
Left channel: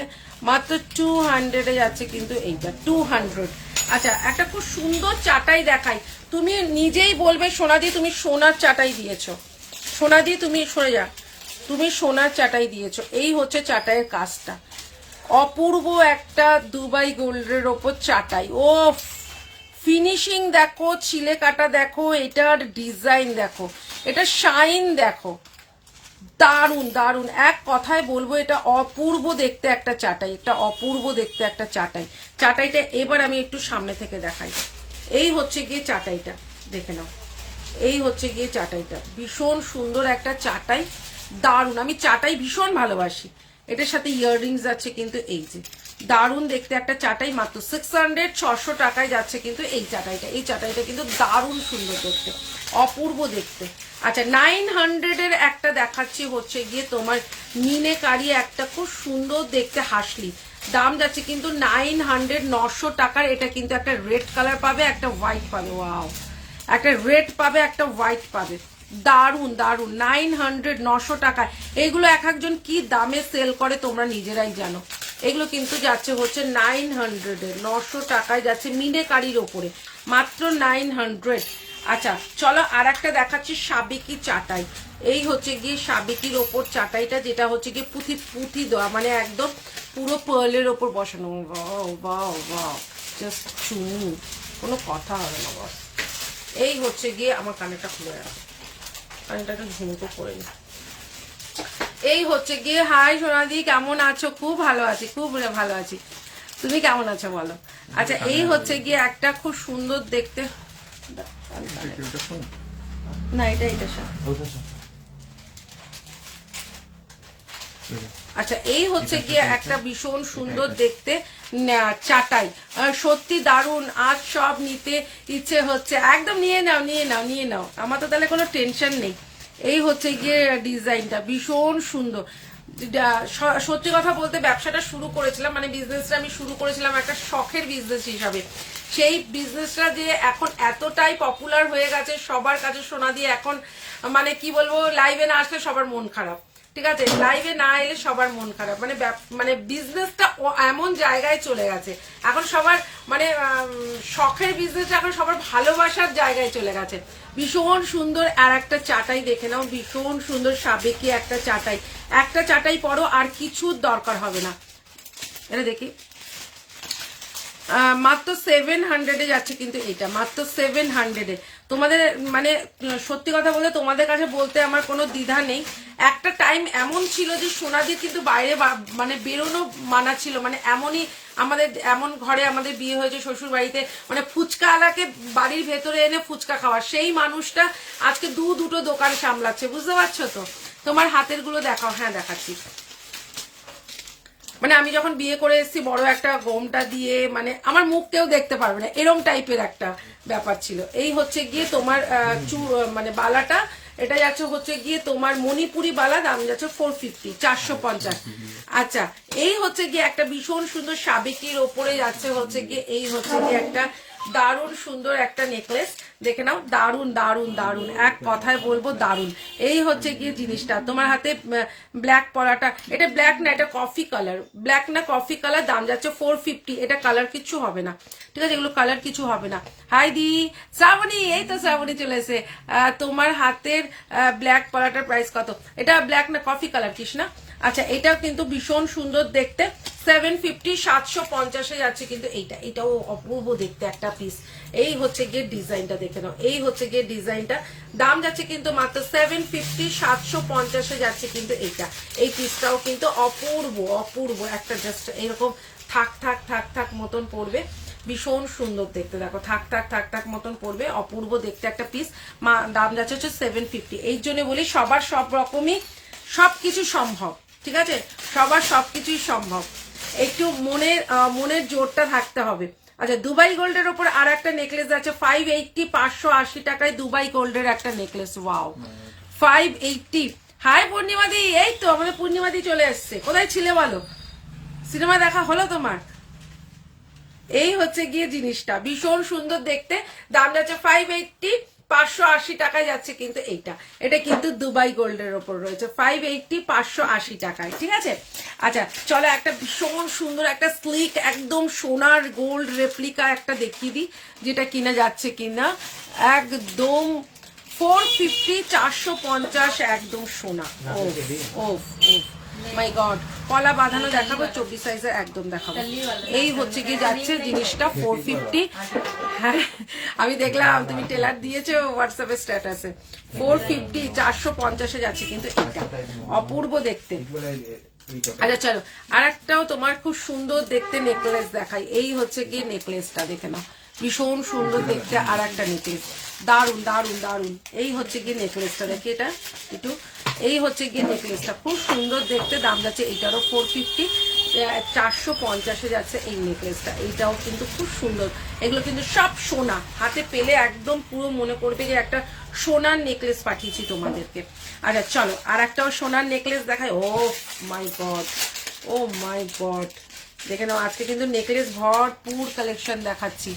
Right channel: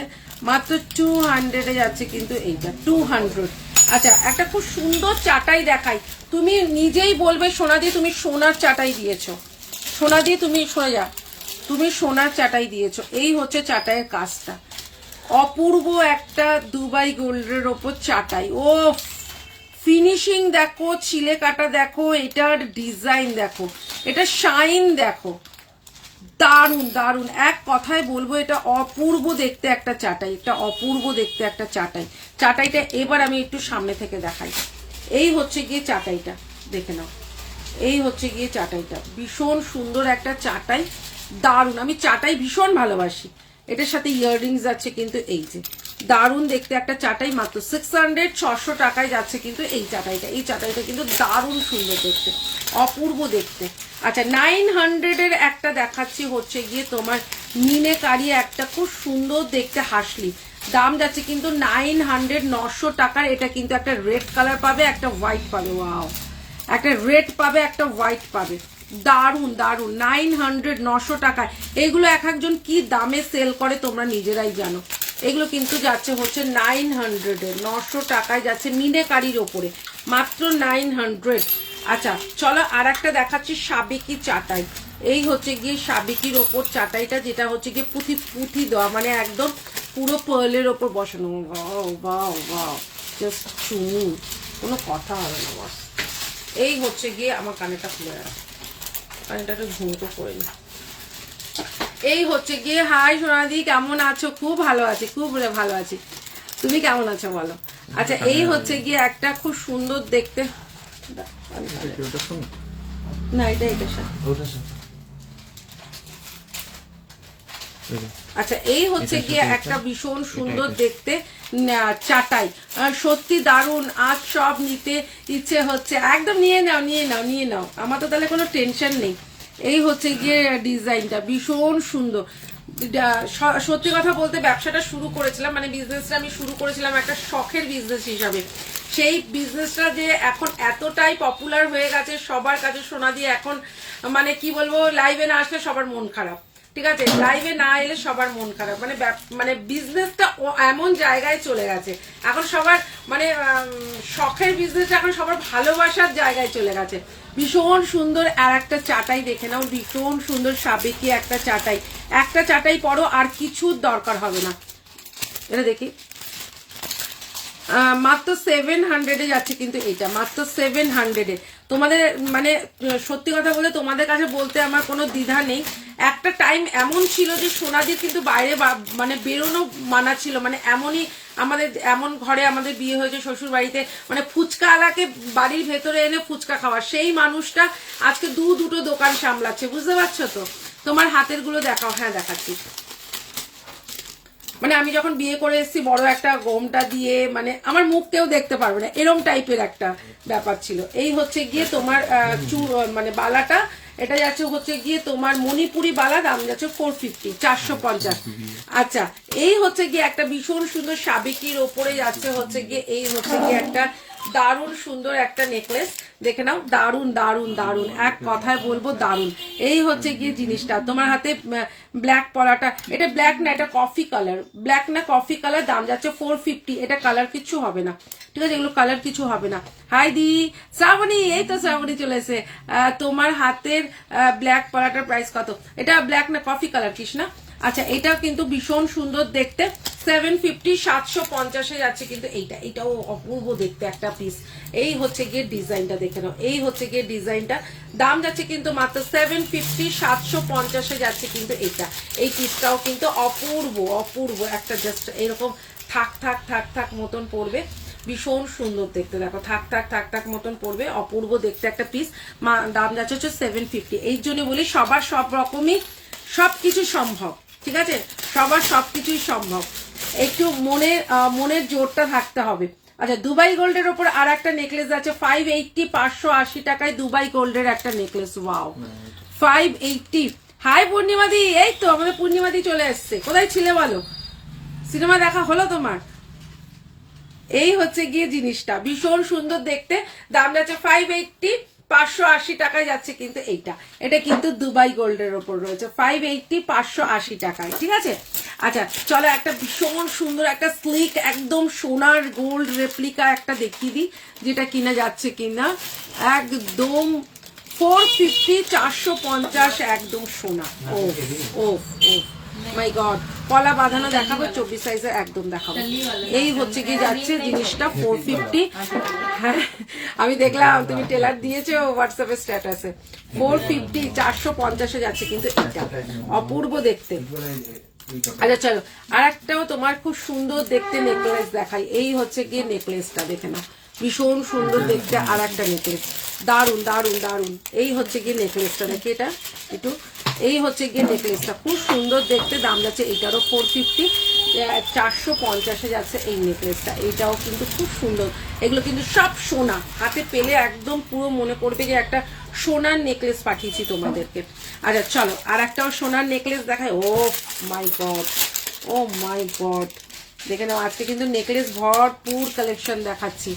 মাত্র 200 যাচ্ছে কিন্তু এইটা 200। আচ্ছা একটা খুব সুন্দর চাটাই দেখাই, তুমি নিজেই বলবে সোনা দিয়ে তুমি সোনার চাটাই দিয়েছো, সোনা দিয়ে তুমি সরে যা, তুমি সোনার চাটাই দিয়েছো। এই হচ্ছে চাটাইয়ের কাজটা, অপূর্ব একটা দুবাই গোল্ডের ওপর চাটাই। ও ফিনিশিং দেখো, ছিলে কাটা দেখো, এটার ডিজাইন দেখো, এটা শাইন দেখো, দারুন দারুন। এক কথায় বলবো এটা অপূর্ব দেখতে একটা চাটাই, এটা অপূর্ব দেখতে একটা চাটাই। চাটাইটা এবার আমি একটু সামনে থেকে দেখাই। এই হচ্ছে গিয়ে চাটাইটা, দেখে নাও, এই হচ্ছে গিয়ে চাটাইটা, ভীষণ সুন্দর একটা চাটাই, দারুন। আমি চাটাই ভীষণ ভালোবাসি। এটার সাথে ইয়াররিংস আছে কিন্তু, এই যে দারুন দেখতে একটা চাটাই, মাত্র 600 টাকায় যাচ্ছে কিন্তু এই চাটাইটা। এই চাটাইটা কিন্তু দারুন সুন্দর দেখতে, অপূর্ব দেখতে। আচ্ছা 900 এর একটা দেখাচ্ছি, হচ্ছে গিয়ে তোমার মিনেকারি একটা খুব সুন্দর দেখতে হাসলি, দাম যাচ্ছে কিন্তু 900 টাকার। এটা কিন্তু একটা রেড কালার পাবে, একটা হোয়াইট পাবে, ওয়াও, একটা রেড পাবে, একটা হোয়াইট পাবে, দারুন দারুন। 900 টাকায় এগুলো এক একজন কি দামে সেল করে তোমরা নিজেরাই জানো। এগুলো কিন্তু যাচ্ছে হচ্ছে 900 টাকায় যাচ্ছে মিনেকারির ওপরে, মাত্র 900। আচ্ছা চলো আর একটা দেখাচ্ছি সাবেকি চাটাই। এই হচ্ছে গিয়ে সাবেকির ওপর চাটাইটা, যেটা হচ্ছে গিয়ে পুঁথি দেওয়া, মানে একদম পুরো পার্লের ওপর বসানো, জাস্ট চুমু, কোনো কথা হবে না বস। এই হচ্ছে গিয়ে আমার কানেরটা খুলে রাখো, কানেরটা একটু ঝুমকো করে নি। এই হচ্ছে গিয়ে, হাই সোনাদি কেমন আছো? খুব ভালো আছি, খুব ভালো আছি, তুমি কেমন আছো বলো? আচ্ছা এই হচ্ছে গিয়ে একটা খুব সুন্দর দেখতে, না এটা এটা আচ্ছা এই হচ্ছে গিয়ে একটা ভীষণ সুন্দর দেখতে চাটাই, সত্যি দারুন। আজ সব নিতে ইচ্ছে হচ্ছে, একদম নিয়ে নাও নিয়ে নাও নিয়ে নাও, আমার তো তাহলে কোনো টেনশন নেই। এই হচ্ছে গিয়ে ডিজাইনটা ভীষণ সুন্দর। সত্যি কথা বলতে ব্যবসাটা শুরু করেছিলাম, মানে বিজনেসটা আমি শুরু করেছিলাম একটা শখের বিজনেস হিসাবে। সেই বিজনেসটা যে এখন এতটাই পপুলার হয়ে গেছে সবার কাছে, সোনা দিয়ে এখন মানে কি বলবো, লাইভে না আসলে সবার মন খারাপ, ঠিক আছে, লাইভে না এলে সবার মন খারাপ, মানে বিজনেসটা এমন জায়গায় চলে গেছে এখন সবার, মানে শখের বিজনেস এখন সবার ভালোবাসার জায়গায় চলে গেছে। ভীষণ সুন্দর আর একটা চাটাই দেখে নাও, ভীষণ সুন্দর সাবেকি একটা চাটাই, একটা চাটাই পরো আর কিছুর দরকার হবে না। এটা দেখি মাত্র 700 যাচ্ছে কিন্তু এটা, মাত্র 700। তোমাদের মানে সত্যি কথা বলে তোমাদের কাছে বলতে আমার কোনো দ্বিধা নেই। একটা টাইম এমন ছিল যে সোনা দিয়ে কিন্তু বাইরে মানে বেরোনো মানা ছিল, মানে এমনই আমাদের এমন ঘরে আমাদের বিয়ে হয়েছে শ্বশুর বাড়িতে, মানে ফুচকা আলাকে বাড়ির ভেতরে এনে ফুচকা খাওয়া, সেই মানুষটা আজকে দুটো দোকান সামলাচ্ছে, বুঝতে পারছো তো? তোমার হাতের গুলো দেখাও, হ্যাঁ দেখাচ্ছি। মানে আমি যখন বিয়ে করে এসেছি বড় একটা গোমটা দিয়ে, মানে আমার মুখ কেউ দেখতে পারবে না, এরম টাইপের একটা ব্যাপার ছিল। এই হচ্ছে গিয়ে তোমার মানে বালাটা, এটা যাচ্ছে হচ্ছে গিয়ে তোমার মণিপুরি বালা, দাম যাচ্ছে 450, 450। আচ্ছা এই হচ্ছে গিয়ে একটা ভীষণ সুন্দর সাবেকির ওপরে যাচ্ছে হচ্ছে গিয়ে, এই হচ্ছে গিয়ে একটা দারুণ সুন্দর একটা নেকলেস, দেখে নাও, দারুণ দারুণ দারুণ, এক কথায় বলবো দারুণ। এই হচ্ছে গিয়ে জিনিসটা, তোমার হাতে ব্ল্যাক পরাটা, এটা ব্ল্যাক না, এটা কফি কালার, ব্ল্যাক না কফি কালার, দাম যাচ্ছে 450। এটা কালার কিছু হবে না, ঠিক আছে, এগুলো কালার কিছু হবে না। হাই দি শ্রাবণী, এই তো শ্রাবণী চলে এসে। তোমার হাতের ব্ল্যাক পরাটার প্রাইস কত? এটা ব্ল্যাক না কফি কালার কৃষ্ণা। আচ্ছা এটাও কিন্তু ভীষণ সুন্দর দেখতে, 750, 750 যাচ্ছে কিন্তু এইটা, এটাও অপূর্ব দেখতে একটা পিস। এই হচ্ছে গিয়ে ডিজাইনটা দেখে নাও, এই হচ্ছে গিয়ে ডিজাইনটা, দাম যাচ্ছে কিন্তু মাত্র 750, 750 যাচ্ছে কিন্তু এটা। এই পিসটাও কিন্তু অপূর্ব অপূর্ব একটা, জাস্ট এরকম থাক থাক থাক থাক মতন পড়বে, ভীষণ সুন্দর দেখতে, দেখো থাক থাক থাক থাক মতন পড়বে, অপূর্ব দেখতে একটা পিস, দাম যাচ্ছে হচ্ছে 750। এই জন্য বলি সবার সব রকমই সবকিছু সম্ভব, ঠিক আছে, সবার সবকিছুই সম্ভব, একটু মনের জোরটা থাকতে হবে। আচ্ছা দুবাই গোল্ডের ওপর আর একটা নেকলেস আছে 580, 580 টাকায় দুবাই গোল্ডের একটা নেকলেস, ওয়াও 580। হাই পূর্ণিমাদি, এই তো আমাদের পূর্ণিমাদি চলে এসছে, কোথায় ছিলে বলো? সিনেমা দেখা হলো তোমার? এই হচ্ছে গিয়ে জিনিসটা ভীষণ সুন্দর দেখতে, দাম যাচ্ছে 580, 580 টাকায় যাচ্ছে কিন্তু এইটা। এটা কিন্তু দুবাই গোল্ডের ওপর রয়েছে 580 580 টাকায়, ঠিক আছে। আচ্ছা চলো একটা ভীষণ সুন্দর একটা স্লিক একদম সোনার গোল্ড রেপ্লিকা একটা দেখিয়ে দিই, যেটা কিনা যাচ্ছে কিনা একদম 450 450 একদম সোনা। ও ও মাই গড, কলা বাঁধানো দেখাবো 24 সাইজের একদম দেখাবো। এই হচ্ছে কি যাচ্ছে জিনিসটা 450। হ্যাঁ আমি দেখলাম তুমি টেলার দিয়েছো হোয়াটসঅ্যাপে স্ট্যাটাসে, 450 450 যাচ্ছে কিন্তু এটা অপূর্ব দেখতে। আচ্ছা চলো আর একটাও তোমার খুব সুন্দর দেখতে নেকলেস দেখাই। এই হচ্ছে গিয়ে নেকলেসটা দেখে নাও, ভীষণ সুন্দর দেখতে আর একটা নেকলেস, দারুন দারুন দারুন। এই হচ্ছে গিয়ে নেকলেসটা, দেখি এটা একটু, এই হচ্ছে গিয়ে নেকলেসটা খুব সুন্দর দেখতে, দাম যাচ্ছে এটারও 450 450 যাচ্ছে এই নেকলেসটা। এইটাও কিন্তু খুব সুন্দর, এগুলো কিন্তু সব সোনা, হাতে পেলে একদম পুরো মনে করবে যে একটা সোনার নেকলেস পাঠিয়েছি তোমাদেরকে। আচ্ছা চলো আর একটাও সোনার নেকলেস দেখাই। ও মাই গড, ও মাই গড, দেখে নাও আজকে কিন্তু নেকলেস ভরপুর কালেকশন দেখাচ্ছি।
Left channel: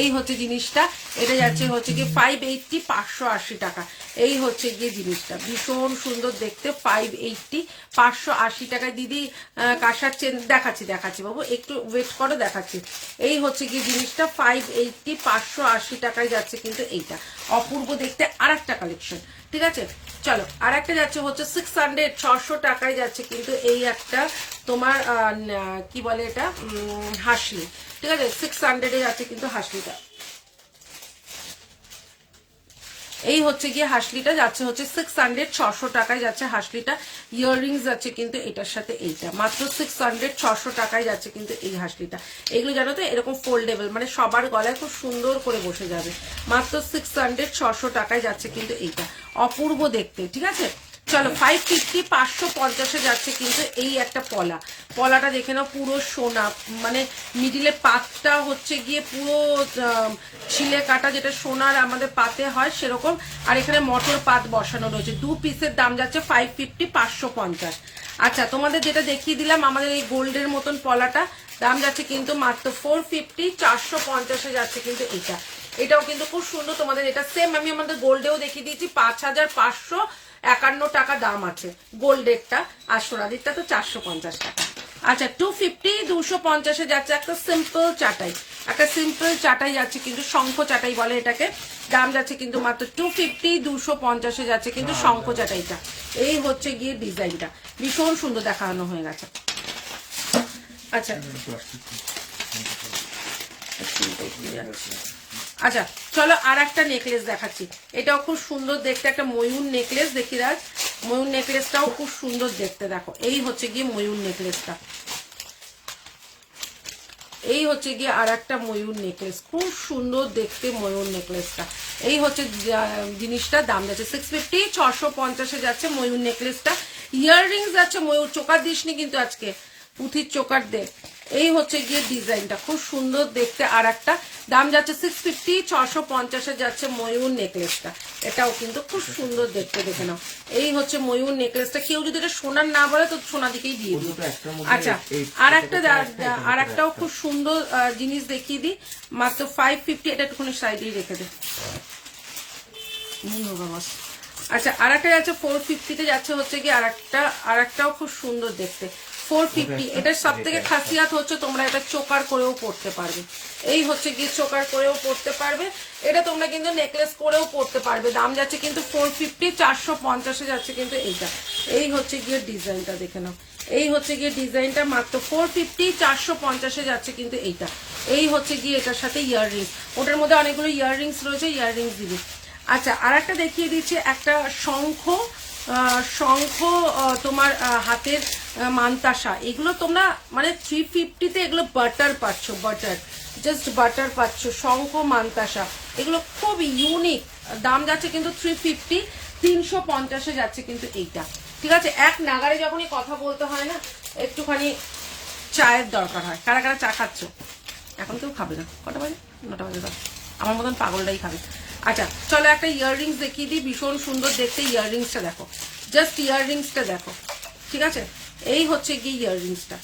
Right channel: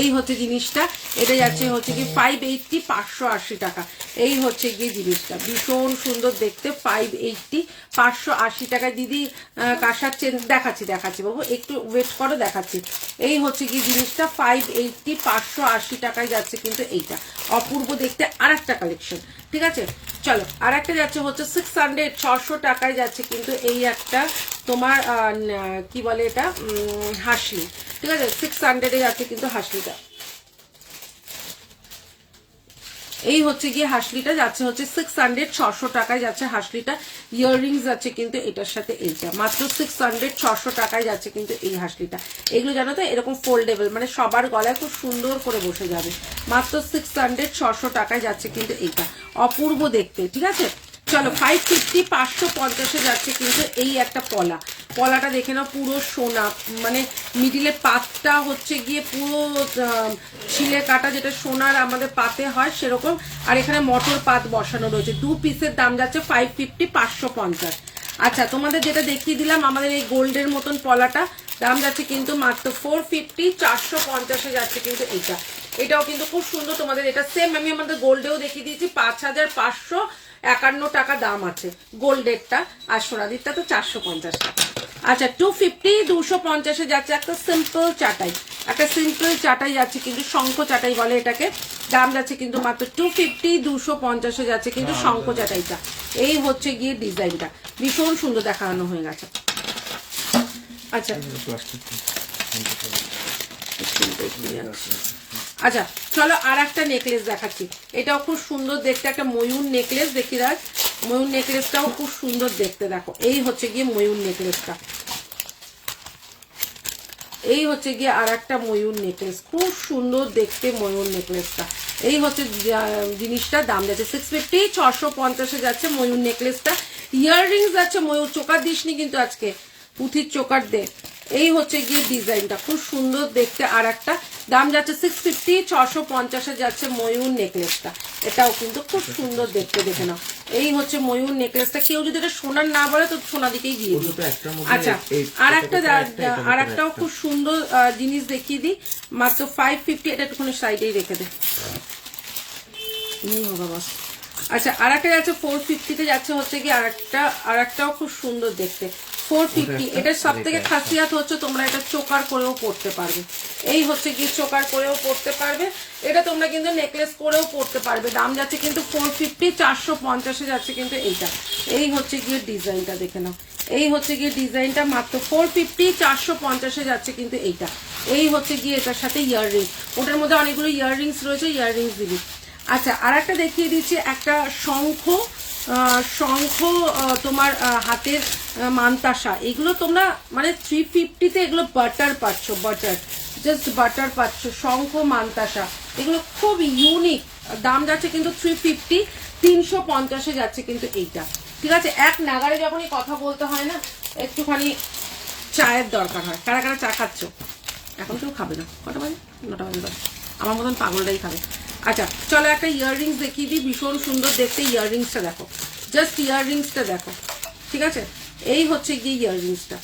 এই হচ্ছে জিনিসটা, এটা যাচ্ছে হচ্ছে কি 580 580 টাকা। এই হচ্ছে গিয়ে জিনিসটা ভীষণ সুন্দর দেখতে, 580 580 টাকায়। দিদি কাশাচ্ছেন, দেখাচ্ছি দেখাচ্ছি বাবু, একটু ওয়েট করো দেখাচ্ছি। এই হচ্ছে গিয়ে জিনিসটা 580 580 টাকায় যাচ্ছে কিন্তু এইটা অপূর্ব দেখতে আর একটা কালেকশন, ঠিক আছে। চলো আর একটা যাচ্ছে হচ্ছে 600 600 টাকায় যাচ্ছে কিন্তু এই একটা তোমার কি বলে এটা হাসলি, ঠিক আছে 600 যাচ্ছে কিন্তু হাসলিটা। এই হচ্ছে গিয়ে হাসলিটা যাচ্ছে হচ্ছে 600 600 টাকায় যাচ্ছে হাসলিটা। ইয়াররিংস যাচ্ছে কিন্তু এটার সাথে এইটা মাত্র 600 600 টাকায় যাচ্ছে কিন্তু এই হাসলিটা। এগুলো জানো তো এরকম ফোল্ডেবল, মানে সবার গলায় খুব সুন্দর করে বসে যাবে, মাত্র 600 600 টাকায় যাচ্ছে কিন্তু এইটা অপূর্ব দেখতে, ঠিক আছে। চলো 550 550 যাচ্ছে কিন্তু এই একটা পলা, পলাটা দেখে নাও পুরো সোনা, মানে মিডিলে পাতটা হচ্ছে গিয়ে পুরো ছিলে কাটা, যেটা সোনার আমাদের পাতে হয় সেরকম, আর এখানে মটর পাত বসানো রয়েছে। 2 পিসের দাম যাচ্ছে 550 550। আচ্ছা তোমাদের যেটা দেখিয়ে দিলাম আমাদের এই গোল্ডের মতন পলাটা, দাম যাচ্ছে কিন্তু মাত্র 450 450 যাচ্ছে কিন্তু এটা। এটাও কিন্তু খুব সুন্দর, তোমাদের এটা সেম আমি আমাদের গোল্ডেও দেখিয়ে দিয়েছি 5551 টাকা দাম আছে গোল্ডেরটা, আর সোনাদিকটা তো 450 টাকা। আচ্ছা 250 250 যাচ্ছে একটা সিম্পল চাটাই, একটা সিম্পল চাটাই যাচ্ছে কিন্তু শঙ্খ চাটাই বলে এটাকে, দাম যাচ্ছে কিন্তু মাত্র 250 250 যাচ্ছে কিন্তু শঙ্খ চাটাইটা। এই হচ্ছে গিয়ে ডিজাইনটা ভীষণ সুন্দর দেখানো হয়ে গেছে। আচ্ছা আচ্ছা চলো আর একটা নেকলেস দেখাচ্ছি, এটাও খুব সুন্দর দেখতে, একটা ময়ূর নেকলেস দেখি রাজ, ময়ূর নেকলেসটাও খুব সুন্দর দেখতে, দেখো এই হচ্ছে গিয়ে ময়ূর নেকলেসটা, এই হচ্ছে গিয়ে আর একটা ময়ূর নেকলেস, খুব সুন্দর দেখতে ময়ূর নেকলেসটা। এই হচ্ছে জিনিসটা, দাম যাচ্ছে 650 650 যাচ্ছে ময়ূর নেকলেসটা। ইয়াররিংস যাচ্ছে ময়ূর, চোকার দিসনি কিন্তু আজকে, পুঁথির চোকার দে। এই হচ্ছে গিয়ে ডিজাইনটা খুব সুন্দর দেখতে আর একটা, দাম যাচ্ছে 650 650 যাচ্ছে ময়ূর নেকলেসটা। এটাও কিন্তু খুব সুন্দর দেখতে, দেখে নাও এই হচ্ছে ময়ূর নেকলেসটা। কেউ যদি এটা সোনার না বলে তো সোনা দিকেই দিয়ে দিই। আচ্ছা আর একটাও খুব সুন্দর জিনিস দেখিয়ে দিই, মাত্র 550, এটা একটুখানি সাইডেই রেখে দে নেই হোগা বস। আচ্ছা আর একটা যাচ্ছে 450 যাচ্ছে হচ্ছে কি আর একটাও খুব সুন্দর দেখতে 450। এটার সব থেকে খাসিয়াত হচ্ছে তোমরা এটা চোকার করেও পড়তে পারবে, এই হচ্ছে কি চোকার করেও পড়তে পারবে, এটা তোমরা কিন্তু নেকলেস করেও পড়তে পারবে। দাম যাচ্ছে কিন্তু 450 450 যাচ্ছে কিন্তু এইটা। এই হচ্ছে গিয়ে ডিজাইনটা দেখে নাও, এই হচ্ছে গিয়ে ডিজাইনটা মাত্র 450 450 যাচ্ছে কিন্তু এইটা। এই হচ্ছে গিয়ে এটার সাথে ইয়াররিংস, ওটার মধ্যে অনেকগুলো ইয়াররিংস রয়েছে, ইয়াররিংস দিবি। আচ্ছা আর একটা দেখিয়ে দিচ্ছি, একটা শঙ্খ তোমার হাতের মানতাসা, এগুলো তোমরা মানে 350-তে এগুলো বাটার পাচ্ছ, বাটার জাস্ট বাটার পাচ্ছ, শঙ্খ মানতাসা এগুলো খুব ইউনিক, দাম যাচ্ছে কিন্তু 350 350 যাচ্ছে কিন্তু এইটা, ঠিক আছে। এক নাগারে যখনই কথা বলতে হয় না একটুখানি চায়ের দরকার হয়। কারা কারা চা খাচ্ছ? এখন কেউ খাবে না, কটা বাজে? 9টা বাজে, আমার মতন পাগলটাই খাবে। আচ্ছা চলো একটা ইয়াররিংস দেখিয়ে দিই, ভীষণ সুন্দর দেখতে ইয়াররিংসটা দেখো, জাস্ট ইয়াররিংসটা দেখো, ঠিক আছে। এই হচ্ছে গিয়ে ইয়াররিংসটা,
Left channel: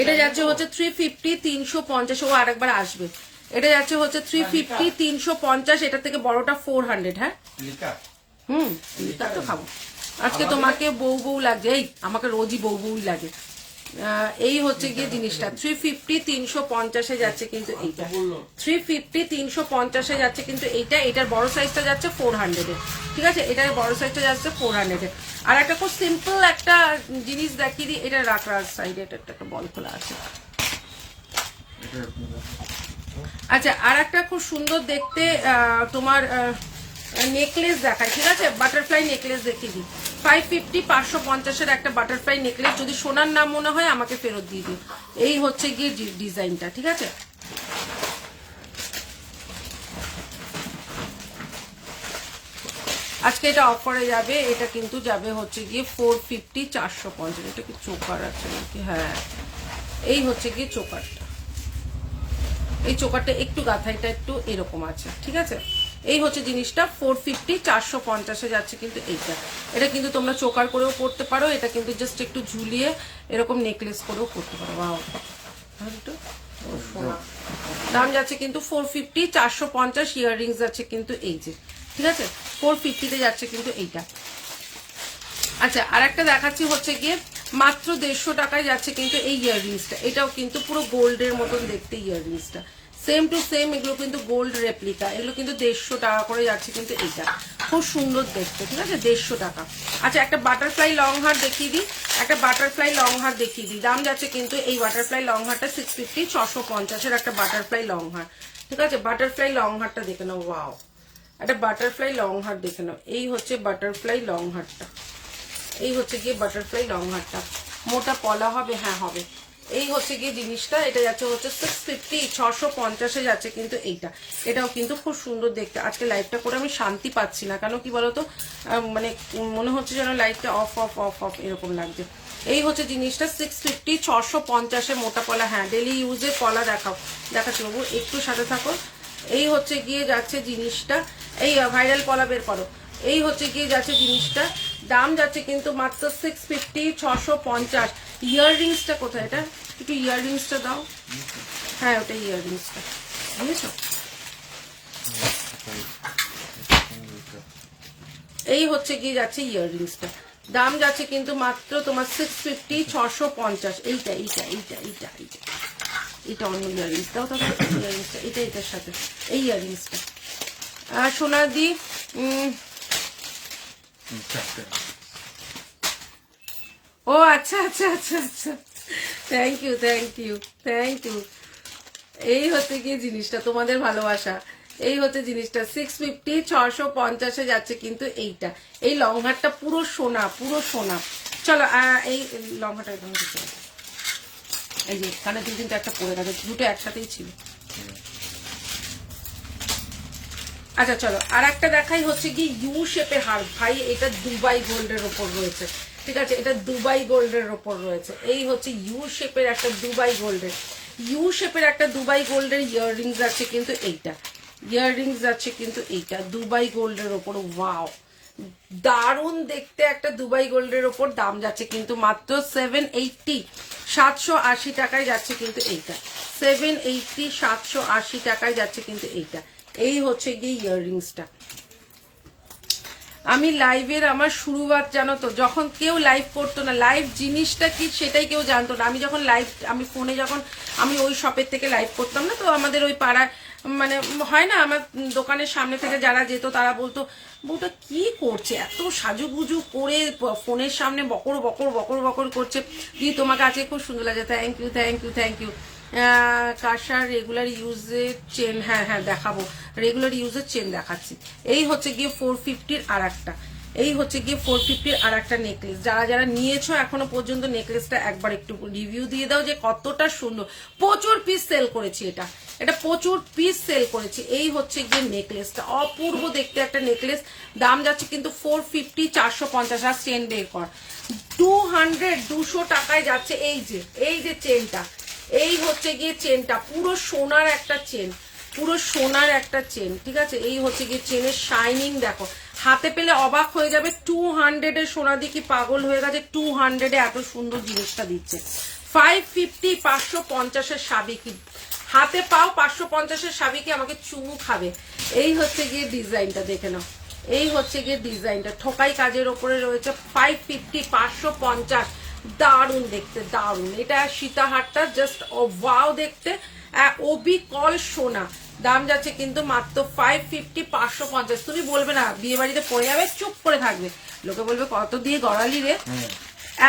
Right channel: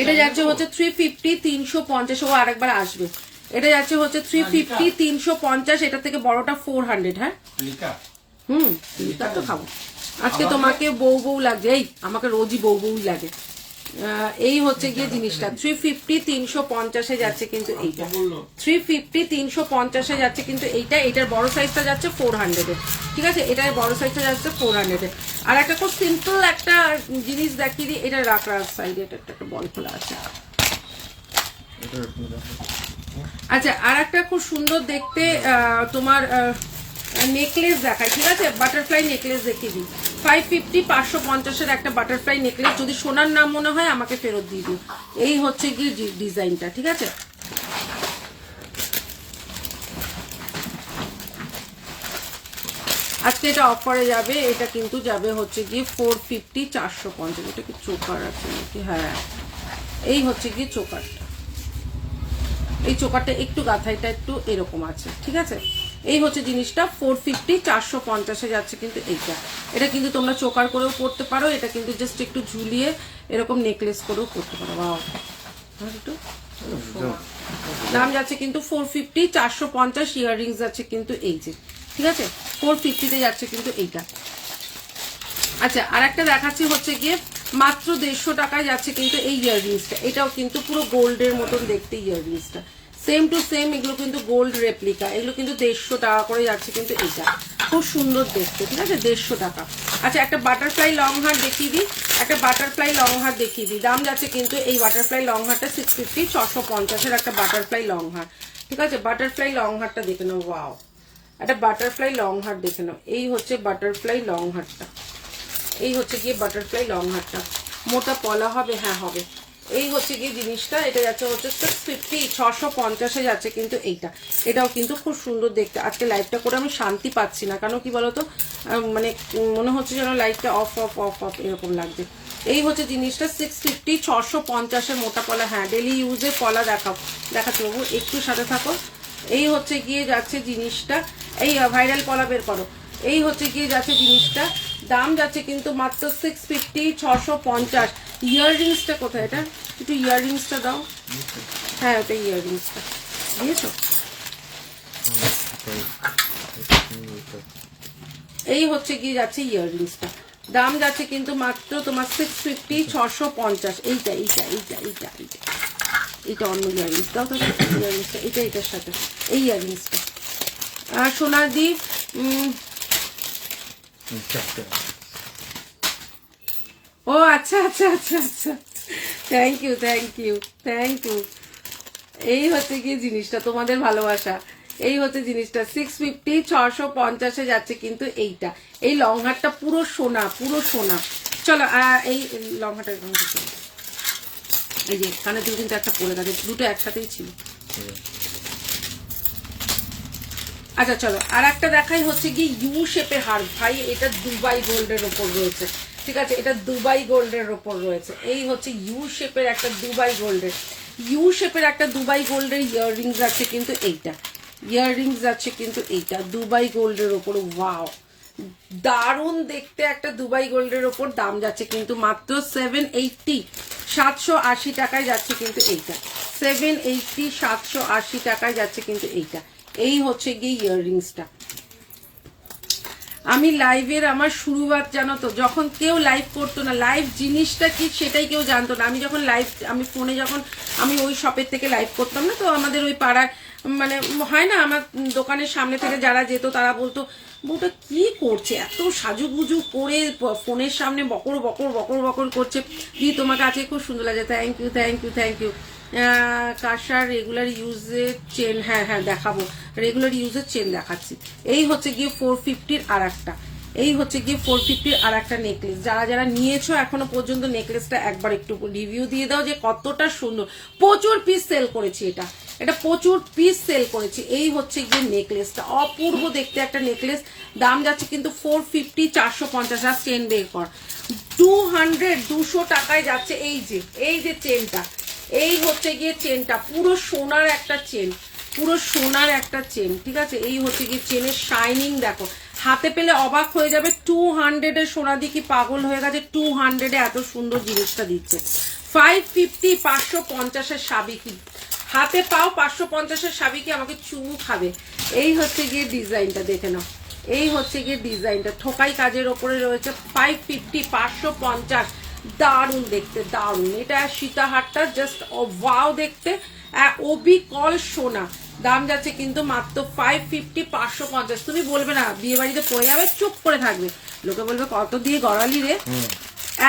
এটা যাচ্ছে হচ্ছে 350 350, ও আরেকবার আসবে। এটা যাচ্ছে হচ্ছে 350, 350, এটা থেকে বড়টা 400। হ্যাঁ লিকার তো খাবো আজকে। তোমাকে বউ বউ লাগছে, এই আমাকে রোজই বউ বউ লাগে। এই হচ্ছে গিয়ে জিনিসটা 350, 350 যাচ্ছে কিন্তু এইটা 350, 350 যাচ্ছে কিন্তু এইটা। এটার বড় সাইজটা যাচ্ছে 400 ঠিক আছে, এটার বড় সাইজটা যাচ্ছে 400। আর একটা খুব সিম্পল একটা জিনিস দেখিয়ে দিই, এটা রাখার সাইডে এটা একটা বল খোলা আছে। আচ্ছা, আর একটা খুব সুন্দর দেখতে তোমার নেকলেস দেখায়, ঠিক আছে, বাটারফ্লাই নেকলেস দেখিয়ে দিই। 550, 550 একটা বাটারফ্লাই নেকলেস। যদি সোনার নাম মনে হয় আমাকে ফেরত দিয়ে দিও। এই হচ্ছে গিয়ে ডিজাইনটা, ঠিক আছে। আজকে এটা অফারে যাবে, এটা কিন্তু যাবে হচ্ছে গিয়ে 450, 450। এটা কি চোকার আছে নাকি? হ্যাঁ, এই হচ্ছে গিয়ে চোকারটা। এই চোকারটা একটু গাথাইটা একটু এরকম আছে, ঠিক আছে। এই হচ্ছে জিনিসটা 450, 450 যাচ্ছে কিন্তু এইটা। এটা কিন্তু তোমরা চোকার করেও পড়তে পারো, এটা কিন্তু জাস্ট একটু ঝুলিয়ে এরকম নেকলেস করেও পড়তে পারো। দাম যাচ্ছে কিন্তু 450, 450। ইয়াররিংস যাচ্ছে কিন্তু এই যে, ঠিক আছে, 450 যাচ্ছে কিন্তু এইটা। আচ্ছা, আর একটা দেখাচ্ছি হচ্ছে গিয়ে মাত্র 150 টাকায় যাচ্ছে কিন্তু এই ইয়াররিংসটা। এটাও কিন্তু পুরো গোল্ডের মতন দেখতে ইয়াররিংসটা, সেম টু সেম। এগুলো কিন্তু গোল্ড রেপ্লিকা, এগুলো কিন্তু 150 টাকা করে যাচ্ছে কিন্তু এইটা। খুব সুন্দর দেখতে, ঠিক আছে, 150 টাকা। আচ্ছা, একটা বাটারফ্লাই লং হার দেখিয়ে দিই, একটা বাটারফ্লাই লং হার দেখিয়ে দিই। দাম যাচ্ছে কিন্তু এই বাটারফ্লাই লং হারটা 650, 650 একটা বাটারফ্লাই লং হার, ঠিক আছে। বাটারফ্লাই লং হারটা দেখে নাও, ওয়াও, একটা বাটারফ্লাই লং হার দেখে নাও। এই হচ্ছে বাটারফ্লাই লং হারটা, এই হচ্ছে গিয়ে বাটারফ্লাই লং হারটা। মোটা পলা হবে? হ্যাঁ হবে। এই হচ্ছে গিয়ে জিনিসটা, এটা যাচ্ছে হচ্ছে 650, 650 যাচ্ছে কিন্তু এইটা। এটাও কিন্তু খুব সুন্দর দেখতে। আজকে লাইটটা করে আমি শান্তি পাচ্ছি না, কেন কি বলতো, মানে মনে হচ্ছে যেন লাইটটা অফ অফ অফ অফ এরকম লাগছে। এই হচ্ছে জিনিসটা 650, 650 মোটা পলা। হ্যাঁ, ডেলি ইউজের পলা দেখাচ্ছি বাবু, একটু সাথে থাকো। এই হচ্ছে গিয়ে যাচ্ছে জিনিসটা, এই ভাইরাল পলা বের করো। এই হচ্ছে গিয়ে যাচ্ছে জিনিসটা, দাম যাচ্ছে কিন্তু মাত্র 650, 650। ইয়াররিংসটা কোথায়? এটা একটু ইয়াররিংসটা দাও। হ্যাঁ, ওটা ইয়াররিংসটা বুঝেছো। এই হচ্ছে গিয়ে যাচ্ছে ইয়াররিংসটা, দাম যাচ্ছে কিন্তু মাত্র তোমার 650, 650। এইটা এইটা এইটা এইটা এইটা এটা অন্য ইয়াররিংস দাও, তবে ইয়াররিংসটা এটা এটার সাথে এই ইয়াররিংসটা। সোনাদি ও আচ্ছা আচ্ছা আচ্ছা আচ্ছা, thank you thank you thank you. এই হচ্ছে গিয়ে জিনিসটা, তোমাদের ভালোবাসা। এই হচ্ছে জিনিসটা 650, 650 যাচ্ছে কিন্তু এইটা। এই লং হারটা পুরো সোনা, পুরো সোনা। চলো এই লং হারটা এরকম দিতে হবে। এই যে এখানে 2, 3, 4টা পরে গেছে, দুটো একসাথেই ছিল। আচ্ছা চলো, আর একটা দেখাই হচ্ছে কি ইউ শেপের হার। ভাই, এটা দুবাই গোল্ডের ওপর রয়েছে, ঠিক আছে, এটা দুবাই গোল্ডের ওপর রয়েছে। এই হচ্ছে ইউ শেপের একটা দুবাই গোল্ডের, ইউ শেপের একটা দুবাই গোল্ডের ইয়াররিংস আছে কিন্তু এইটা। ইয়াররিংস আছে কিন্তু এইটা দুবাই গোল্ডের ওপর। ওয়াও, দারুণ দেখতে একটা দুবাই গোল্ডের ওপর। দাম যাচ্ছে কিন্তু মাত্র 780, 780 টাকায় যাচ্ছে কিন্তু এইটা। 780, 780 টাকায় যাচ্ছে কিন্তু এইটা। এই হচ্ছে গিয়ে ইয়াররিংসটা। আমি লাইভের আমার শুরুয়াত জানো তো, যখন কেউ লাইভ করতো না, লাইভ জিনিসটা কি সেটাই কেউ জানতো না। আমি যখন লাইভ, আমি ফোনে যখন আমি ওই শপের থেকে লাইভ করতাম না, তো আমাদের ওই পাড়ায় মানে হয় না, আমার দোকানের সামনে থেকে যারা যেত তারা বলতো, বউটা কি করছে, এত সাজুগুজু করে ফোনের সামনে বকর বকর বকর বকর করছে। দিয়ে তোমাকে আজকে খুব সুন্দর লাগে, thank you thank you thank you. কাশার রেগুলার ইউজের চেন, হ্যাঁ হ্যাঁ দেখাবো, রেগুলার ইউজের চেন দেখাচ্ছি। এই হচ্ছে গিয়ে 450 আর একটা, এই হচ্ছে গিয়ে 450 আর একটা নেকলেস। যারা যারা নিয়েছো এখনো পর্যন্ত নেকলেসটা একবার একটু রিভিউ দিয়ে দাও যে কতটা সুন্দর। প্রচুর পিস সেল করেছি, এটা এটা প্রচুর পিস সেল করেছি। এই হচ্ছে গিয়ে নেকলেসটা, অপূর্ব দেখতে একটা নেকলেস। দাম যাচ্ছে কিন্তু 450, 450। আর চেন বের কর, 200, 200 টাকায় যাচ্ছে। এই যে চেনটা, এই হচ্ছে গিয়ে চেনটা, পুরো সোনার একটা চেন, পুরো সোনার একটা চেন, ঠিক আছে। এই হচ্ছে গিয়ে চেনের শাইনিং দেখো, হাতে পেলে অবাক হয়ে যাবে। 200 এর সোনা দিয়ে কি পাগল হয়ে গেছে, 200 এ এত সুন্দর জিনিসটা দিচ্ছে। 550, 550 এর সাবিকি, হাতে পাও 550-এর স্বামীকে আমাকে চুমু খাবে। এই হচ্ছে গিয়ে ডিজাইনটা, দেখে নাও। এই হচ্ছে গিয়ে ডিজাইনটা, থোকাই কাজের ওপরে রয়েছে, 550, 550। দারুন দেখতে, দারুন। এটা সীতাহারটা জাস্ট ওয়াও দেখতে, ওবি কল সোনা। দাম যাচ্ছে কিন্তু মাত্র 550, 550। তুমি বলবে না বিয়ে বাড়িতে পড়ে যাবে, চুপ করে থাকবে, লোকে বলবে কত দিয়ে গড়ালি রে,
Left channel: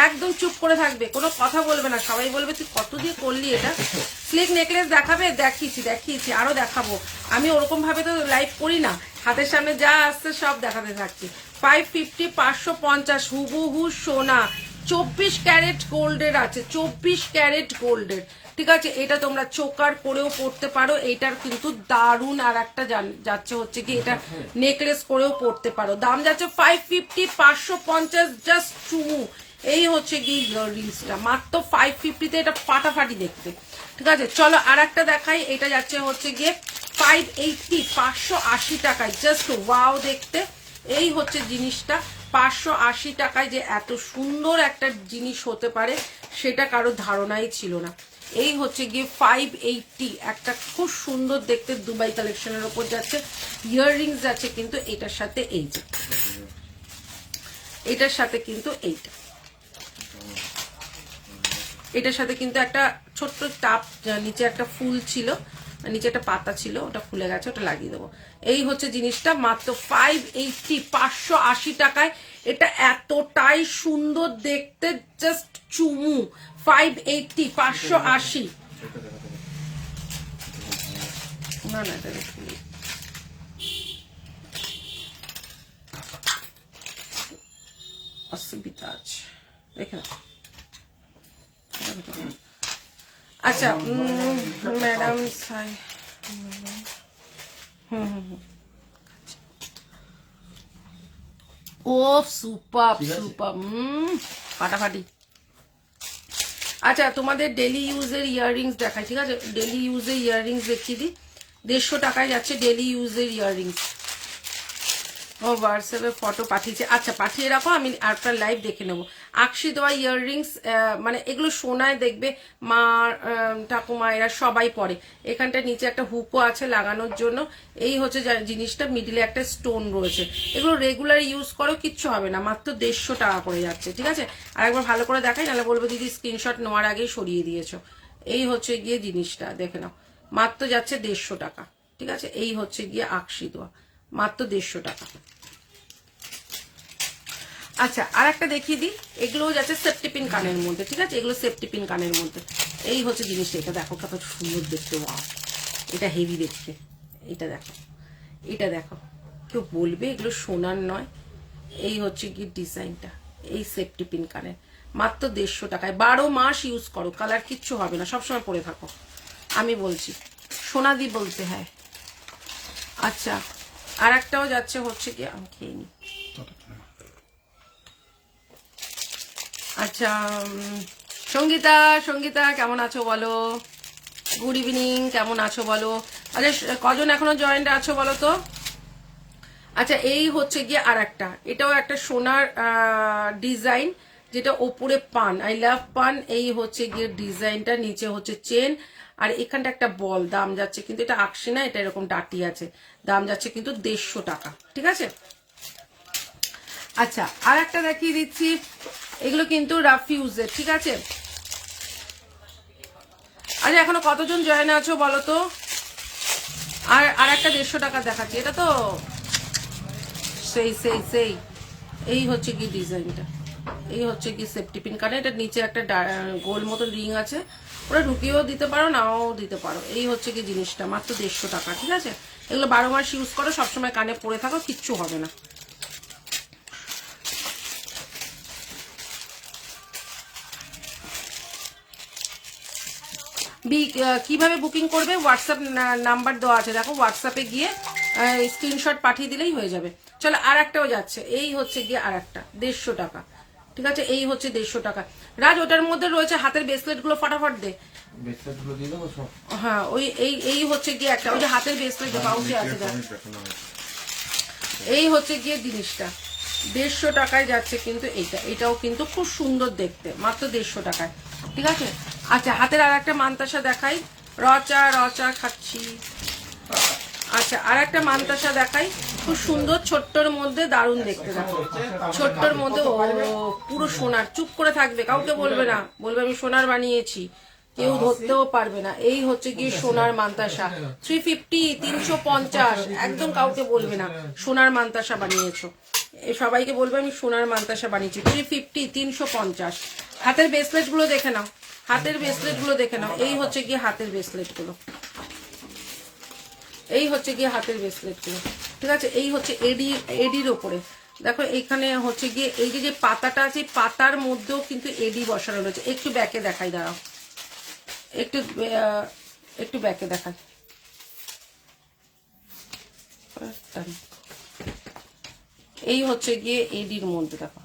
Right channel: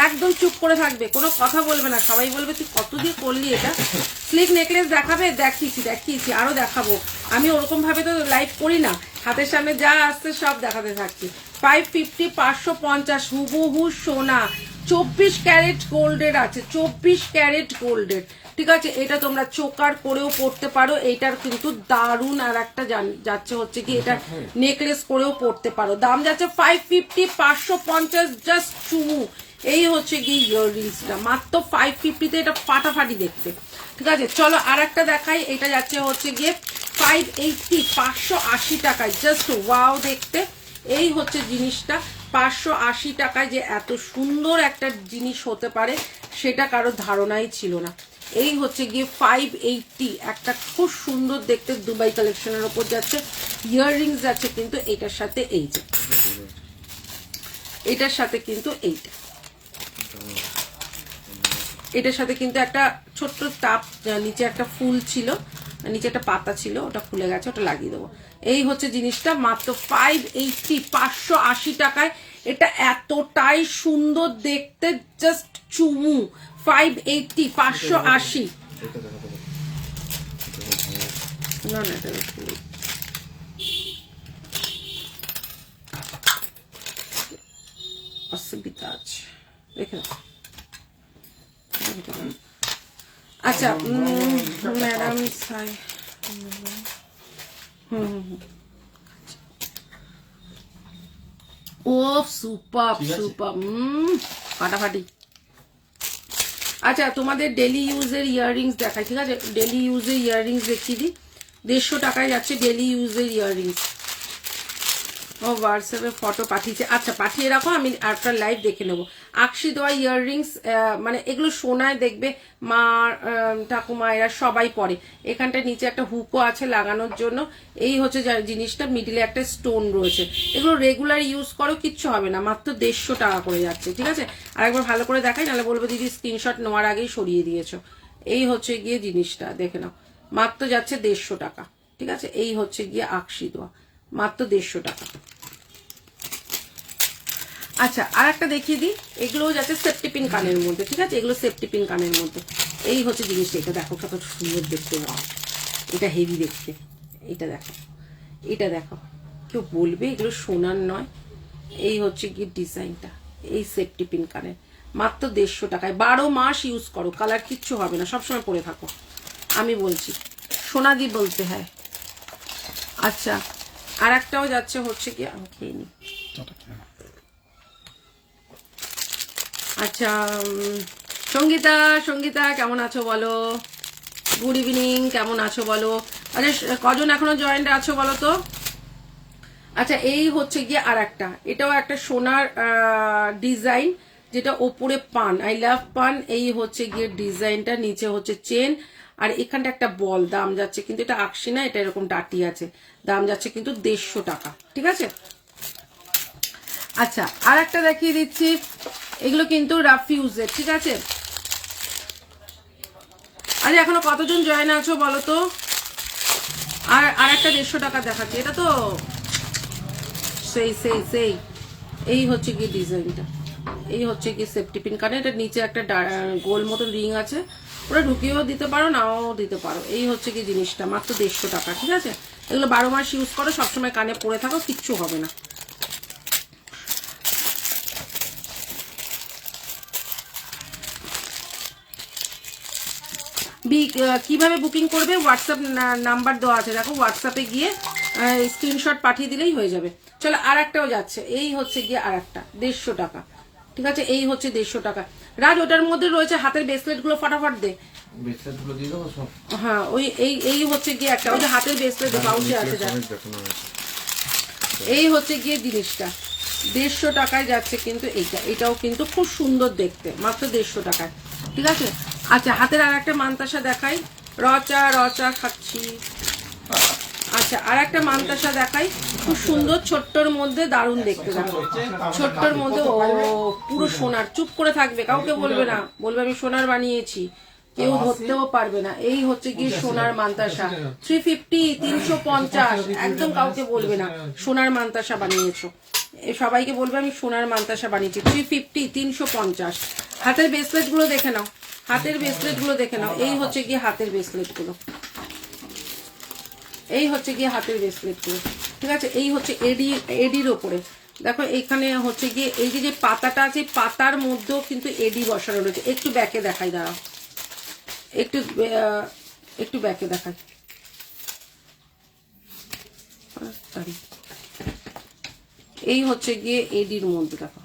একদম চুপ করে থাকবে, কোনো কথা বলবে না। সবাই বলবে তুই কত দিয়ে করলি এটা। স্লিক নেকলেস দেখাবে, দেখিয়েছি, আরো দেখাবো। আমি ওরকম ভাবে তো লাইভ করি না, হাতের সামনে যা আসছে সব দেখাতে থাকছি। 550, 550 হুবহু সোনা, 24 ক্যারেট গোল্ডের আছে, 24 ক্যারেট গোল্ডের। ঠিক আছে, এটা তোমরা চোকার করেও পড়তে পারো। এটার কিন্তু দারুন আর একটা যাচ্ছে হচ্ছে কি, এটা নেকলেস করেও পড়তে পারো। দাম যাচ্ছে 550, 550 জাস্ট চুমু। এই হচ্ছে কি ইয়াররিংসটা, মাত্র 550-তে, এটা ফাটাফাটি দেখতে। ঠিক আছে, চলো আর একটা দেখাই। এটা যাচ্ছে হচ্ছে গিয়ে 580, 580 টাকায়, জাস্ট ওয়াও দেখতে। এই হচ্ছে জিনিসটা 580 টাকায় যে এত সুন্দর একটা জিনিস হতে পারে সেটা কারো ধারণাই ছিল না। এই হচ্ছে গিয়ে 580, একটা খুব সুন্দর দেখতে দুবাই কালেকশনের ওপর যাচ্ছে। ইয়াররিংস যাচ্ছে কিন্তু এটার সাথে, এই যে এটার সাথে কিন্তু এটার সাথে কিন্তু একটা ছোট্ট টাপ, নিচে একটা ফুল ছিল, নিচে একটা পাতা ছিল, ওটা খুলে গেছে, ওটা লাগিয়ে দেবো। এই হচ্ছে জিনিসটা, মাত্র 580, 580 টাকায়। এটা এতটাই সুন্দর দেখতে, জাস্ট চুমু। 580, 580। না এটা অসুবিধা আছে, দেখে না। আচ্ছা ম্যাডাম, ও সুপার ফাটাফাটি। আচ্ছা, তোমাদের ডেলি ইউজের ইয়াররিংস দেখাই। ঠিক আছে, ডেলি ইউজের ইয়াররিংস দেখিয়ে দিই। 150 টাকায় যাচ্ছে ডেলি ইউজের ইয়াররিংস। ও হোয়াটসঅ্যাপে ফটো পাঠিয়েছে, আচ্ছা পাঠিয়ে রাখো, আমি একটা লাইভ দেখে নেবো। আকশি দেওয়া ইয়াররিংস, মানে এগুলো সোনায় দেখবে মা ঠাকুমা এরা সবাই পরে। এখানটা নিচে একটা হুকও আছে লাগানোর জন্য। এই হচ্ছে জিনিসটা, মিডিলে একটা স্টোন রয়েছে। এগুলো রেগুলার ইউজ করো, কিচ্ছু হবে না, মাত্র 150 টাকা করে যাচ্ছে। ঠিক আছে, আর একবার ভালো করে দেখাই, নাহলে বলবো দিদি স্ক্রিনশট নেওয়ার আগেই সরিয়ে দিয়েছো। এই হচ্ছে গিয়ে জিনিসটা, দেখে নাও, মাত্র যাচ্ছে 150 টাকা। ঠিক আছে, এই হচ্ছে গিয়ে আকশি দেওয়া, মাত্র 150 টাকা। আচ্ছা, আর একটা দেখিয়ে দিই। এগুলো যাচ্ছে সেফটি পিন কানের মধ্যে। ঠিক আছে, এগুলো সেফটি পিন কানের মধ্যে। এই হচ্ছে জিনিসটা, এটা দেখো কত সুন্দর দেখতে, ওয়াও, এটা হেভি দেখতে। এটা দেখো, কেউ বলবে এগুলো সোনার নয়। এই হচ্ছে কি ডিজাইনটা, এই সেফটি পিন কানের, মাত্র 150 টাকায়। 12 মাস ইউজ করো, কালার কিচ্ছু হবে না, সবসময় পরে থাকো, আমি বলছি, সোনাদি বলতে হয়। আচ্ছা, আর একটাও যাচ্ছে হচ্ছে কি, আমি খেয়ে নি। আচ্ছা, সঙ্গীতা কেমন আছো বলো? গুড ইভিনিং, কেমন আছো বলো? আচ্ছা, কজন এখনো জয়েন্ট আছো বলো তো? আচ্ছা, এই হচ্ছে গিয়ে আর একটা, এটাও একটা সোনার ডিজাইন, যেটা ওপরে পান, আই লাভ পান। এই হচ্ছে গিয়ে ডিজাইনটা, নিচে হচ্ছে চেন, আর এখানটা একটা বল। দাম যাচ্ছে কিন্তু, এটা আকশি না, এটা এরকম ডাটি আছে। দাম যাচ্ছে কিন্তু 150 টাকা। ঠিক আছে, আচ্ছা আর একটা দেখিয়ে দিচ্ছি। এগুলো কিন্তু রাফ ইউজের। ঠিক আছে, আচ্ছা এখনো কতজন জয়েন আছো বলো তো? আর একটা 150 টাকা দেখাচ্ছি, এটা তো সেই এই হচ্ছে কি ডিজাইনটা, এই হচ্ছে কি সেফটি পিন কানে। এটা নিচে একটা গোল মতো রিং আছে, ওরা ঢুকিয়েও দিতে পারো, নাও দিতে পারো। এই হচ্ছে কি জিনিসটা, মাত্র 150 টাকা। ঠিক আছে, এগুলো 12 মাস ইউজ করো, সবসময় কানে পরে থাকো, কিচ্ছু হবে না। কিভাবে বুকিং করবে? হোয়াটসঅ্যাপ নাম্বার দেওয়া আছে, দেখো হোয়াটসঅ্যাপে গিয়ে স্ক্রিনশট পাঠিয়ে দিলেই হয়ে যাবে। চলো আর একটাও যাচ্ছে, এই হচ্ছে গিয়ে আর একটা 150 টাকা। ঠিক আছে, এই হচ্ছে 150 টাকা। রাজ, ওটার মধ্যে রয়েছে হাতের ব্রেসলেট গুলো, ফটাফট দে। হ্যাঁ, ওই এই হচ্ছে গিয়ে একটা, ওই যে হাতের ব্রেসলেট পাউচে আছে, এই হচ্ছে গিয়ে জিনিসটা 150 টাকায় যাচ্ছে কিন্তু। এটাও কিন্তু খুব সুন্দর দেখতে, মাত্র 150 টাকায়। ঠিক আছে, আচ্ছা হাতের আর একটা মানতাসা দেখাই, রচা খাচ্ছি। আচ্ছা, আর একটা মান্তাসা দেখাই, খুব সুন্দর, ছোট্টর মধ্যে দারুণ দেখতে। দেখো ছোট্টর মধ্যে, ও পুরো সোনার, চুপ করে থাকবে, কাউকে বলবে না, বলবে আমি সোনার বানিয়েছি, কেউ ধরতেও পারবে না। এই হচ্ছে কি সোনার মান্তাসা, 350, 350, একদম কাউকে বলবে না সোনার মান্তাসা বানিয়েছো, সবাইকে বলবে আমি সোনার মান্তাসা বানিয়েছি। 350, 350। হাতের ব্রেসলেট গুলো দেখে নাও, হাতের ব্রেসলেট গুলো দেখে নাও। এই হচ্ছে কি হাতের ব্রেসলেট গুলো, এই হচ্ছে গিয়ে হাতের ব্রেসলেট গুলো, ঠিক আছে। এই হচ্ছে এডির ওপরে দেখো, এখানে হচ্ছে গিয়ে এই যে পাতাটা আছে, পাতার মধ্যেও কিন্তু এডি বসানো রয়েছে। একটু ব্যাকে দেখাই, দাঁড়াও, একটু ব্যাকে দেখাই। এই হচ্ছে গিয়ে এডির মধ্যে, দেখো,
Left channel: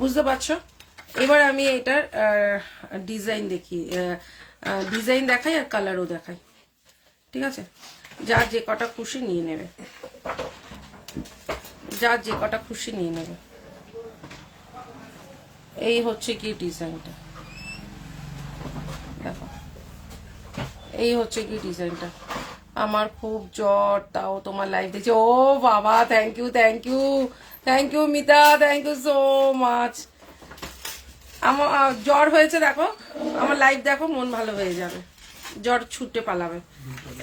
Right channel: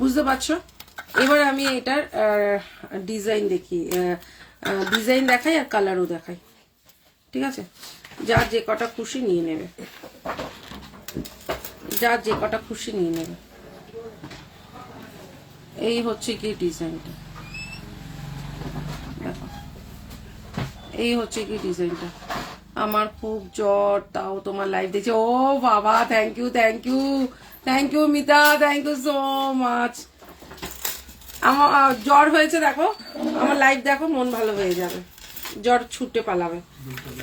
বুঝতে পারছো? এবার আমি এটার ডিজাইন দেখাই আর কালারও দেখাই, ঠিক আছে। যার যে কটা খুশি নিয়ে নেবে, যার যে কটা খুশি নিয়ে নেবে। এই হচ্ছে কি ডিজাইনটা, দেখো, এই হচ্ছে কি ডিজাইনটা। আমার খুব জ্বর, তাও তোমার লাইভ দেখছি। ও বাবা, thank you, thank you, thank you Mita, thank you so much. আমার জ্বর হয়েছে, দেখো আমার লাইভ দেখো, মন ভালো হয়ে যাবে, জ্বর ছুটে পালাবে।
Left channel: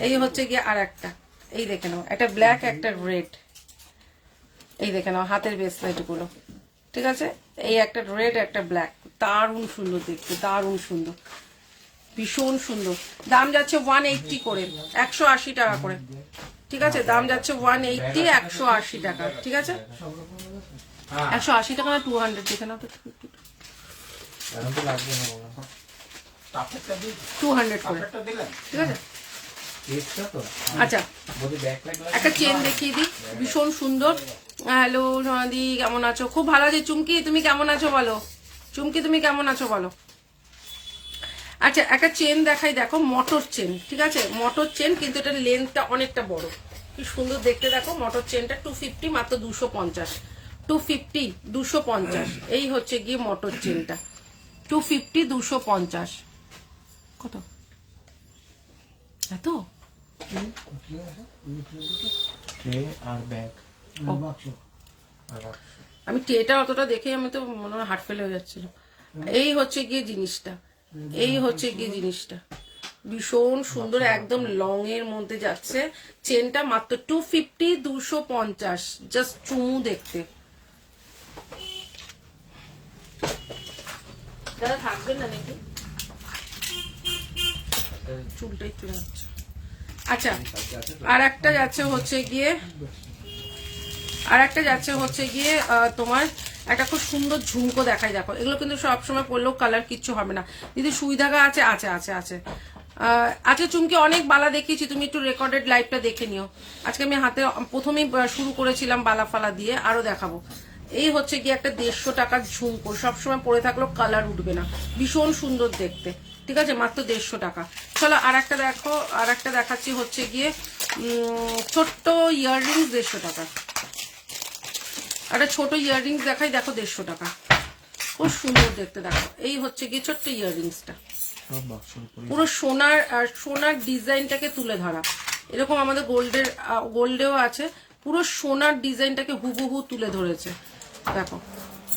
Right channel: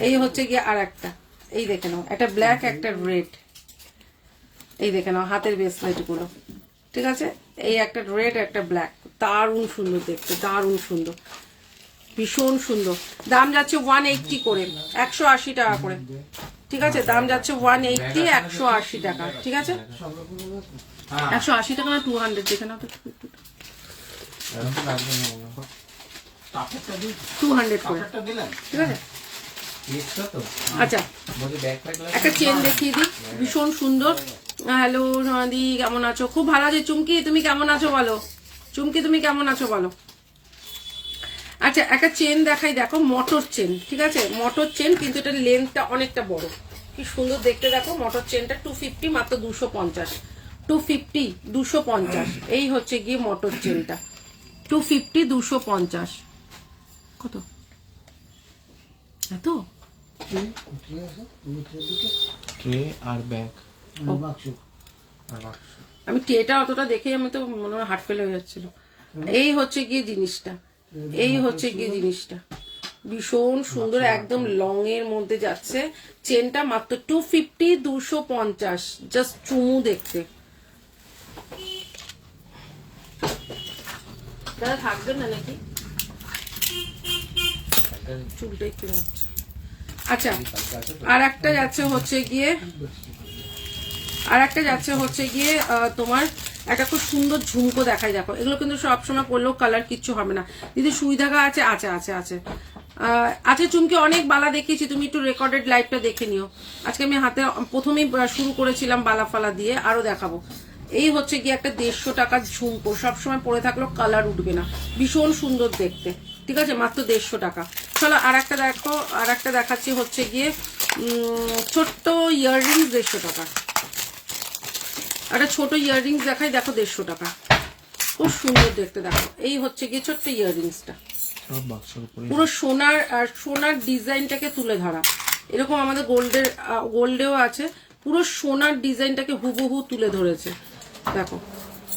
এই হচ্ছে গিয়ে আর একটা, এই দেখে নাও, একটা ব্ল্যাক, একটা রেড, এই দেখে নাও হাতের ব্রেসলেট গুলো, ঠিক আছে। এই একটা রেড, একটা ব্ল্যাক, দারুণ সুন্দর দেখতে, দারুণ সুন্দর, ভীষণ সুন্দর। দাম যাচ্ছে 180 করে, 180 টাকা করে, ঠিক আছে। দাম যাচ্ছে 180, 180 টাকা, ঠিক আছে। 180 টাকা না 200, দেখে নাও তো, 200 করে, ঠিক আছে। আচ্ছা, একটা চেন দেখিয়ে দিই, ভীষণ সুন্দর। হ্যালো সোনাদি, কেমন আছো? খুব ভালো আছি। চুমকি, তুমি কেমন আছো বলো? চুমকি, তুমি কেমন আছো বলো? আচ্ছা, একটা চেন দেখাই, দেখো, মোটর চেন, ঠিক আছে। মোটর চেন, কিন্তু এটার লেন্থটা অনেকটা বড়, কি সুন্দর দেখতে। দেখো মোটর চেনটা 250, মাত্র 250, 250, 250। এই হচ্ছে গিয়ে মোটর চেনটা, 250, 250। কত এত? আর ব্যাগ, আমি ট্রেটা অতটা দেখে আমি তো মনে হয় হার্ট ফেল হয়ে যাচ্ছিল। এই হচ্ছে গিয়ে জিনিসটা, এই হচ্ছে গিয়ে জিনিসটা, ভীষণ সুন্দর, একদম লং এর মধ্যে যাচ্ছে। চেনটা মাত্র 250, 250, জাস্ট চুমু দেখতে। দাদা থাকবেন না নাকি? চুলটা একটু যাচ্ছে। আচ্ছা, আর একটা যাচ্ছে হচ্ছে গিয়ে তোমার একটা খুব সুন্দর ঝুমকো দেখাই। দেখো, এগুলো কিন্তু সবসময় পরলেও কালার কিচ্ছু হবে না, যদি সুই ধাগা আছে, আছে আছে আছে আছে। চুমকি অনেক বালা দেখিয়েছি, তুমি একটু রেকর্ডেড লাইভটা দেখে নিও। আজকে আমি হাতে প্রথমেই শুরু করেছিলাম বালা ফালা দিয়ে, আরো দেখাবো। এই হচ্ছে গিয়ে একটা 150 টাকার ঝুমকো, সবসময় পরে থাকলেও কালার উঠবে না, ভীষণ সুন্দর দেখতে, ঠিক আছে, মাত্র 150 টাকা। চলো আর একটা দেখো, আর একটা দেখাচ্ছি হচ্ছে গিয়ে ছোট্ট ইয়াররিংস, 150 টাকা। একটা ছোট ইয়াররিংস দেখাই, দেখো, 150 টাকা, খুব সুন্দর দেখতে। দেখো, এই হচ্ছে গিয়ে ছোট্ট ইয়াররিংসটা, পুরো সোনার ডিজাইনটাকে তুলে ধরা। এরকম আমাদের গোল্ডেও আছে, পুরো সোনার ডিজাইনটাকে হুবহু তুলে ধরেছে। দেখো,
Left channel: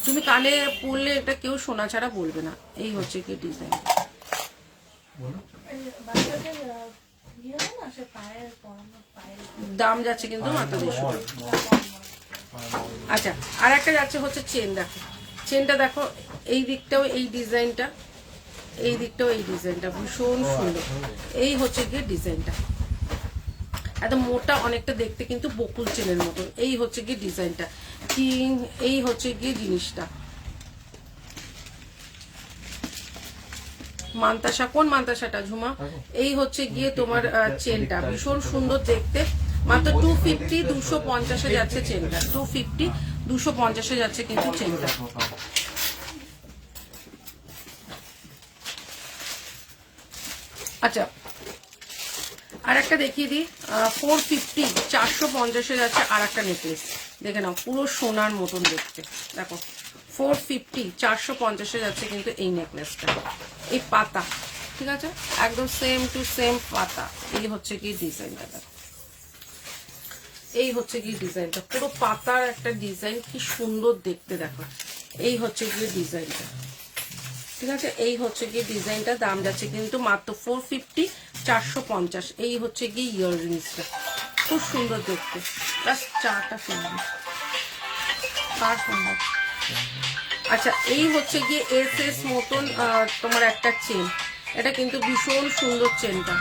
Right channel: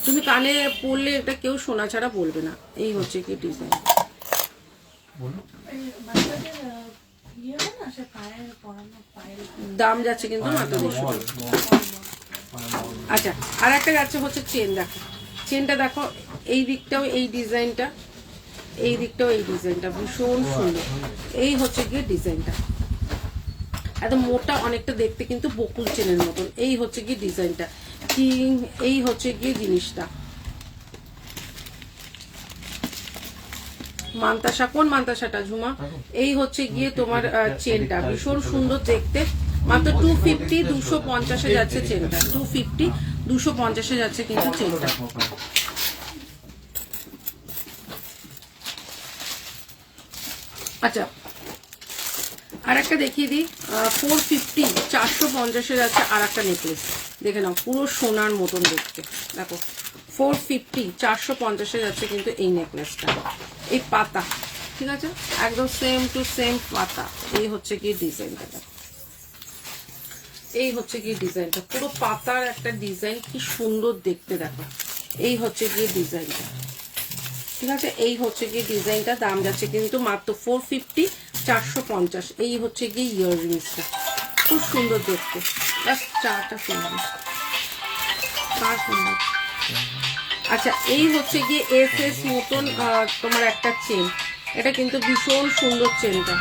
তুমি কানে পরলে এটা কেউ সোনা ছাড়া বলবে না। এই হচ্ছে কি ডিজাইন, দাম যাচ্ছে কিন্তু মাত্র 150 টাকা। আচ্ছা, আর একটা যাচ্ছে হচ্ছে চেন। দেখো, চেনটা দেখো, এই দিকটাও এই ডিজাইনটা, এই দিকটাও এই ডিজাইনটা, ভীষণ সুন্দর। এই হচ্ছে গিয়ে ডিজাইনটা, এত মোটা, অনেকটা দেখতে কিন্তু বকুল চেনের মতন। এই হচ্ছে গিয়ে ডিজাইনটা, এই হচ্ছে গিয়ে জিনিসটা। মান্তাসা, কোন মান্তাসাটা ঝুমা? এই হচ্ছে গিয়ে তোমার চেনটা, ভীষণ সুন্দর দেখতে, মাত্র 250, 250 যাচ্ছে চেনটা, 250, 250 যাচ্ছে কিন্তু চেনটা। আচ্ছা, আর একটা দেখিয়ে দিই, 450, 450 যাচ্ছে আর একটা নেকলেস, দেখে নাও, পুরো সোনার মতন দেখতে। দেখো, 450, 450 যাচ্ছে কিন্তু এই নেকলেসটা। এই পাতা, ঠিক আছে, একদম সেম টু সেম পাতা। এই হচ্ছে কি ডিজাইনটা দেখো, এই হচ্ছে কি ডিজাইনটা, পুরো পাতার একটা ডিজাইন, কি সুন্দর দেখতে দেখো। এই হচ্ছে কি ডিজাইনটা, ঠিক আছে, এই হচ্ছে কি ডিজাইনটা। দাম যাচ্ছে কিন্তু মাত্র 450, 450। এই হচ্ছে কি ইয়াররিংসটা, খুব সুন্দর দেখতে। বাস চাটা সুন্দর, কার সুন্দর। আচ্ছা, এই হচ্ছে গিয়ে এস মতন তোমার একটা চেন, এটা কিন্তু ভীষণ সুন্দর চেনটা।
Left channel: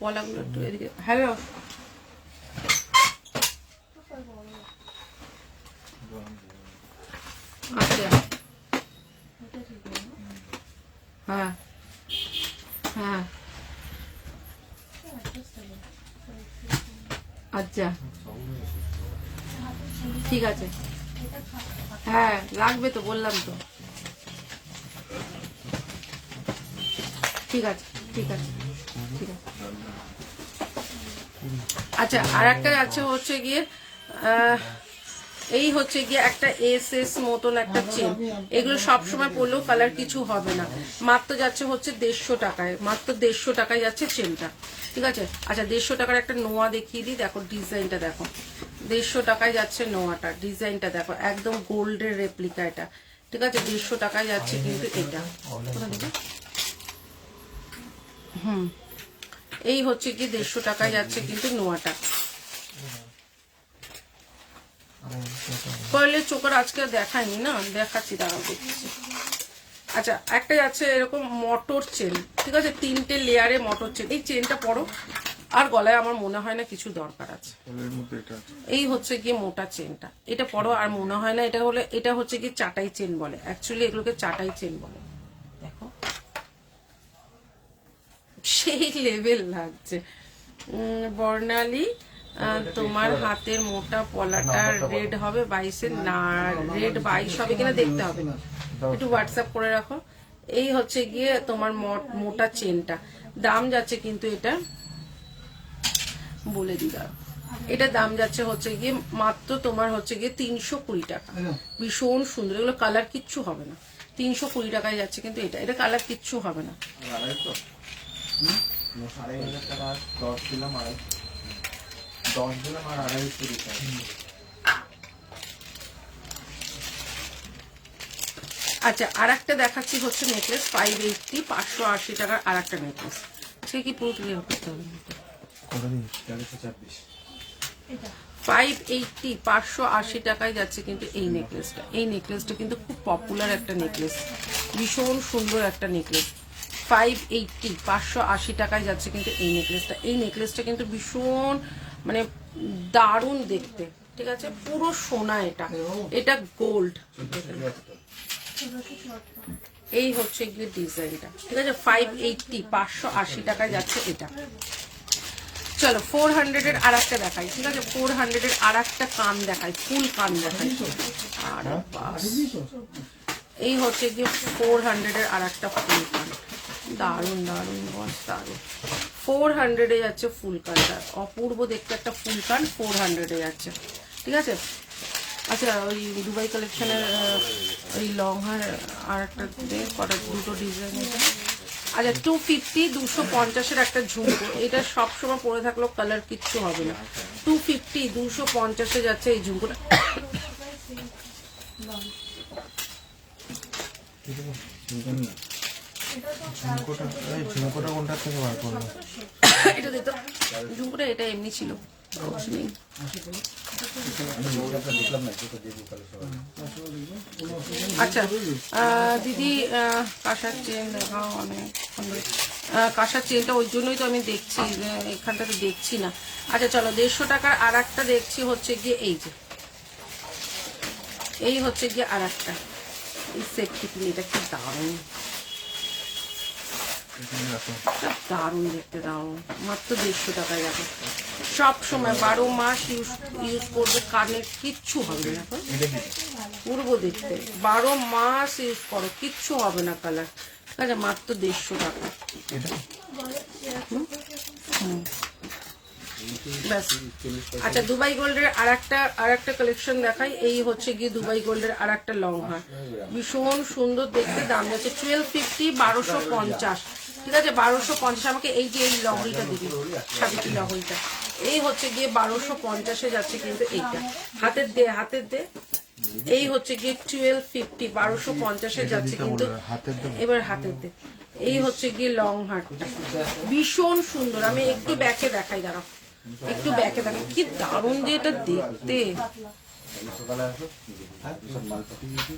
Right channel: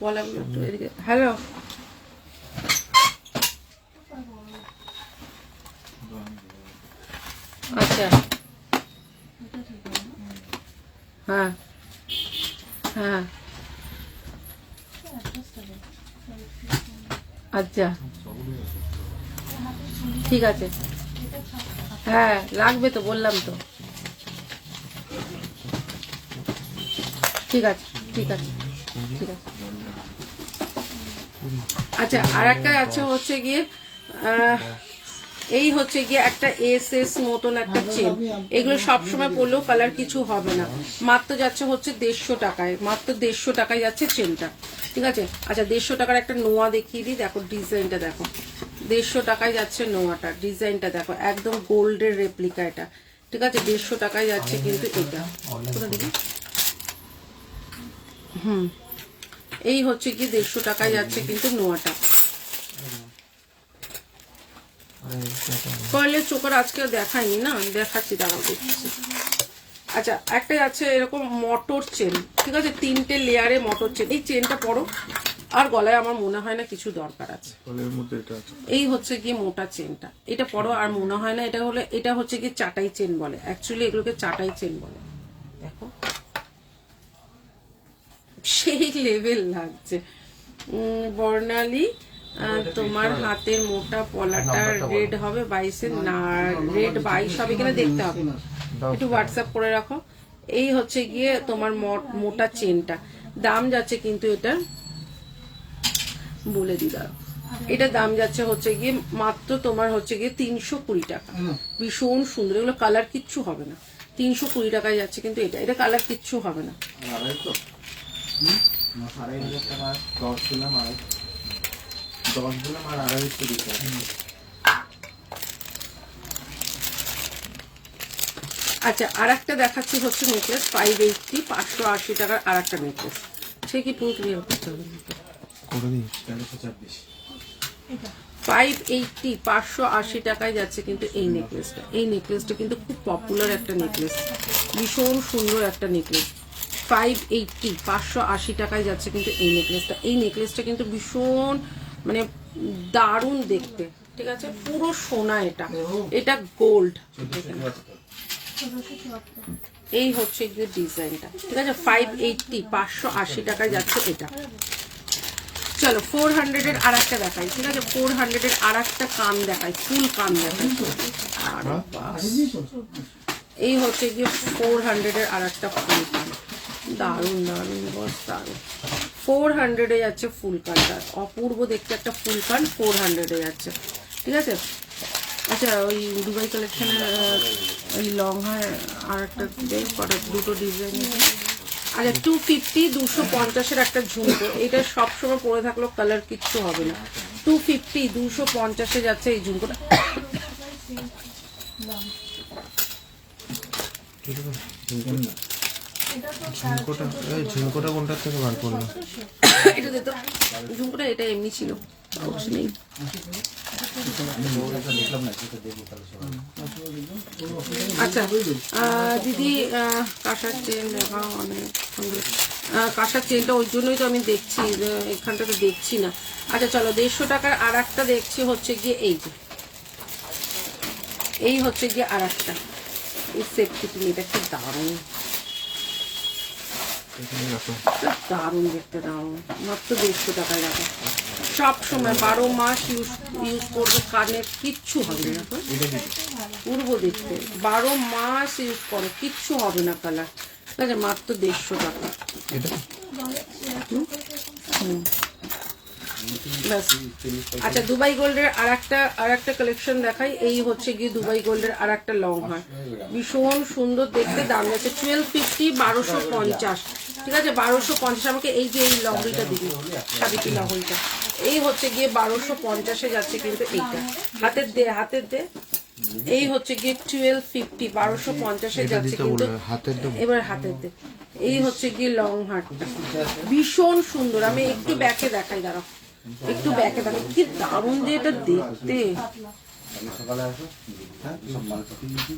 পলাগুলো একটু এদিকে। হ্যালো, আচ্ছা, হ্যাঁ হ্যাঁ, আচ্ছা ঠিক আছে, হ্যাঁ লাগবে তো, বললাম তো। ঠিক আছে ঠিক আছে ঠিক আছে। আচ্ছা, আর একটা আছে হচ্ছে গিয়ে এই হচ্ছে গিয়ে একটা এস মতন একটা চেন। এগুলো সবসময় পরলেও কালার কিছু হবে না। মাত্র যাচ্ছে হচ্ছে 150 টাকায়, মাত্র 150 টাকায় যাচ্ছে চেনটা, ঠিক আছে। আচ্ছা, 150 টাকার একটা নোয়া দেখিয়ে দিই, দেখো ডিজাইনটা দেখো। 150 টাকায় যাচ্ছে নোয়াটা, ডিজাইনটা দেখো, একদম গোল্ডের রেপ্লিকা এটা, ঠিক আছে। 150 টাকায় যাচ্ছে কিন্তু এটা, দেখো। এই হচ্ছে কি 150 টাকায় যাচ্ছে কিন্তু নোয়াটা। কয়েলের চোখের আজকে দেখায়নি না, দেখাচ্ছি, দাঁড়াও দেখছি। আচ্ছা, একটা আছে এরকম মটর চেন, ঠিক আছে, 3টে লেয়ারে মটর চেন। এই চেনটা পরো, আর গলায় আমার মনে হয় না কিছু দরকার আছে। এই হচ্ছে গিয়ে মোটা চেনটা, এটা পরো, আর মনে হয় না এটা হলে, এটা হচ্ছে কি চাটাই চেন বলে, অ্যাকচুয়ালি এগুলোকে চাটাই চেন বলে। দেখো সেই লেভেল লাগছে। বর্ণালী, তোমার হাতের মোটা পলাটা রেড হবে 22-এর না, রেড 22 হবে কিনা দেখতে হবে, একটু হোয়াটসঅ্যাপ করে রাখো। এই হচ্ছে গিয়ে তোমার মোটা চেনটা, দাম যাচ্ছে কিন্তু এটা বলে দিদা, এটা দাম যাচ্ছে হচ্ছে গিয়ে মাত্র তোমার হচ্ছে গিয়ে 320 টাকা। ভীষণ সুন্দর, এগুলো কালার কিচ্ছু হবে না। 320 টাকায় যাচ্ছে কিন্তু এটা, এটা কালার কিচ্ছু হবে না। আচ্ছা, আর একটা দেখাচ্ছি হচ্ছে নেকলেস 580, 580 টাকার আর একটা নেকলেস। সে কি পুরো ক্লিয়ার করতে হবে? 580, 580 টাকায় যাচ্ছে কিন্তু এই নেকলেসটা। এই নেকলেসটা কিন্তু খুব পপুলার একটা নেকলেস, ভীষণ সুন্দর একটা নেকলেস। 580, 580 টাকায় যাচ্ছে কিন্তু এই নেকলেসটা। এই নেকলেসটা কিন্তু ভীষণ মানে দারুণ দেখতে, ঠিক আছে, পুরো সোনা এটা, এটা গোল্ড। এই হচ্ছে গিয়ে ডিজাইনটা, ঠিক আছে। 580, 580 টাকায় যাচ্ছে এটা। চলো 400-এর আর একটা দেখাই, ঠিক আছে, 400-এর আর একটা কান দেখাই, ফুল কান দেখাই। আর এই হচ্ছে গিয়ে 400-এর আর একটা ফুল কান, দারুণ দারুণ বস, দারুণ। 400-এ যাচ্ছে ফুল কানটা, অপূর্ব দেখতে একটা ফুল কান 400-এ যাচ্ছে, ঠিক আছে। আচ্ছা, ওই দুবাই কালেকশনের ওই লং হার আর একটা দুটো ডিজাইন। আচ্ছা, 250, 250-এর একটা ঝুমকো, এটা সবসময় পরে থাকলেও কালার কিচ্ছু হবে না। 250, 250-এ যাচ্ছে এই ঝুমকোটা। ঝুমকোটা কোনটার থেকে বার করলো? এটা দিত ঝুমকোটা, এটা এমনি ছিল, নেই। আচ্ছা দিদি, কাঁসার চেন দেখা অনেক সুন্দর। কাঁসার চেনটা ওই জন্যই তো আমি দেখছি, এখানটাতে দেখছি না। আচ্ছা চলো, 150 টাকার আর একটা দেখছি হচ্ছে গিয়ে এই যে, এই হচ্ছে গিয়ে আর একটা, এই সেটটি কিনে, এটা কি দারুণ, দারুণ দেখতে, দারুণ, মাত্র 150 টাকায় রাখো। সব সময় 12 মাস ইউজ করবে, কানের কিচ্ছু হবে না, পূর্ব দেখতে 12 মাস ইউজ করো, কিচ্ছু হবে না কালার, ঠিক আছে, মাত্র 150 টাকা। ব্যাস। আচ্ছা দুবাই গোল্ডের আর একটা কালেকশন দেখাই। এই হচ্ছে গিয়ে দুবাই গোল্ডের আর একটা লং হার, ভীষণ সুন্দর দেখতে। দাম যাচ্ছে 1250, 1250। ঠিক আছে 1250। আমাকে এই যে এই লহরিটা দিবি, সাবিত্রী লহরিটা, এই হচ্ছে গিয়ে 1250-এ যাচ্ছে কিন্তু এইটা। হাতের দে এই হচ্ছে গিয়ে 1250, 1250-এ যাচ্ছে কিন্তু। এবার হাতের দে, এই হচ্ছে গিয়ে লং হারটা, ভীষণ সুন্দর। আমি একটু ব্যাকে দেখাই, দাঁড়াও একটু ব্যাকে দেখাই, কি দারুণ দিয়ে এটা দেখতে। সকালে আসো, হ্যাঁ সব মাল পাঠিয়ে দিয়েছি।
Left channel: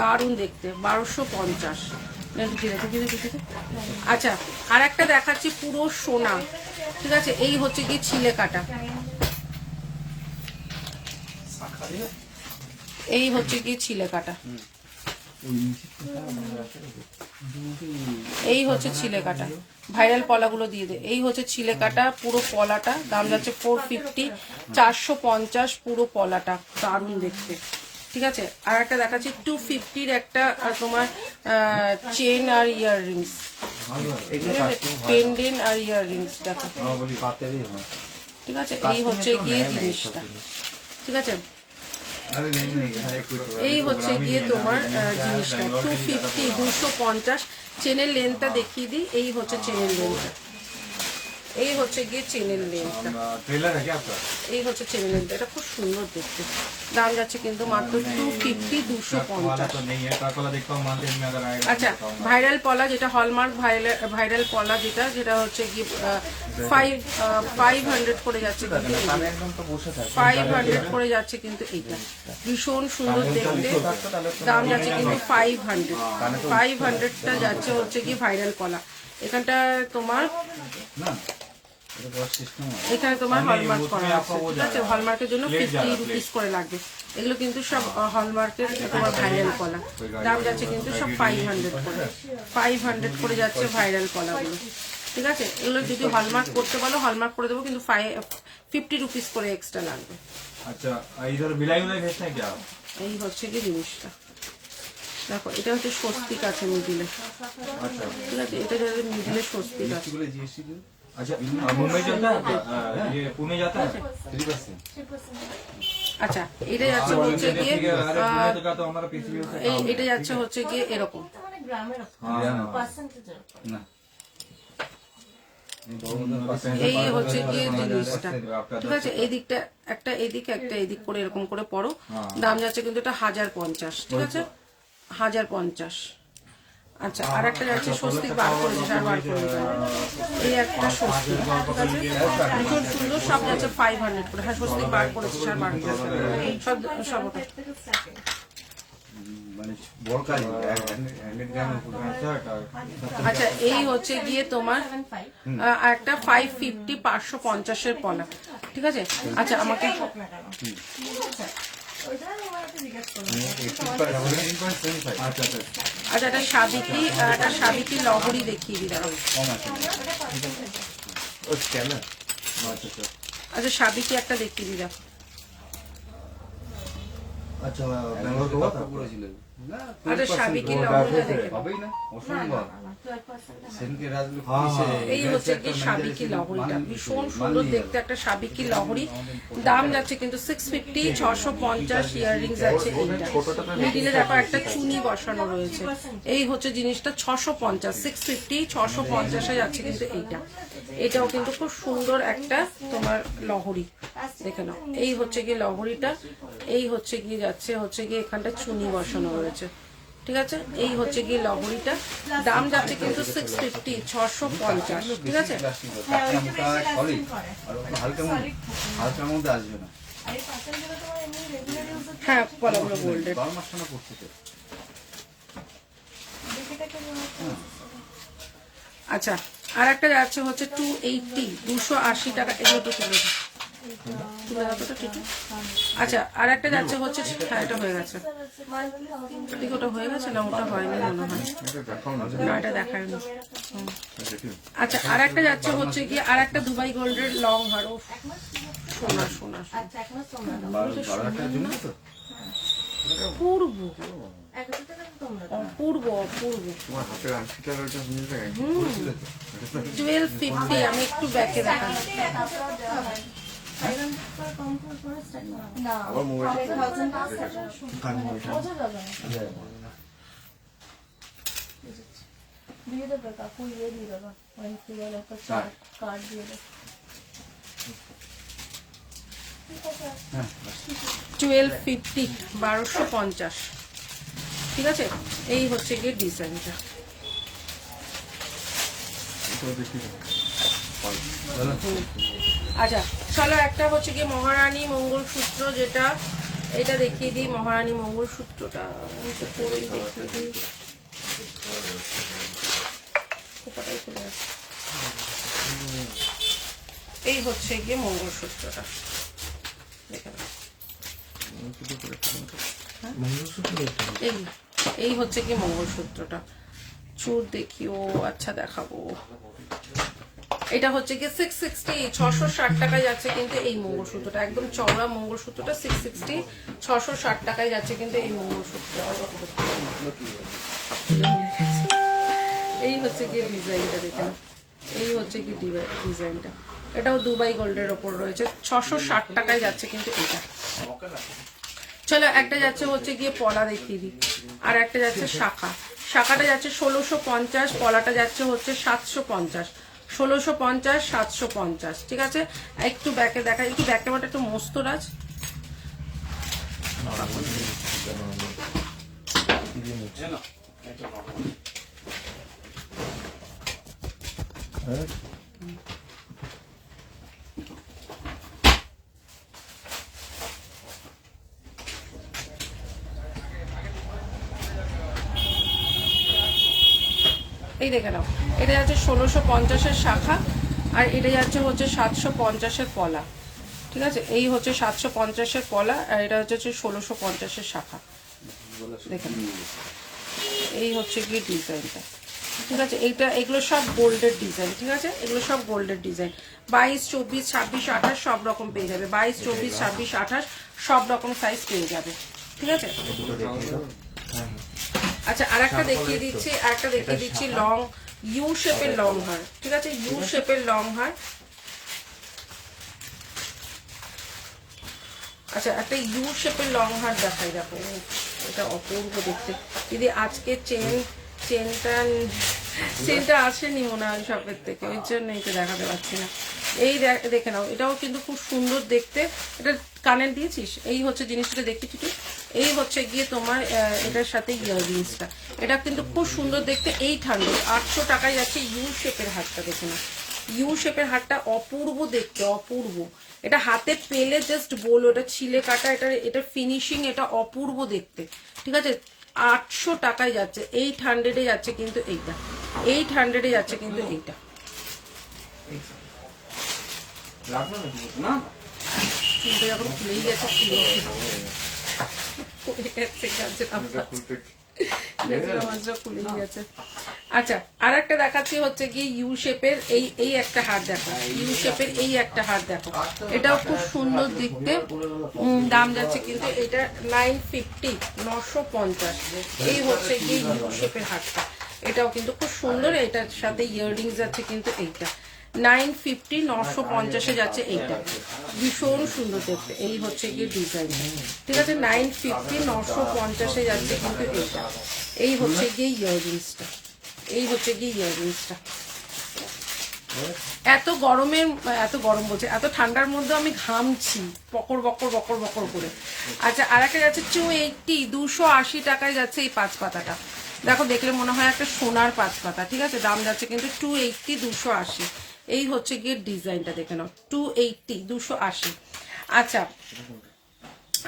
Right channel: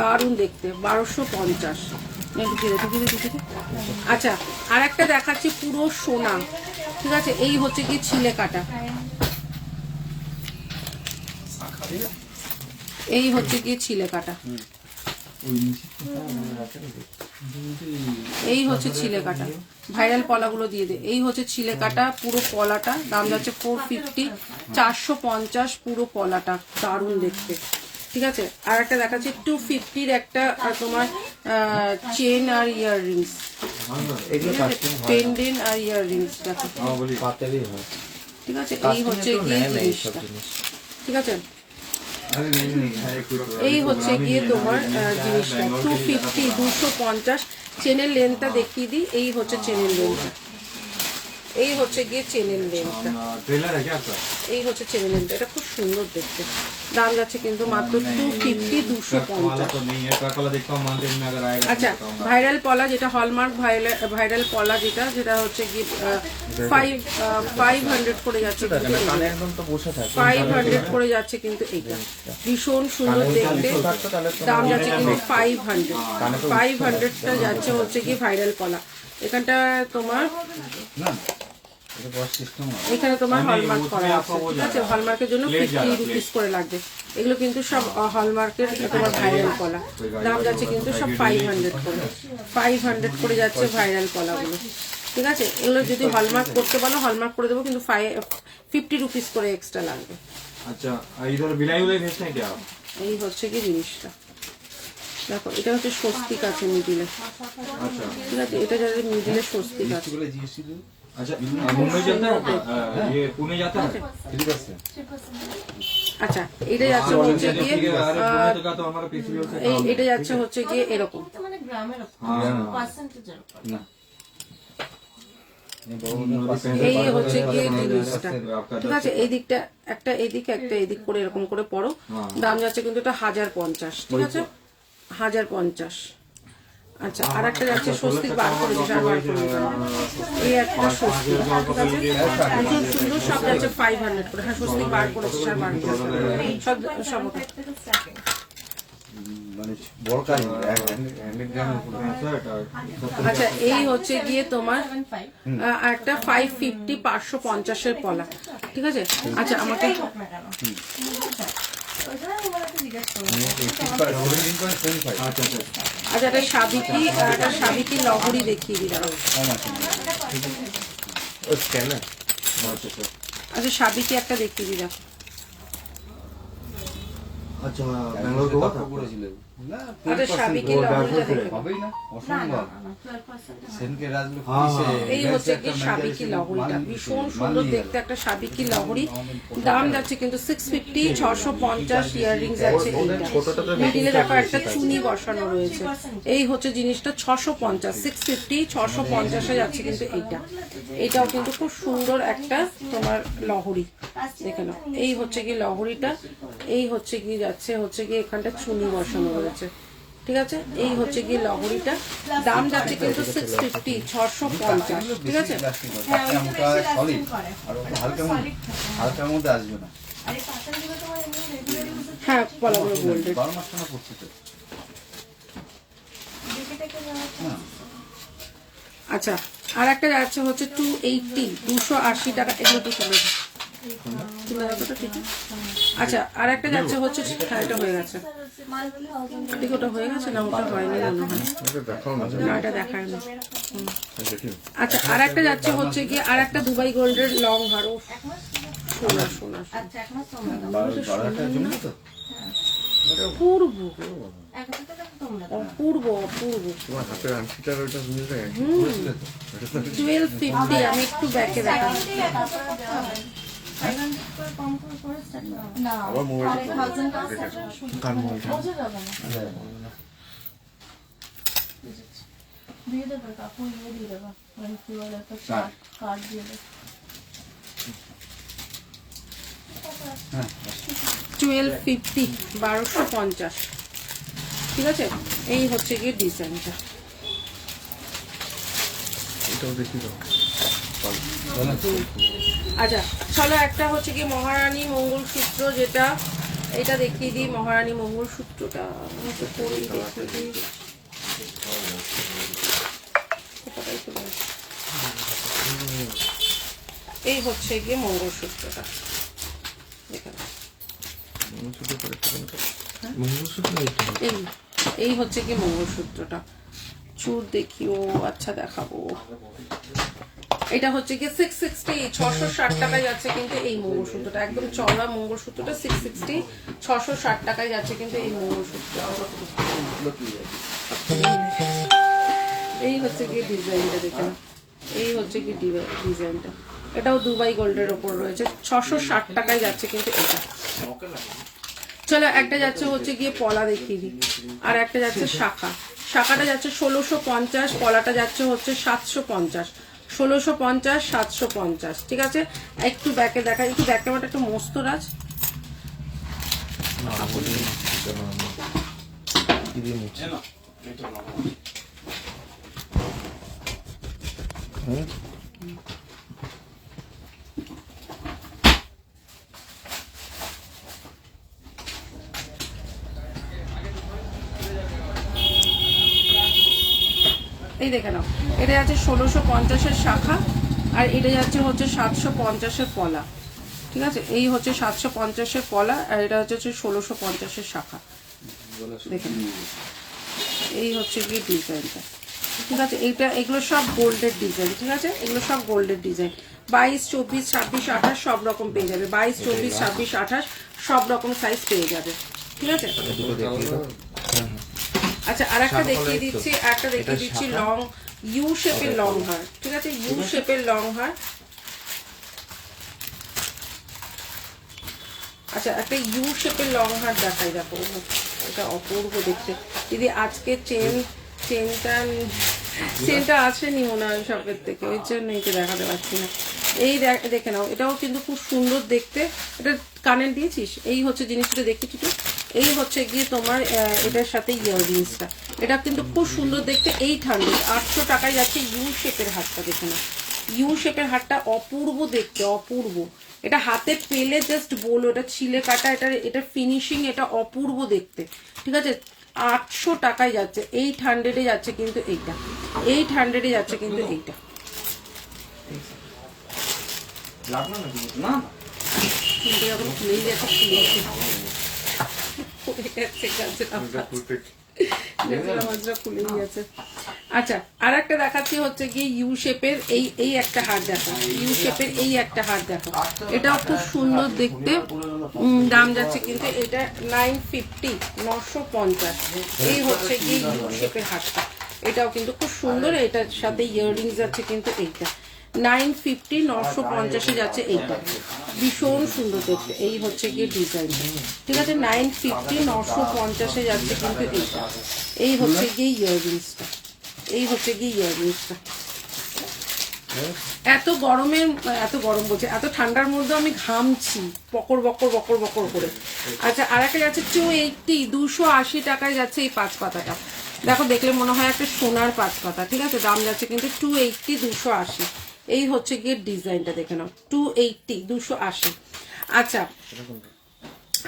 দারুণ দেখতে, 1250। আচ্ছা আর একটা দেখাচ্ছি পুরো সোনা। ঠিক আছে এই হচ্ছে কি ছিলে কাটা, এই হচ্ছে কি ছিলে কাটা, এই হচ্ছে ছিলে কাটা। ভাইরাল পলাগুলো দিয়ে দে। এই হচ্ছে ছিলে কাটা পুরো পলাটা, দাম যাচ্ছে 450, 450 পুরো পলাটা, দারুণ দেখতে। ঠিক আছে আর একটা দেখাচ্ছি 250-র একটা তোমার চেন আর ইয়াররিংস, পেন্ডেন্ট আর ইয়াররিংস দেখো। ঠিক আছে এই হচ্ছে গিয়ে জিনিসটা। ঠিক আছে এই হচ্ছে গিয়ে তোমার জিনিসটা 250, 250। চেনের লেন্থটা দেখিয়ে দিই। এই হচ্ছে চেনের লেন্থটা, এই হচ্ছে গিয়ে চেনের লেন্থটা, এই হচ্ছে চেনের লেন্থটা। এটা খুব সুন্দর দেখতে। দাম যাচ্ছে কিন্তু মাত্র 250, 250। আচ্ছা ভাইরাল পলা যেটা হলমার্ক ভাইরাল পলা যেটা হচ্ছে কি 500 করে যাচ্ছে কিন্তু, 500 করে যাচ্ছে কিন্তু এইটা, ভীষণ সুন্দর দেখতে। দাম যাচ্ছে কিন্তু 500টা যাচ্ছে হচ্ছে কি ভাইরাল পলা। এখানটা তোমার এখানে তোমার হলমার্ক করা আছে। ঠিক আছে হলমার্কের জন্য 50 রুপিস করে লাগবে। এগুলো কিন্তু সব হলমার্কের তোমার ভাইরাল কলা। দাম যাচ্ছে কিন্তু সব 500 করে, 500 করে যাচ্ছে ভাইরাল কলাগুলো। ঠিক আছে এগুলো যদি হলমার্ক করতে বলো হলমার্ক করে দেবো, কিন্তু 50 রুপিস করে এক্সট্রা লাগবে। আচ্ছা ইধর বিলাই উলাই ভেজতে क्या এই হচ্ছে কি জিনিসটা দেখো, এটা হচ্ছে স্বস্তিক আছে মিডিলে। अच्छा ঠিক আছে এটা যাদের মিডিলে স্বস্তিক আছে। अच्छा मुंबई जाता है ये पुणे जाता है। আচ্ছা এটা যাচ্ছে হচ্ছে গিয়ে अरे पुणे का तो हमारा पीसीओ से এটা যাচ্ছে হচ্ছে গিয়ে এরকম। মানে গ্রামের পার্সেন্টেজ না এই হচ্ছে গিয়ে জিনিসটা। ঠিক আছে এই দিকটা একটা এদিক একটা এদিক করে এরকম করে পড়ো। দাম যাচ্ছে কিন্তু এটা 1050। ঠিক আছে 1050। আচ্ছা আর একটা যাচ্ছে স্বস্তিক বার করে দিতে, আর বার করে দিতে এই একটা স্বস্তিক। ঠিক আছে ভীষণ সুন্দর, সব যাচ্ছে 500 করে। হ্যাঁ স্বস্তিক বার করেছে, আর বার করে সব সব ওটা। মানে বড় কাজ 100 গ্রামের উপরে। আচ্ছা এই হচ্ছে গিয়ে তোমার একটা 550, 550-এর পলা। ঠিক আছে আচ্ছা আমাকে আচ্ছা একটা সাবিকি লহরি দেখিয়ে দিলাম। আচ্ছা সাবিকি একটা দেখিয়ে দিলাম। আচ্ছা ব্যাঙ্গালোর তো করেছিল না আচ্ছা সাবিকি লহরিটা দেখে হবেই না, অসম্ভব। সেনকে রাজলো এই হচ্ছে কি সাবিকি লহরিটা, ভীষণ সুন্দর দেখতে একটা সাবিকি লহরি। দাম যাচ্ছে কিন্তু 650, 650 ইয়াররিংস আছে এইটা। মিডিলে দেখো একটা চুনি বসানো রয়েছে। এই হচ্ছে জিনিসটা 650, 650, 650-এ যাচ্ছে কিন্তু এইটা। এটাও কিন্তু খুব সুন্দর একটা তোমার লহরি, দেখে নাও। এই হচ্ছে কি লহরিটা, এই হচ্ছে কি যাচ্ছে হচ্ছে কি এখানটা চুনি বসানো রয়েছে। ঠিক আছে এই হচ্ছে গিয়ে লহরিটা। দাম যাচ্ছে কিন্তু 650, 650। ঠিক আছে মোটা সলিড আর হালকার মধ্যে আসবে না। হ্যাঁ পলাগুলো গোল্ডের। 12 মাস টানা পড়ছে তো। আচ্ছা আর একটা যাচ্ছে হচ্ছে 280, 280 টাকা। এগুলো তো তুলে ঠিক আছে। আচ্ছা আর একটা যাচ্ছে হচ্ছে, হ্যাঁ এটা হয়ে গেছে, ঠিক ওটা হয়ে গেছে না, ওটা হয়নি মনে হয়, না এটা দেখায়নি। আচ্ছা আর একটা যাচ্ছে হচ্ছে গিয়ে আর একটা দুবাই গোল্ডের লং হার। সোনা সোনা আচ্ছা এখনো তোমরা দাও। 12,000 টাকা জমি তো অপূর্ব এক হাজার টাকা তোমরা দাও। অপূর্ব অপূর্ব তোমার হাতের আংটিটার ওইটা নিয়ে যায় 1250 আমি একটু ব্যাকে দেখা কম করে করে start করো। না আবার মোবাইল 1000 টাকা বোঝা যাবে না। দিয়ে দেবে কাকু ইয়ে দিয়ে দেবো মানে কি বলে একটা কার্ড দিয়ে দেবো 1250 1250 ঠিক আছে এই হচ্ছে গিয়ে ডিজাইনটা এটাও দেখি দাও আচ্ছা চলো একটা হচ্ছে গিয়ে মহারানী মঙ্গলসূত্র যেটা এটা দেখিয়ে দিই মহারানী মঙ্গলসূত্রটা আমি তো পরেই দেখিয়ে দিই কোথায় চলে আসছে? এই হচ্ছে গিয়ে মঙ্গলসূত্রটা দেখে নাও। এই এই হচ্ছে কি মঙ্গলসূত্রটা চুর দেখি ও আচ্ছা দেখাবো এটা হচ্ছে কি 660 660 টাকায় যাচ্ছে কিন্তু এই মঙ্গলসূত্রটা একদম চওড়া মঙ্গলসূত্রটা 660 660 টাকায় যাচ্ছে কিন্তু এই মঙ্গলসূত্রটা এই হচ্ছে কি ডিজাইনটা দেখেন এই হচ্ছে কি ডিজাইনটা এটাও দুবাই গোল্ডের ওপর রয়েছে 660 টাকায় যাচ্ছে কিন্তু এটা চলো একটা যাচ্ছে হচ্ছে গিয়ে পলা দেখিয়ে দিই আর একটা যাচ্ছে শাখা শাখাটা যাচ্ছে 1650 পলাটা যাচ্ছে হচ্ছে 750 1650 750 ঠিক আছে একটু ব্যাকে দেখা একটু ব্যাকে বাটা একটু মস্ত রাজ এই দেখে নাও এটা যাচ্ছে 1650-এর শাখা আর এটা যাচ্ছে হচ্ছে 750-এর পলা ঠিক আছে এই হচ্ছে 750-এর পলা আর এটা হচ্ছে 1650-এর শাখা দেখে নাও এই হচ্ছে গিয়ে ডিজাইনটা ঠিক আছে এইটা এগুলো সব গোল্ডের ডিজাইন ঠিক আছে এগুলো সব গোল্ডের ডিজাইন 22 24 26 28 সব রকম পেয়ে যাবে 22 24 26 28 সব রকম সাইজ পেয়ে যাবে ঠিক আছে আচ্ছা আর একটা দেখিয়ে দিচ্ছি লং ইউ শেপের লং হার ঠিক আছে ইউ শেপের লং হার আচ্ছা একটা ইউ শেপের লং হার দেখাই দেখো এটা অপূর্ব দেখতে দিদি আজকে চেনটা আসেনি মনে হয় শপের থেকে ওই জন্য এটা দেখাতে পারছি না এই দেখে নাও এটাও কিন্তু খুব সুন্দর দেখতে এটা কানের দিয়েছিস এই হচ্ছে জিনিসটা দেখতে ঠিক এই হচ্ছে গিয়ে তোমার এটার সাথে ইয়াররিংসটা এটা কিন্তু খুব সুন্দর দেখতে 800 টাকায় যাচ্ছে ইউ শেপের হারটা দেখে নাও ইউ শেপের হারটা অপূর্ব দেখতে অপূর্ব এটা হাতে পেলে জাস্ট বলো এটা ছিলে কাটা এটা ফিনিশিং এটা অপূর্ব দেখতে ঠিক আছে 800 টাকায় যাচ্ছে 800-এ যাচ্ছে কিন্তু এইটা 800-এ যাচ্ছে কিন্তু এইটা আচ্ছা আর একটা দেখাচ্ছি হচ্ছে কি ইউ শেপের এই একটা হার দেখো ইউ শেপের এই একটা হার দেখো এটাও খুব সুন্দর দেখতে দাম যাচ্ছে কিন্তু এটা 950 এই হচ্ছে কি ইউ শেপের হারটা এটাও কিন্তু খুব সুন্দর এটার সাথে ইয়াররিংস যাচ্ছে কিন্তু এইটা 950 950-এ যাচ্ছে এইটা ভীষণ সুন্দর দেখতে এই হচ্ছে গিয়ে ডিজাইনটা ঠিক আছে 950 950-এ যাচ্ছে কিন্তু এইটা এই হচ্ছে গিয়ে ইয়াররিংসটা এত গরম বলছে এত ঠান্ডার মধ্যে আমি ঘামছি বকর করে আচ্ছা আর একটা যাচ্ছে 280 টাকায় যাচ্ছে এই 5 পাতাটা দেখো দেখলে মনে হয় একটা সোনার 5 পাতা ঠিক আছে দাম যাচ্ছে কিন্তু 280 280 এই হচ্ছে গিয়ে ডিজাইনটা দেখে নাও 280 280 আচ্ছা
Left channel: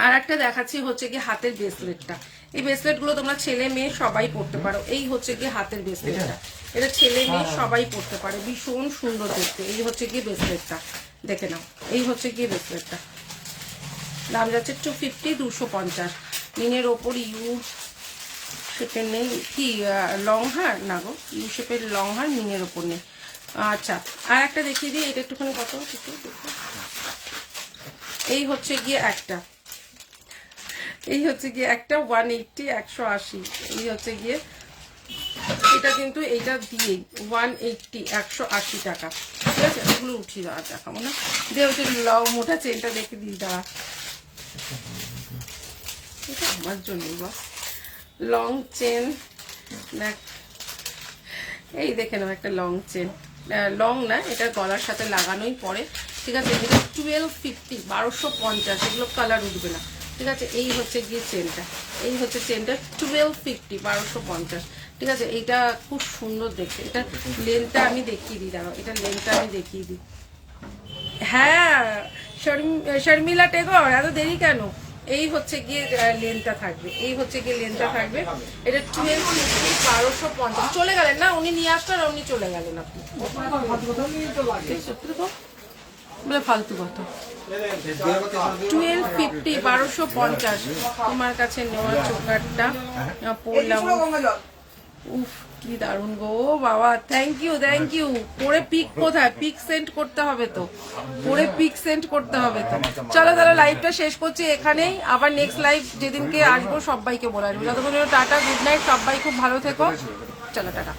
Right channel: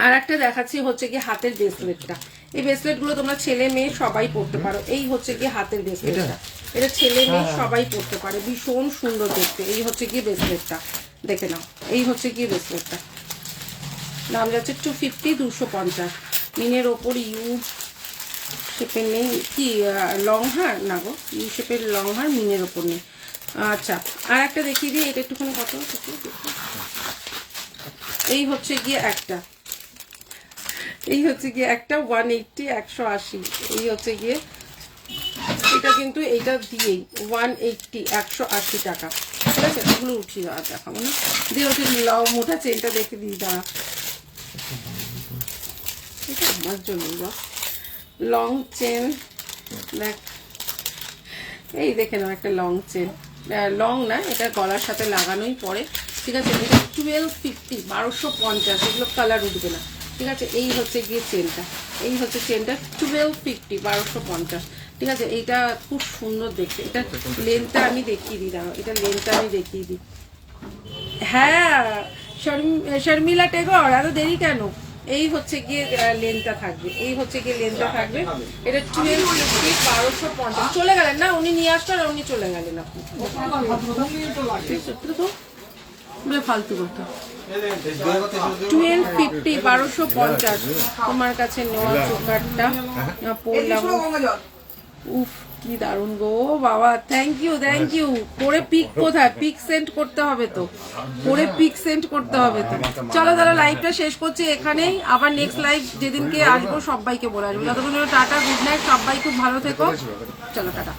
আর একটা দেখাচ্ছি হচ্ছে গিয়ে হাতের ব্রেসলেটটা এই ব্রেসলেট গুলো তোমরা ছেলে মেয়ে সবাই পরতে পারো এই হচ্ছে গিয়ে হাতের ব্রেসলেটটা এটা ছেলে মেয়ে সবাই পরতে পারে ভীষণ সুন্দর দেখতে এই হচ্ছে গিয়ে ব্রেসলেটটা দেখে নাও এই হচ্ছে গিয়ে ব্রেসলেটটা দাম যাচ্ছে 250 250 মিনের ওপর ইউ শেপের নেই কি লং হার না গো ইউ শেপের লং হার মিনের ওপর নেই আচ্ছা আর একটা দেখিয়ে দিই এটা একটুখানি কত এই হচ্ছে গিয়ে একটা, এই হচ্ছে গিয়ে একটা 180 180, এই হচ্ছে গিয়ে এটা কিন্তু এইটা দিয়েই 180 180 টাকা। ঠিক আছে, এগুলো উঠিয়ে দেওয়া দেখাবো না, দিয়ে হচ্ছে লং মোটা চেনটা দেখে দিই দাঁড়া, এটা আমার জন্যই বা লং চেন দেখ, এই দেখে নাও একটা লং চেন, লং না এটা গলার সাথে লাগানোই পরে। ঠিক আছে, 1250 1250, এগুলো কালার উঠবে না। ঠিক আছে, এই হচ্ছে গিয়ে চেনটা, এই হচ্ছে চেনটা 1250 1250। ঠিক আছে, এইটা খুব সুন্দর দেখতে, এটা লেনটা আমি দেখিয়ে দিই, দাঁড়াও এটা লেনটা আমি দেখিয়ে দিই। হ্যাঁ শর্মিলা টেগর, এত দেরি কেন? এই হচ্ছে গিয়ে লেনটা থাকবে, এই হচ্ছে গিয়ে লেনটা থাকবে, এটা 1250 1250। চলে গেলেন না উনি, নিয়ে আসলেন আর উনি চলে গেলেন, আপনি ফালতু কথা। 1250 1250 তোমার কাছে নেওয়া চোকারটা পড়লাম, উফ কি দারুন গো বাবা, থ্যাংক ইউ থ্যাংক ইউ। পরে পিক কোথায়, পিক সেন্ড করতে হবে তো, পরে পিক সেন্ড করতে হবে তো। চলো তাহলে লাইভটা শেষ করছি এখানেই, আবার নেক্সট লাইভ যেদিনকে আসবো সবাইকে বলে আসবো। যতক্ষণ টাটা, গুড নাইট, সবাই খুব ভালো থেকো, চলো টাটা।